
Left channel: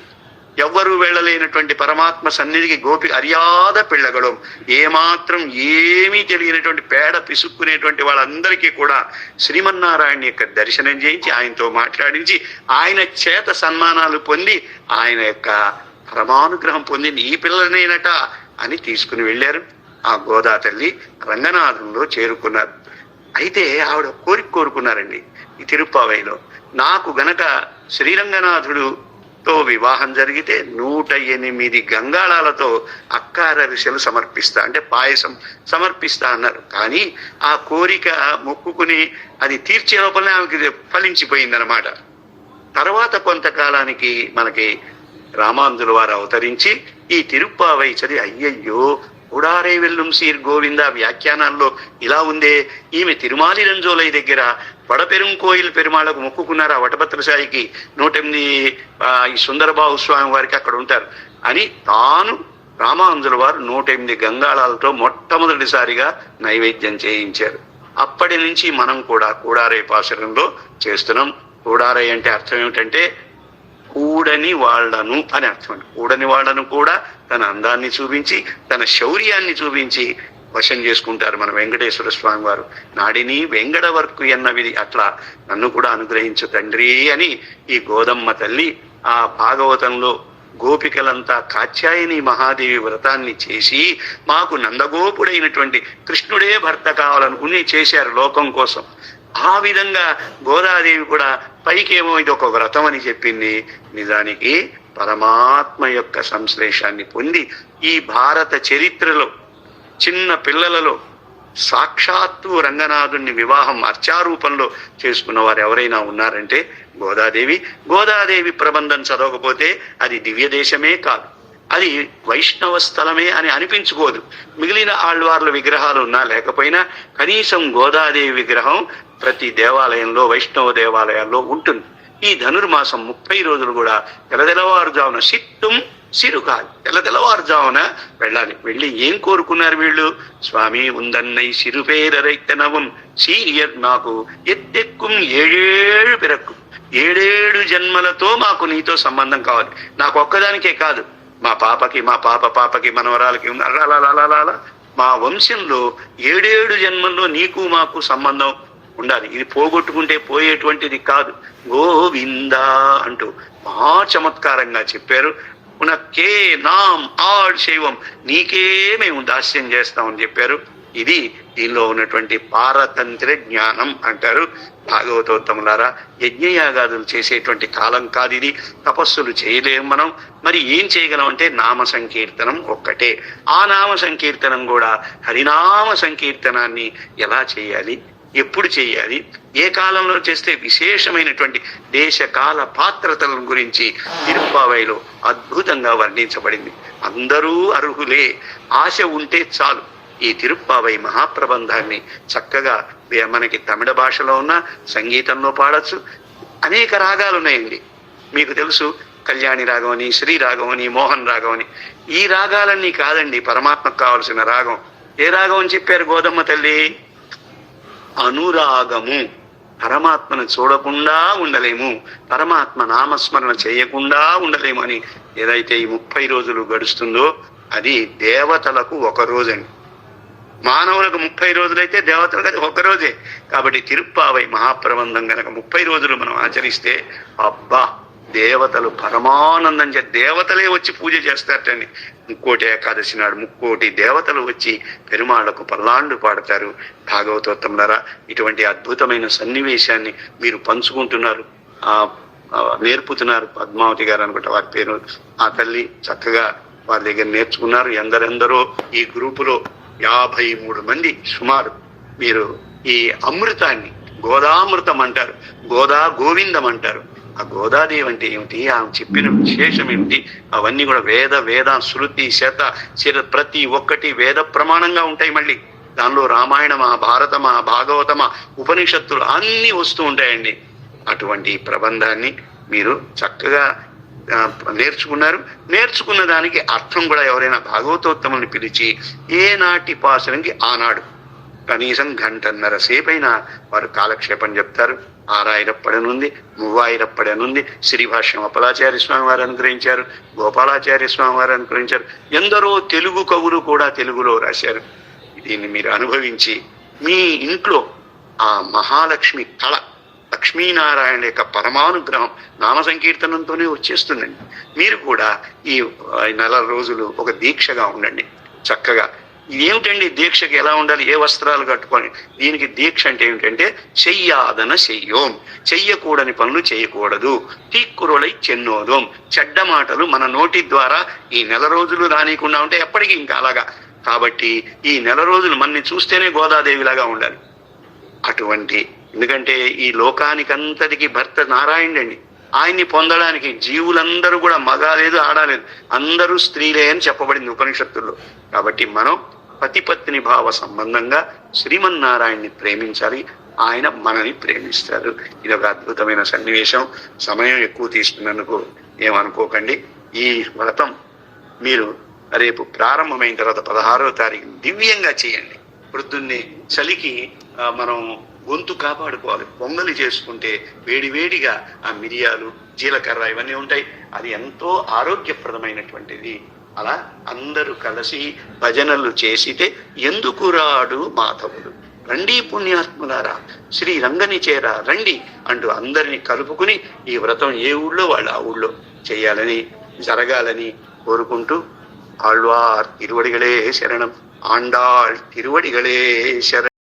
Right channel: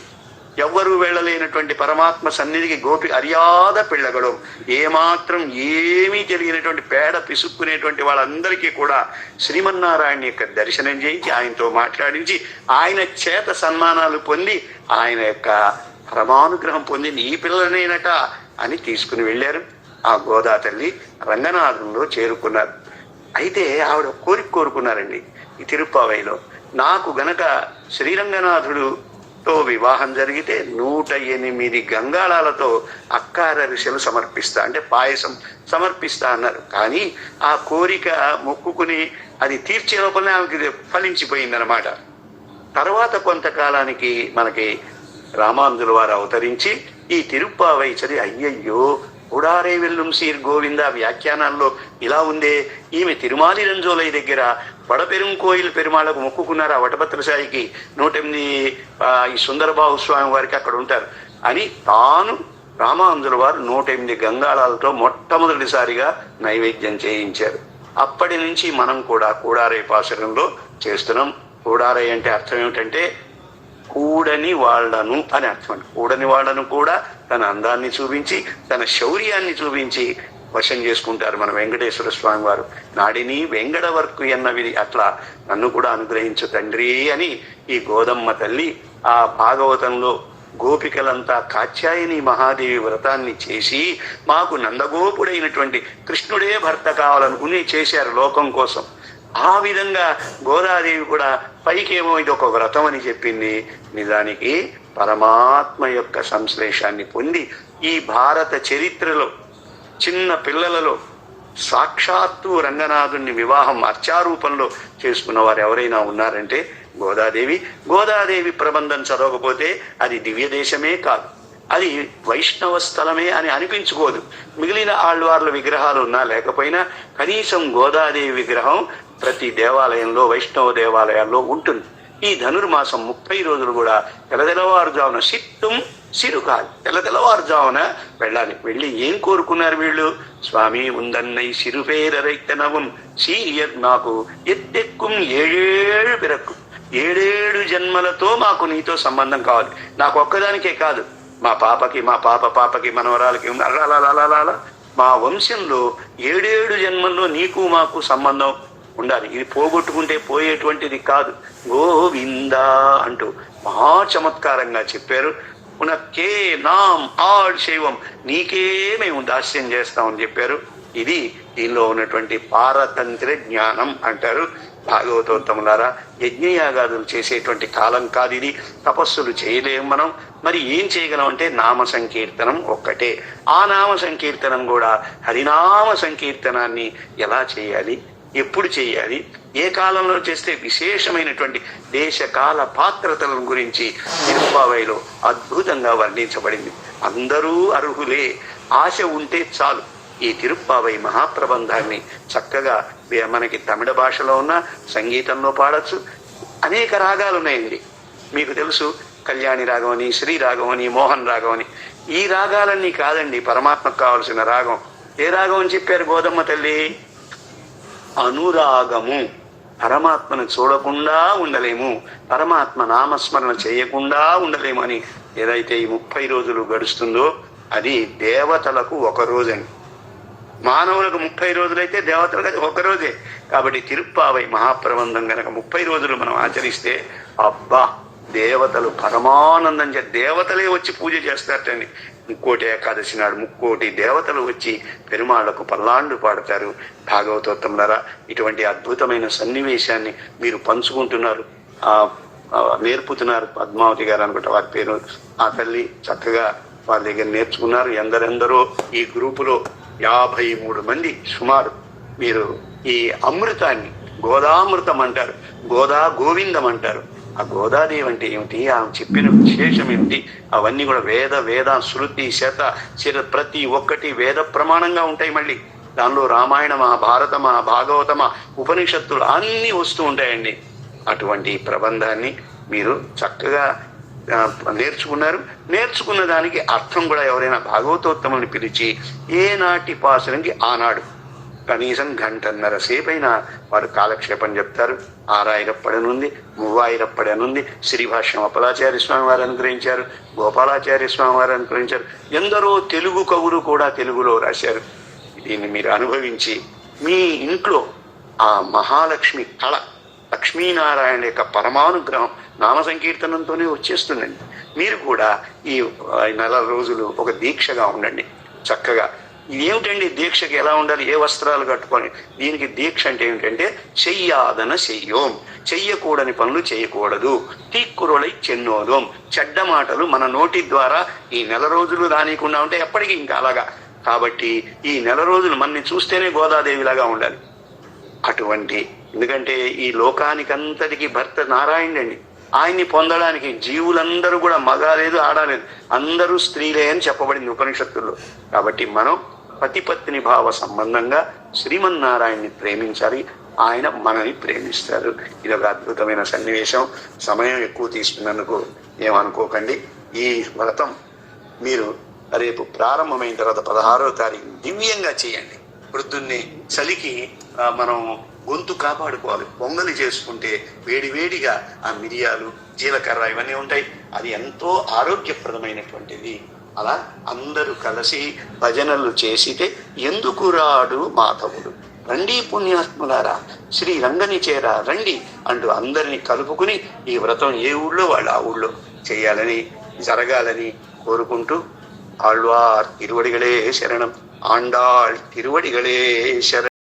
ఎవ్వరూ వెళ్ళలేనటువంటి పరమాత్మ సన్నిధికి గోపి అర్యాద పిల్లగడం, ఏమాత్రం ఏమీ తెలియనటువంటి పేడ పిసుక్కునేటువంటి వాళ్ళందరికీ కూడా శ్రీమన్నారాయణ యొక్క దర్శనం చేయించి ఆయనతో మాట్లాడించి ఆయన చేత సన్మానాలు పొంది ఆయన యొక్క పరమానుగ్రహం పొందింది ఈ పిల్లనేనట అని తీసుకుని వెళ్ళారు. ఆ గోదా తల్లి రంగనాథంలో చేరుకున్నారు. అయితే ఆవిడ కోరుకున్నారండి ఈ తిరుప్పావైలో, నాకు గనక శ్రీరంగనాథుడుతో వివాహం జరిగితే 108 గంగాళాలతో అక్కార ఋషులు సమర్పిస్తా, అంటే పాయసం సమర్పిస్తా అన్నారు. కానీ ఆ కోరిక మొక్కుకుని అది తీర్చే లోపలనే ఆమెకి ఫలించిపోయిందనమాట. తర్వాత కొంతకాలానికి మనకి రామానుజుల వారు అవతరించి ఈ తిరుప్పావై చదివి అయ్యయ్యో ఉడారే వెల్లుం సీర్ గోవింద వ్యాఖ్యానాల్లో ఇలా ఉందే, ఈమె తిరుమాలి రంజోలై దగ్గర వడపెరుం కోయిల్ పెరుమాళ్లకు మొక్కుకున్నారు. ఆ వటభద్రసాయికి 108 ఈ సుందరబాహు స్వామి వారికి అక్కడ ఉంటారు అని తాను రామానుజుల వారు 108 గంగాళాలతో మొట్టమొదటిసారిగా నైవేద్యం చేయించారు. అప్పటి నుంచి మనం కూడా కూడారై పాశురంలో చేస్తున్నాం. కూడారై అంటే అర్థం ఏమిటంటే కూడని వాళ్లను అని అర్థం. కూడని వాళ్లను కూడా తన అందాన్ని చూపించి తన శౌర్యాన్ని చూపించి వశం చేసుకుంటారు మన వెంకటేశ్వర స్వామి వారు. నాడిని వెంగడ వర్కు ఎన్నవిది, అట్లా నన్ను కూడా అనుగ్రహించు తండ్రి అని ఈ గోదమ్మ తల్లి ఆ భాగవతంలో గోపికలంతా కాత్యాయని మహాదేవి వ్రతాన్ని చేసి మాకు నందగోపుడైనటువంటి కృష్ణుడే భర్త కావాలనుకుని చేశారు లోకం కోసం. ఆ విధంగా గోదాదేవి కూడా పైకేమో ఇది ఒక వ్రతం అని చెప్పింది, నిజానికి పరమాత్మ యొక్క సంశ్లేషాన్ని పొంది ఈ భారత చరిత్రలో చిన్న పిల్లలలో సాక్షాత్తు రంగనాథుని వివాహం అర్చారూపంలో చేసుకున్న వారు ఎవరైనా ఉన్నారంటే గోదాదేవి. గోదాదేవి ప్రబంధం చదవకపోతే అది దివ్య దేశమే కాదు, అది వైష్ణవ స్థలమే అని అనిపించుకోదు. మిగిలిన ఆళ్వార్ల విగ్రహాలు ఉన్నా లేకపోయినా కనీసం గోదాదేవి విగ్రహం ప్రతి దేవాలయంలో వైష్ణవ దేవాలయాల్లో ఉంటుంది. ఈ ధనుర్మాసం 30 రోజులు కూడా తెల్లవారుజామున సిట్టుం సిరుకాలి, తెల్లవారుజామున వెళ్ళాలి. వెళ్ళి ఏం కోరుకున్నారు వీళ్ళు? స్వామి ఉందన్నై సిరుపేరైతనవం సీరియర్ నాకు ఎత్తెక్కుం 7 పిరక్కు, 7 జన్మలతో మాకు నీతో సంబంధం కావాలి. నాకు ఒక్కదానికే కాదు, మా పాపకి, మా పాపకి, మనవరాలకి, అలా మా వంశంలో 7 జన్మల్లో నీకు మాకు సంబంధం ఉండాలి. ఇది పోగొట్టుకుంటే పోయేటువంటిది కాదు. గోవిందా అంటూ మహా చమత్కారంగా చెప్పారు. ఉనకే నాం ఆడ్ శైవం, నీకే మేము దాస్యం చేస్తామని చెప్పారు. ఇది దీనిలో ఉన్నటువంటి పారతంత్ర జ్ఞానం అంటారు. భాగవతోత్తములారా, యజ్ఞయాగాదులు చేసేటువంటి కాలం కాదు ఇది. తపస్సులు చేయలేము మనం. మరి ఏం చేయగలం అంటే నామ సంకీర్తనం ఒక్కటే. ఆ నామ సంకీర్తనం కూడా హరినామ సంకీర్తనాన్ని ఎలా చేయాలి, ఎప్పుడు చేయాలి, ఏ కాలంలో చేస్తే విశేషమైనటువంటి దేశకాల పాత్రతలను గురించి తిరుప్పావైలో అద్భుతంగా వర్ణించబడింది. అందరూ అర్హులే, ఆశ ఉంటే చాలు ఈ తిరుప్పావై మహాప్రబంధాన్ని చక్కగా మనకి తమిళ భాషలో ఉన్న సంగీతంలో పాడచ్చు. అనేక రాగాలు ఉన్నాయండి. మీకు తెలుసు, కళ్యాణి రాగం అని, శ్రీ రాగం అని, మోహన్ రాగం అని. ఈ రాగాలన్నీ కాదండి పరమాత్మకు కావలసిన రాగం. ఏ రాగం అని చెప్పారు గోదమ్మ తల్లి? అనురాగము. పరమాత్మను చూడకుండా ఉండలేము, పరమాత్మ నామస్మరణ చేయకుండా ఉండలేము అని ఏదైతే ఈ 30 రోజులు గడుస్తుందో అది దేవతలకు ఒక రోజండి. మానవులకు 30 రోజులైతే దేవతలకు అది ఒక రోజే. కాబట్టి తిరుప్పావై మహాప్రబంధం గనక 30 రోజులు మనం ఆచరిస్తే అబ్బా దేవతలు పరమానందం దేవతలే వచ్చి పూజ చేస్తారటండి. ముక్కోటి ఏకాదశి నాడు 3 దేవతలు వచ్చి పెరుమాళ్లకు పల్లాండు పాడతారు. భాగవతోత్తములారా, ఇటువంటి అద్భుతమైన సన్నివేశాన్ని మీరు పంచుకుంటున్నారు, నేర్పుతున్నారు. పద్మావతి గారు అనుకుంటా వారి పేరు, ఆ తల్లి చక్కగా వారి దగ్గర నేర్చుకున్నారు. ఎందరెందరో ఈ గ్రూపులో 53 మంది సుమారు మీరు ఈ అమృతాన్ని గోదామృతం అంటారు, గోదా గోవిందం అంటారు. ఆ గోదాదేవి అంటే ఏమిటి, ఆమె చెప్పిన విశేషం ఏమిటి, అవన్నీ కూడా వేద శృతి శత ప్రతి ఒక్కటి వేద ప్రమాణంగా ఉంటాయి. మళ్ళీ దానిలో రామాయణమా, భారతమా, భాగవతమా, ఉపనిషత్తులు అన్నీ వస్తూ ఉంటాయండి. అటువంటి ప్రబంధాన్ని మీరు చక్కగా నేర్చుకున్నారు. నేర్చుకున్న దానికి అర్థం కూడా ఎవరైనా భాగవతోత్తముల్ని పిలిచి ఏనాటి పాసరంకి ఆనాడు కనీసం 1.5 సేపైనా వారు కాలక్షేపం చెప్తారు. 6000 నుండి 3000 నుండి శ్రీభాష్యం అప్పలాచార్య స్వామి వారు అనుగ్రహించారు, గోపాలాచార్య స్వామి వారు అనుగ్రహించారు. ఎందరో తెలుగు కవులు కూడా తెలుగులో రాశారు. దీన్ని మీరు అనుభవించి మీ ఇంట్లో ఆ మహాలక్ష్మి కళ, లక్ష్మీనారాయణ యొక్క పరమానుగ్రహం నామ సంకీర్తనంతోనే వచ్చేస్తుందండి. మీరు కూడా ఈ 4 రోజులు ఒక దీక్షగా ఉండండి. చక్కగా ఏమిటండి దీక్షకి ఎలా ఉండాలి, ఏ వస్త్రాలు కట్టుకొని, దీనికి దీక్ష అంటే ఏమిటంటే చెయ్యాదన చెయ్యోం, చెయ్యకూడని పనులు చేయకూడదు, తీక్కురులై చెన్నోదోం, చెడ్డ మాటలు మన నోటి ద్వారా ఈ 4 రోజులు రానికుండా ఉంటే ఎప్పటికీ ఇంకా అలాగా. కాబట్టి ఈ 4 రోజులు మనని చూస్తేనే గోదాదేవిలాగా ఉండాలి. అటువంటి, ఎందుకంటే ఈ లోకానికంతటికి భర్త నారాయణుడండి. ఆయన్ని పొందడానికి జీవులందరూ కూడా మగాలేదు ఆడలేదు, అందరూ స్త్రీలే అని చెప్పబడింది ఉపనిషత్తుల్లో. కాబట్టి మనం పతిపత్ని భావ సంబంధంగా శ్రీమన్నారాయణ్ణి ప్రేమించాలి, ఆయన మనని ప్రేమిస్తారు. ఇది ఒక అద్భుతమైన సన్నివేశం. సమయం ఎక్కువ తీసుకున్నందుకు ఏమనుకోకండి. ఈ వ్రతం మీరు రేపు ప్రారంభమైన తర్వాత 16వ తారీఖు దివ్యంగా చేయండి. పొద్దున్నే చలికి మనం గొంతు కాపాడుకోవాలి. పొంగలి చేసుకుంటే వేడివేడిగా ఆ మిరియాలు, జీలకర్ర ఇవన్నీ ఉంటాయి, అది ఎంతో ఆరోగ్యప్రదమైనటువంటిది. అలా అందరూ కలిసి భజనలు చేసితే ఎందుకు రాడు మాధవుడు, రండి పుణ్యాత్ములారా శ్రీ రంగని చేరా రండి అంటూ అందరినీ కలుపుకుని ఈ వ్రతం ఏ ఊళ్ళో వాళ్ళు ఆ ఊళ్ళో చేయాలని, జరగాలని కోరుకుంటూ ఆళ్వార్ తిరువడిగలే శరణం, ఆండాళ్ తిరువడిగలే శరణం.